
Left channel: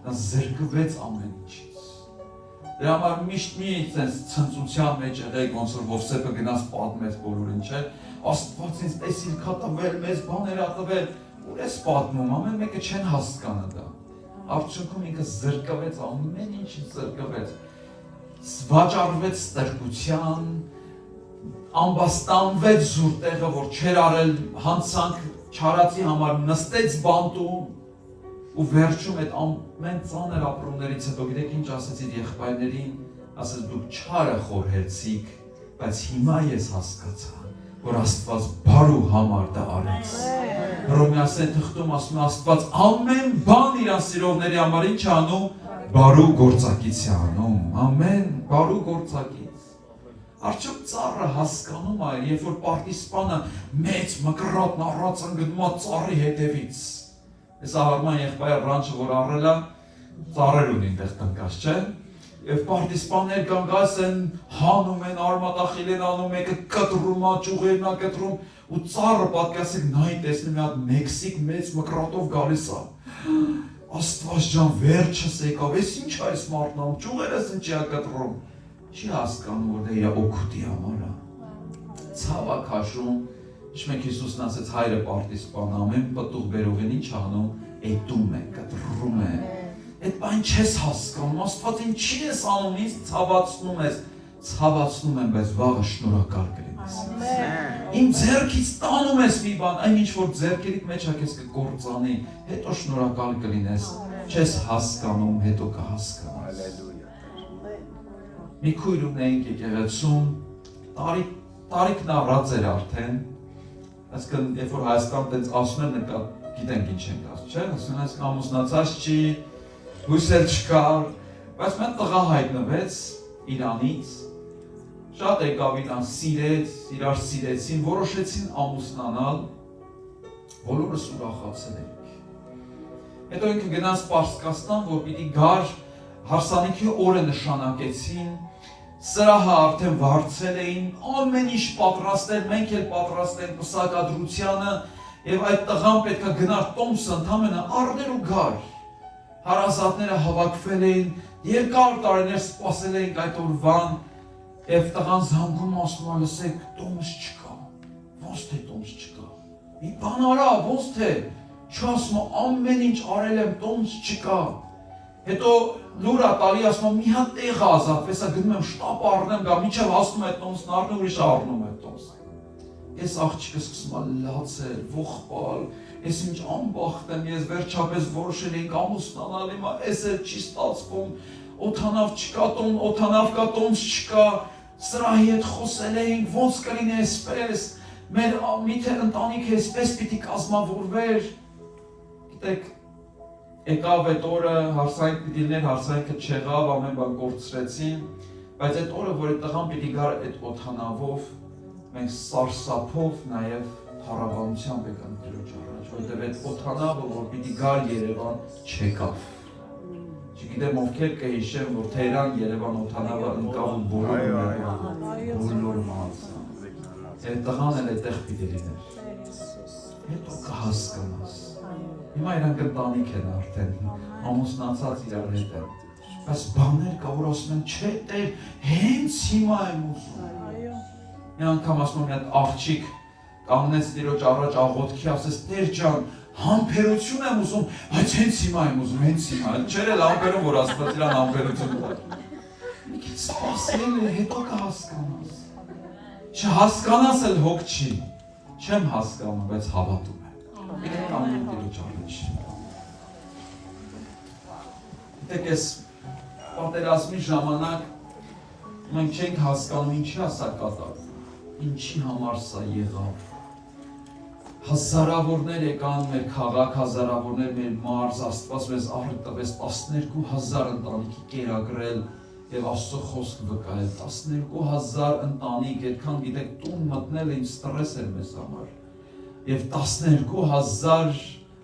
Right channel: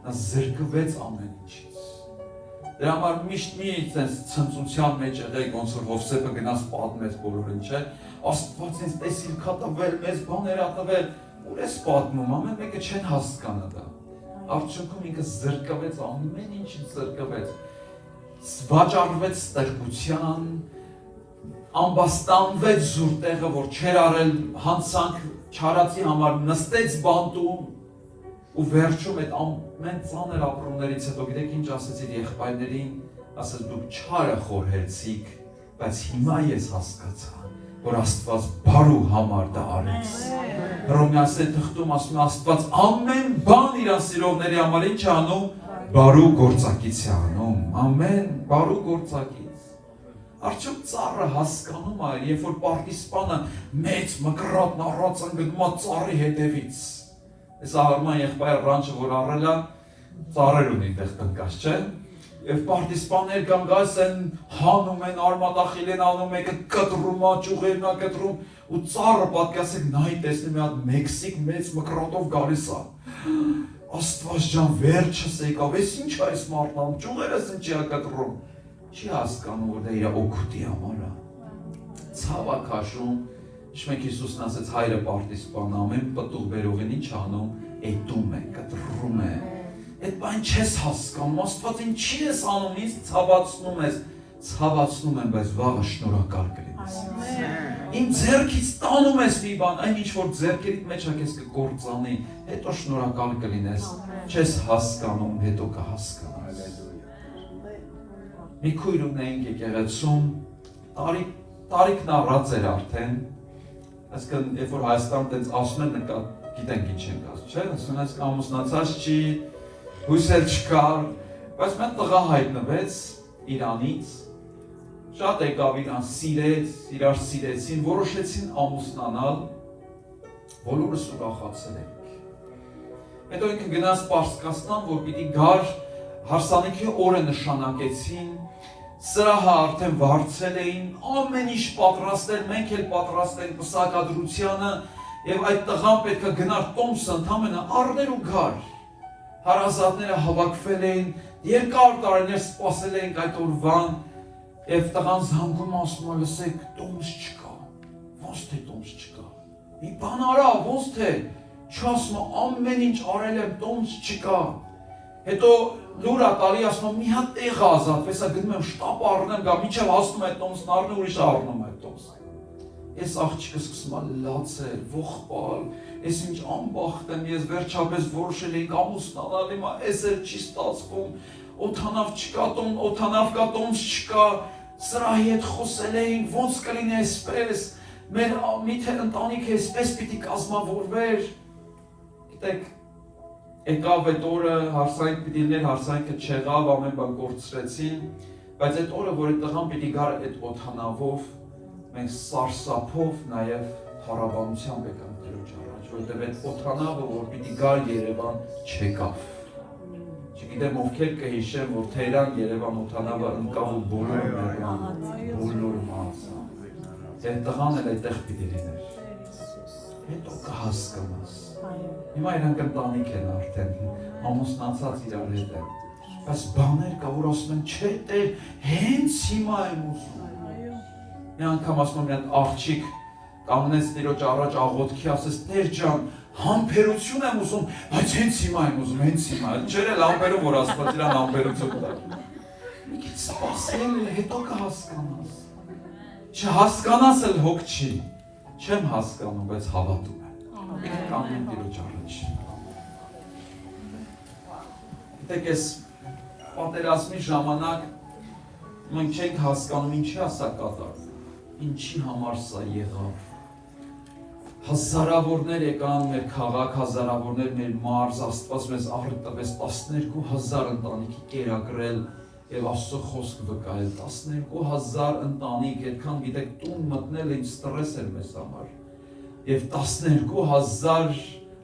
նա զրկվեց ամեն ինչից։ Դրա համար միշտ մի ցնծության մեջ եղեք, ոնց որ Հովսեփը գնաց պատմեց բոլորին, չէ՞, Աստված ինձ տեսիլք ա տվել, մեծ բաներ ա տվել, ուր ես պատմում, ամեն մեկը չեն հասկանում դա։ Արդյունքում ինքը զրկվեց, ամեն ինչից զրկվեց, վաճառվեց ստրկության, ամբաստանվեց զուր տեղը, որ չեր արել հանցանք չարացի համար, նստեց բանտում ու վերջում այդ ամեն ծանր ապրումներից հետո գիտեք ինչ ասեց իր եղբայրներին, ասեց դուք չարը խորհեցիք, բայց հիմա ես հասկացա, որ Աստված բարու համար դա արեց։ Հռոմեացի թղթում ասում է Աստված ամեն բան իր սիրողների համար ինչ անում, բարու գործակից է անում, ամեն բարու գործակից։ Արդյոք ծառը հասկանում է, երբ որ պարտիզպանը մեծ մկրատն առած ընկնում է ծառի հետևից։ Այս Արման եղբայրը ռանչը որ առել է, ծառեր ունի այդտեղ տնկած, չէ՞։ Եվ պարտիզպաններ կան գալիս են, հանում են, արմատախիլ են անում, մեկը կտրում է, ճյուղերն է կտրում, ու ծառը պատկասեք նայի տեսնում մի հատ Մեքսիկ մեծ մկրատով գալիս է։ Աստված ջան, վերջս եկավ, ես ինչ է այս մարդն անում, ճյուղերս ինչի է կտրում։ Չի հասկանում, որ դա իր օգուտի համար է։ Ցավ է քաշում, Իշմեկ Հիսուսն ասեց հայրը պարտիզպան ամեն պտուղ բերողին ինչ անում, էտում է, կտրում է։ Այդ բան չես հասկանում, Աստված ինչի ես անում, ինձ ցավացնում ես։ ցավացնում եմ, բայց վաղը շնորհակալ կլինես։ Իմ ձեռքից տանում ես մի բան, այն ինչ որ ձեռքերիդ մեջ է քեզ կկործանի, հետո շնորհակալ կլինես, չես հասկանում, հետո կհասկանաս։ Մի քույր ունեինք եկեղեցում, տարիքն առած էր արդեն, այսինքն երբ որ Հայաստան տենց ասում են, գիտենք ինչ ենք ասում, չէ՞, ասում են ամուսնացած չի, հույս էլ չկար, բայց մեն տղա հայտնվեց Իրանից, շատ եկավ իրան սիրեց, իրար սիրեցին, որոշեցին ամուսնանալ, բոլորս ուրախացել ենք։ Հետո ինքը գնաց Պարսկաստան, որ պիտի գար, հարսանիքի օրը նշանակեցին, սրահը արդեն վարձել էին, ամեն ինչ պատրաստել, մենք էլ պատրաստենք պսակադրությանը, եւ այդ տղան պետք է գնար տոմսը ընդամենը առներ ու գար։ Հարազատները հավաքվել էին, երկար տարիներ սպասել էին այդ օրվան, եւ տղան զանգում ասում է, լսեք, տոմս չկա, ոնց թե տոմս չկա, մի բան արա, ոնց թե, չասում ամեն ինչ արել եմ, տոմս չկա, հետո լուր է տալի, ասում մի հատ տեղ ազատվես, գնում եմ շտապ առնեմ, գա միջև հասնում այդ տոմսն առնում, ուրիշ առնում այդ տոմսը։ Ես աղջիկը սկսում է լացել, ողբալ, ես ինչ անբախտ եմ, ես վերջապես որոշել էինք ամուսնանալ, հիմա էս էլ չի ստացվում, օդանավ չկա, օդանավ կա, տոմս չկա, սրահի հետ խոսել էինք, ոնց կլինի այսպես, մեր միթե ընտանիքը այսպես պիտի կազմավորվեր, գիտեք, եկավ այդ օրը, հարսանիք պիտի լիներ, հարսանիքը չեղավ, ամեն բան կորցրեցին, բայց այդ օրը, որ այդ տղան պիտի գար այդ օդանավով, մենք սարսափով նաև փառաբանությամբ եկանք Տիրոջ առաջ, որովհետև այդ օդանավը, որ պիտի գար Երևան, չեկավ։ Չգիտեմ ովքեր կհիշեն, որ Թեհրան Երևան օդանավը ընկավ ու բոլորը մահացան։ Այդ տղան էլ այդտեղ պիտի լիներ։ Հետո կհասկանաս։ Հիմա իրանք ընտանիք են արդեն, ամուսնացած իրար հետ են։ Բայց բաներ կա, որ ասում են, չէ, Տեր, հենց հիմա եմ ուզում։ Մի անգամ ասում եմ, աղջիկ կանգնեց Տիրոջ առաջ աղոթքի, ասես, Տեր ջան, համբերություն եմ ուզում, բայց հենց հիմա եմ ուզում, հենց հիմա։ Չէր էլ ամբերում, որ Աստված իրան ամբերություն տա։ Մի քիչ սպասել, հետո կհասկանաս։ Չհասկանաս էլ հոգ չի։ Չեմ հասկանում, բայց հավատում եմ։ Եկեք կանգնենք Տիրոջ առաջ։ Գիտեք, այս պատերազմի ժամանակ մենք չենք հասկանում ինչի է սա կատարվում, ինչի համար սա եղավ։ Հազարավորներ եկան մեր քաղաք, հազարավորներ մեր մարզ, Աստված մեզ առ տվեց 12,000 ընտանիքի կերակրել եւ Աստծո խոսք վկայել, 12,000 ընտանիք, այդքան գիտեք տուն մտնել ինձ ստրես էր մեզ համար։ Եվ 12,000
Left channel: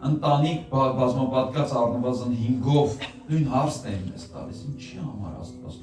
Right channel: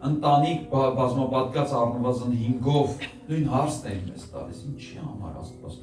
ընտանիք բազմապատկած առնվազն 5-ով նույն հարցն էին մեզ տալիս, ինչի համար Աստված